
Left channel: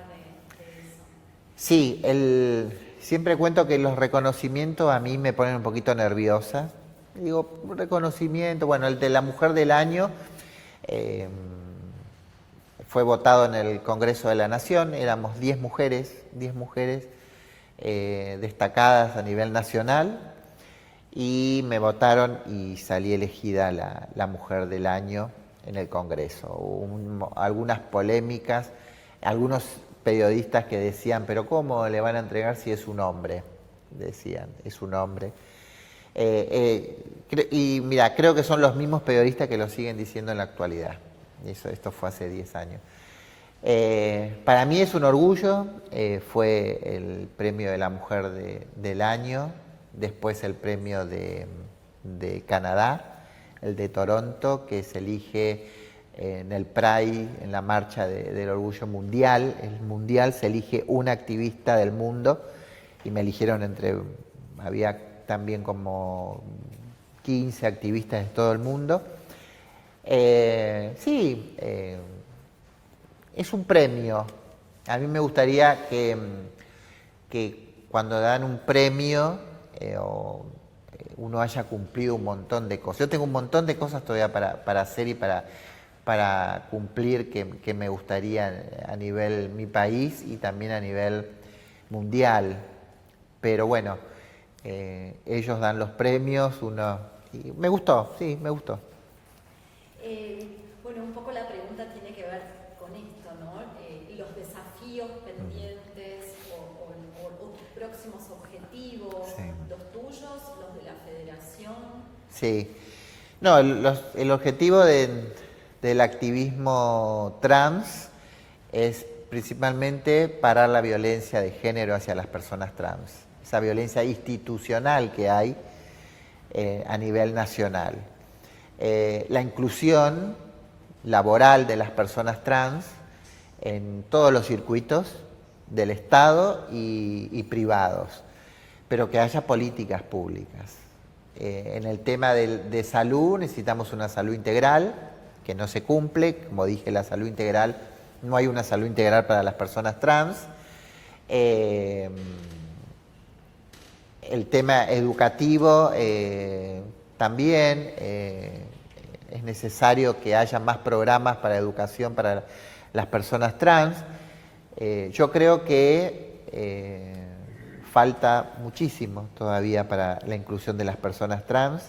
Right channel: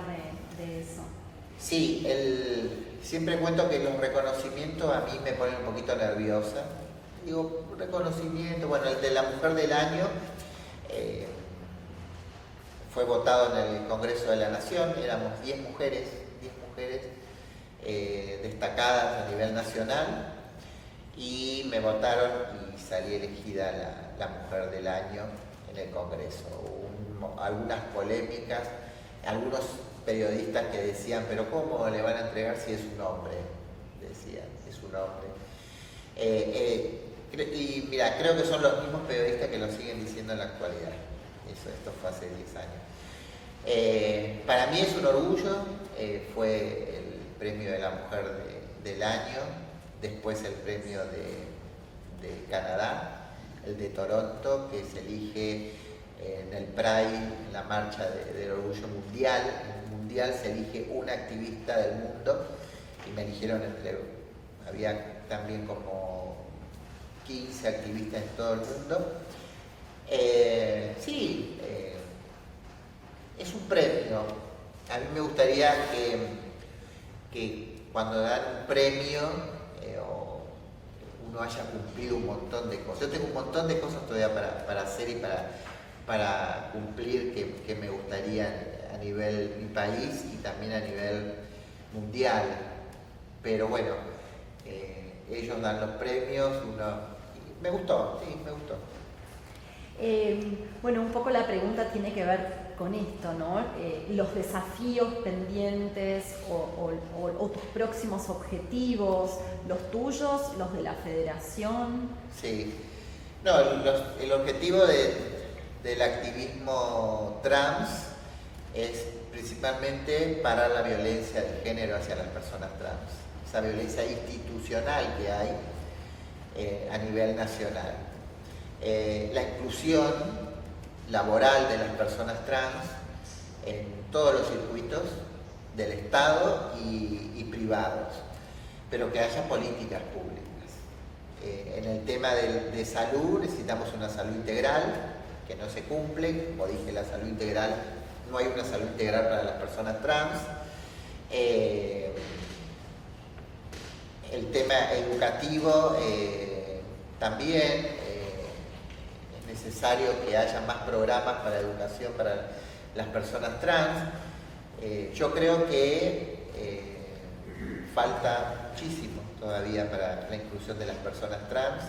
de eso? Sí, siempre cuento que los reconocimientos a mí me ponen un poquito nerviosa. Digo, reconocimiento, bueno, el de la Mujer del Año fue votado en el Congreso de la Nación, éramos 10 mujeres destacadas a nivel nacional, y me votaron y salí elegida la Mujer del Año en el Congreso. Hubo algunas polémicas, algunos periodistas que decían, pero ¿cómo le van a entregar si es un hombre? Decían, es un hombre. Y mira, creo que son los mismos periodistas que lo siguen diciendo en la actualidad. Esto fue hace 10 años. Para mí es un orgullo, fue el premio de la Mujer del Año, después el premio de Canadá, el de Toronto, que se elige en el Pride, en la marcha del orgullo mundial. En el mundial se elige una activista del mundo, y me eligieron había también como 15 activistas en todo el mundo. Sí, es un premio. A mí me gustaría que cuando dan un premio uno haya cumplido un montón de cosas. Yo tengo un montón de cosas todavía para hacer y para cumplir que me gustaría a nivel mi país y también a nivel mundial. Pero bueno, ellos dan los premios, me gustó, sí, me gustó. Bueno, un poco la pregunta tiene que ver con esto, ¿no? Los desafíos pendientes o tus próximos objetivos, Sí. los tuyos, los de la federación. Sí. No, el objetivo del activismo trans es principalmente parar la violencia de género hacia las personas trans, esa violencia institucional que hay a nivel nacional. La inclusión laboral de las personas trans en todos los circuitos del Estado y privados, pero que haya políticas públicas. En el tema de salud necesitamos una salud integral que no se cumple. Como dije, la salud integral, no hay una salud integral para las personas trans. El tema educativo también, es necesario que haya más programas para educación para las personas trans. Yo creo que falta muchísimo todavía para la inclusión de las personas trans.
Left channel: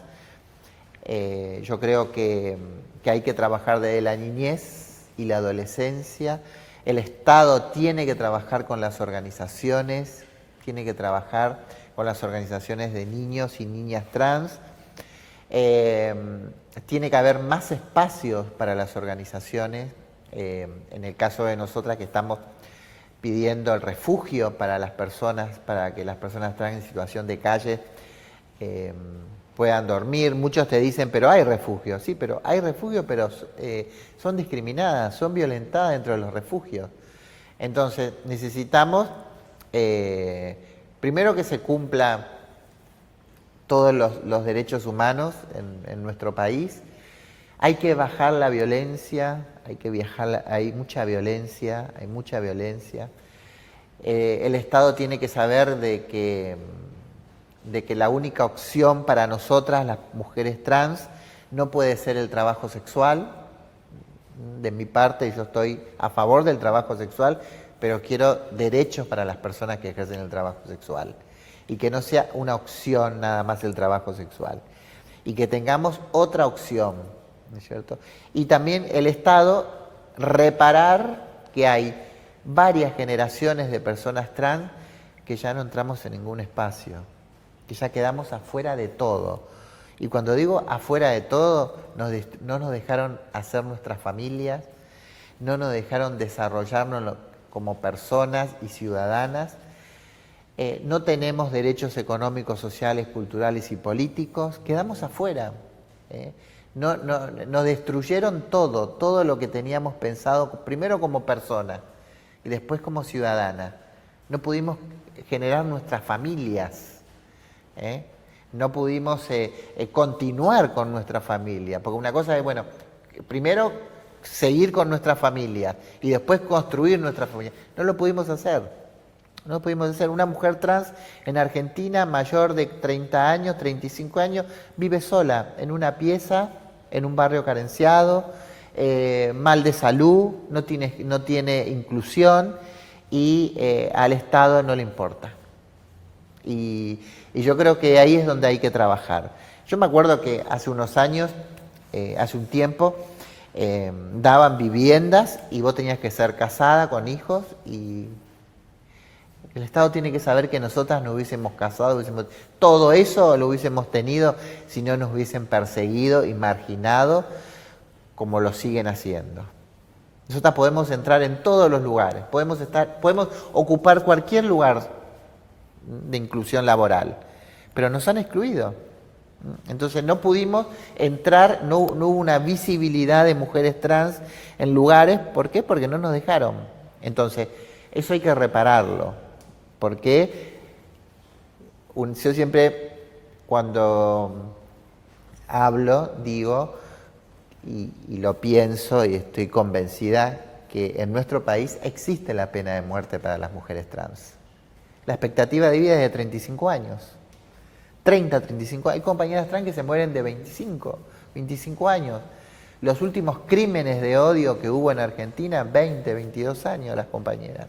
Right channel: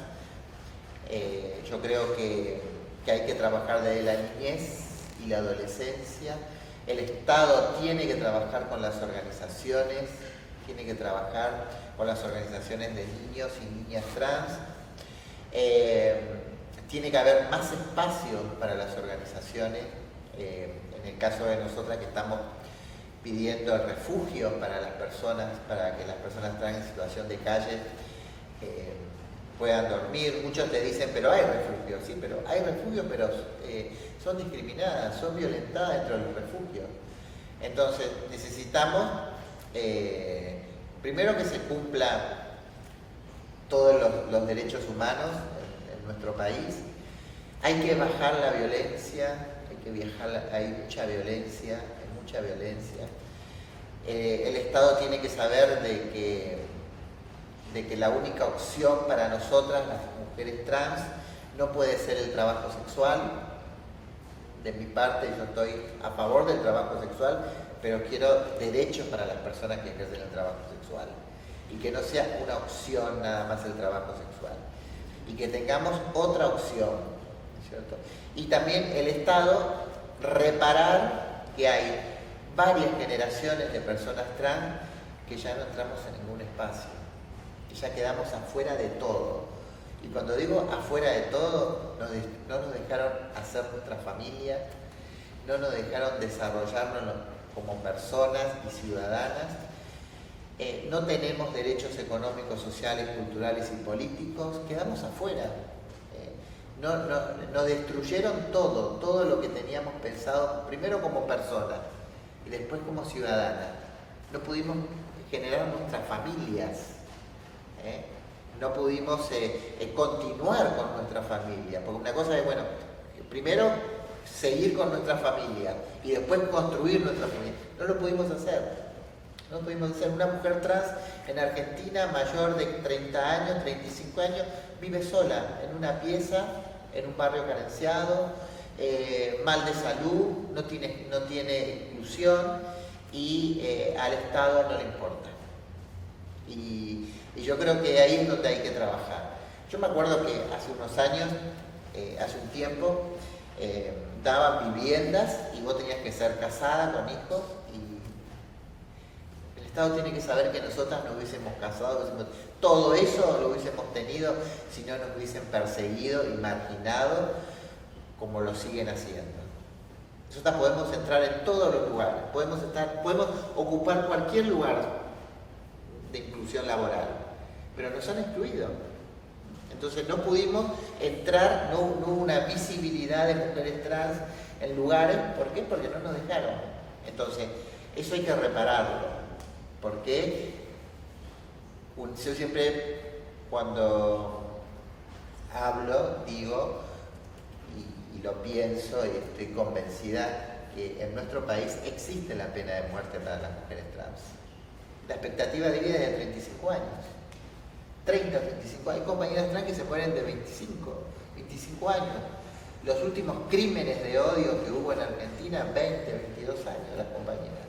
Yo creo que hay que trabajar desde la niñez y la adolescencia. El Estado tiene que trabajar con las organizaciones, tiene que trabajar con las organizaciones de niños y niñas trans. Tiene que haber más espacios para las organizaciones, En el caso de nosotras que estamos pidiendo el refugio para las personas, para que las personas trans en situación de calle puedan dormir. Muchos te dicen, pero hay refugio. Sí, pero hay refugio, pero son discriminadas, son violentadas dentro de los refugios. Entonces necesitamos primero que se cumpla todos los derechos humanos en nuestro país. Hay que bajar la violencia, hay mucha violencia. El Estado tiene que saber de que la única opción para nosotras, las mujeres trans, no puede ser el trabajo sexual. De mi parte, yo estoy a favor del trabajo sexual, pero quiero derechos para las personas que ejercen el trabajo sexual. Y que no sea una opción nada más el trabajo sexual. Y que tengamos otra opción, ¿no es cierto? Y también el Estado reparar que hay varias generaciones de personas trans que ya no entramos en ningún espacio, que ya quedamos afuera de todo. Y cuando digo afuera de todo, no nos dejaron hacer nuestras familias, no nos dejaron desarrollarnos como personas y ciudadanas. No tenemos derechos económicos, sociales, culturales y políticos, quedamos afuera. Nos destruyeron todo lo que teníamos pensado, primero como personas y después como ciudadanas. No pudimos generar nuestras familias, no pudimos continuar con nuestra familia, porque una cosa es, bueno, primero seguir con nuestra familia y después construir nuestra familia. No lo pudimos hacer. No pudimos hacer. Una mujer trans en Argentina, mayor de 30 años, 35 años, vive sola en una pieza, en un barrio carenciado, mal de salud, no tiene inclusión y al Estado no le importa. Y yo creo que ahí es donde hay que trabajar. Yo me acuerdo que hace unos años, hace un tiempo, daban viviendas y vos tenías que ser casada con hijos y el Estado tiene que saber que nosotras nos hubiésemos casado, todo eso lo hubiésemos tenido si no nos hubiesen perseguido y marginado como lo siguen haciendo. Nosotras podemos entrar en todos los lugares, podemos ocupar cualquier lugar de inclusión laboral, pero nos han excluido. Entonces no pudimos entrar, no hubo una visibilidad de mujeres trans en lugares. ¿Por qué? Porque no nos dejaron. Entonces, eso hay que repararlo. Porque yo siempre, cuando hablo, digo, y lo pienso y estoy convencida, que en nuestro país existe la pena de muerte para las mujeres trans. La expectativa de vida es de 35 años. 30, 35 años. Hay compañeras trans que se mueren de 25 años. Los últimos crímenes de odio que hubo en Argentina, 20, 22 años las compañeras.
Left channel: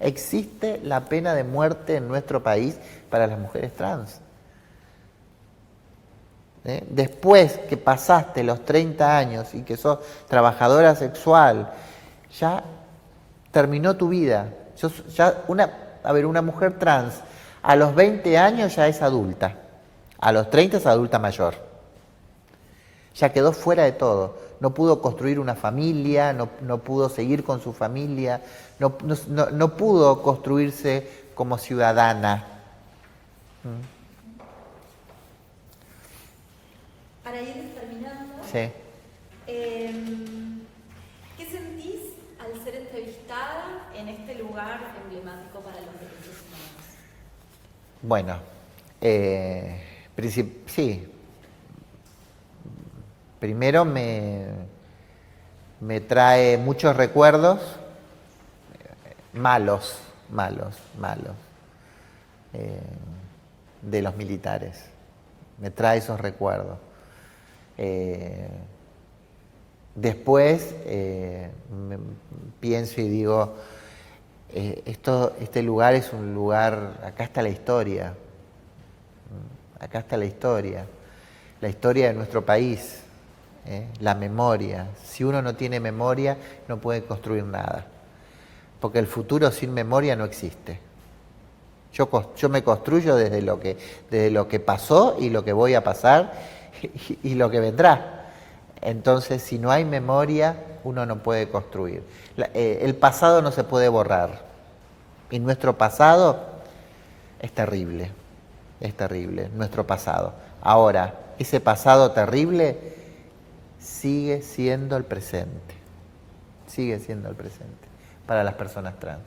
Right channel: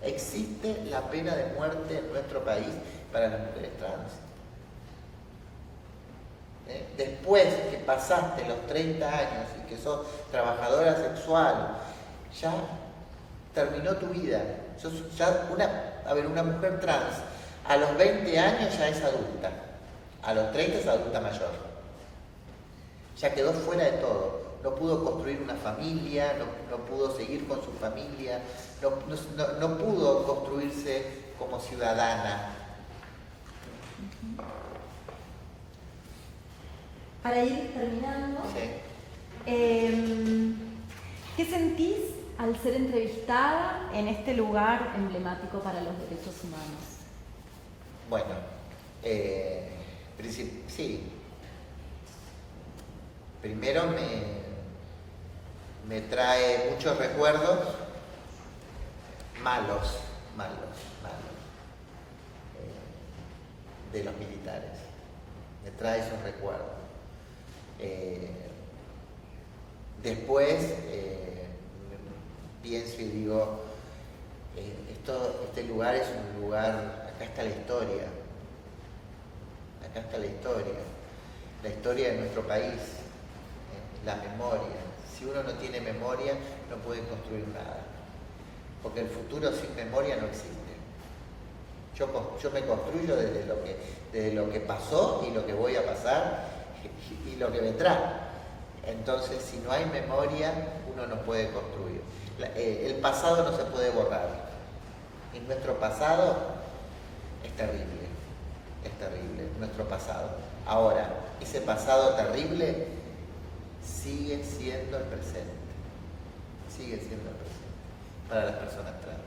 Existe la pena de muerte en nuestro país para las mujeres trans. Después que pasaste los 30 años y que sos trabajadora sexual, ya terminó tu vida. Una mujer trans a los 20 años ya es adulta, a los 30 es adulta mayor. Ya quedó fuera de todo. No pudo construir una familia, no pudo seguir con su familia, no pudo construirse como ciudadana. Para ir terminando, Sí. ¿Qué sentís al ser entrevistada en este lugar emblemático para los derechos humanos? Bueno, sí. Primero me trae muchos recuerdos malos de los militares. Me trae esos recuerdos. Después pienso y digo, este lugar es un lugar, acá está la historia. Acá está la historia de nuestro país. La memoria. Si uno no tiene memoria, no puede construir nada. Porque el futuro sin memoria no existe. Yo me construyo desde lo que pasó y lo que voy a pasar y lo que vendrá. Entonces, si no hay memoria, uno no puede construir. El pasado no se puede borrar. Y nuestro pasado es terrible, nuestro pasado. Ahora, ese pasado terrible sigue siendo el presente para las personas trans.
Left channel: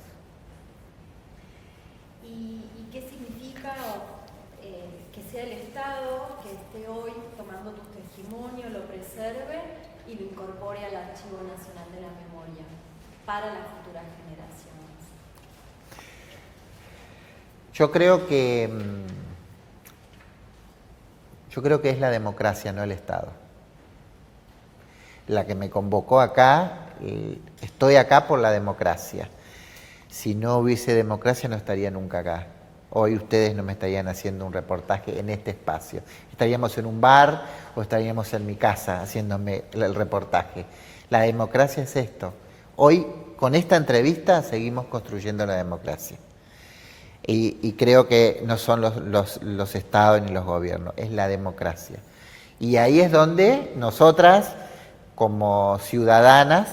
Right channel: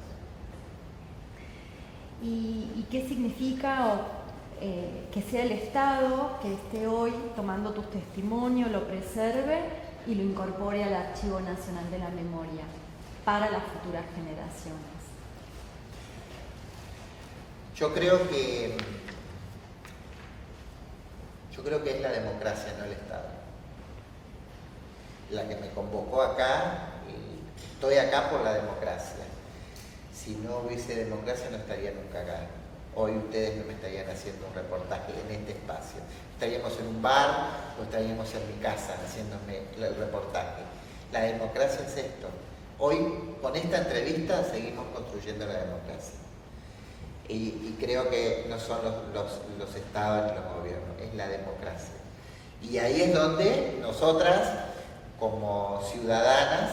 ¿Y qué significa que sea el Estado que esté hoy tomando tus testimonios, lo preserve y lo incorpore al Archivo Nacional de la Memoria para las futuras generaciones? Yo creo que es la democracia, no el Estado. La que me convocó acá, estoy acá por la democracia. Si no hubiese democracia no estaría nunca acá. Hoy ustedes no me estarían haciendo un reportaje en este espacio. Estaríamos en un bar o estaríamos en mi casa haciéndome el reportaje. La democracia es esto. Hoy, con esta entrevista, seguimos construyendo la democracia. Y creo que no son los estados ni los gobiernos, es la democracia. Y ahí es donde nosotras, como ciudadanas,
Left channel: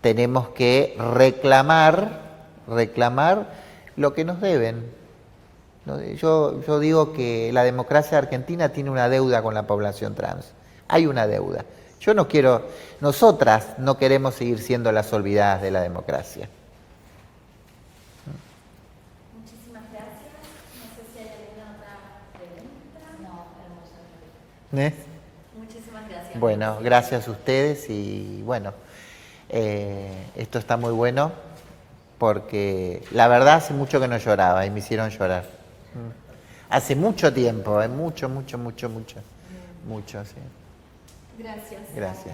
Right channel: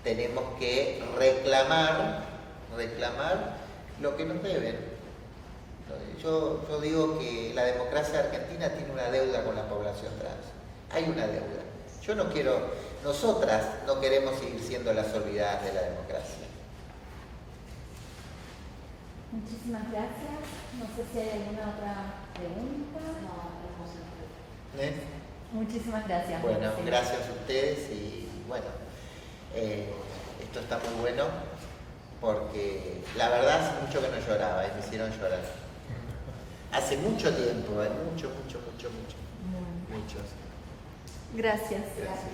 tenemos que reclamar lo que nos deben. Yo digo que la democracia argentina tiene una deuda con la población trans. Hay una deuda. Nosotras no queremos seguir siendo las olvidadas de la democracia. Muchísimas gracias. No sé si hay alguna otra pregunta. No, Muchísimas gracias. Bueno, gracias a ustedes y bueno, esto está muy bueno porque la verdad hace mucho que no lloraba y me hicieron llorar. Hace mucho tiempo, mucho. Sí. Gracias. Gracias.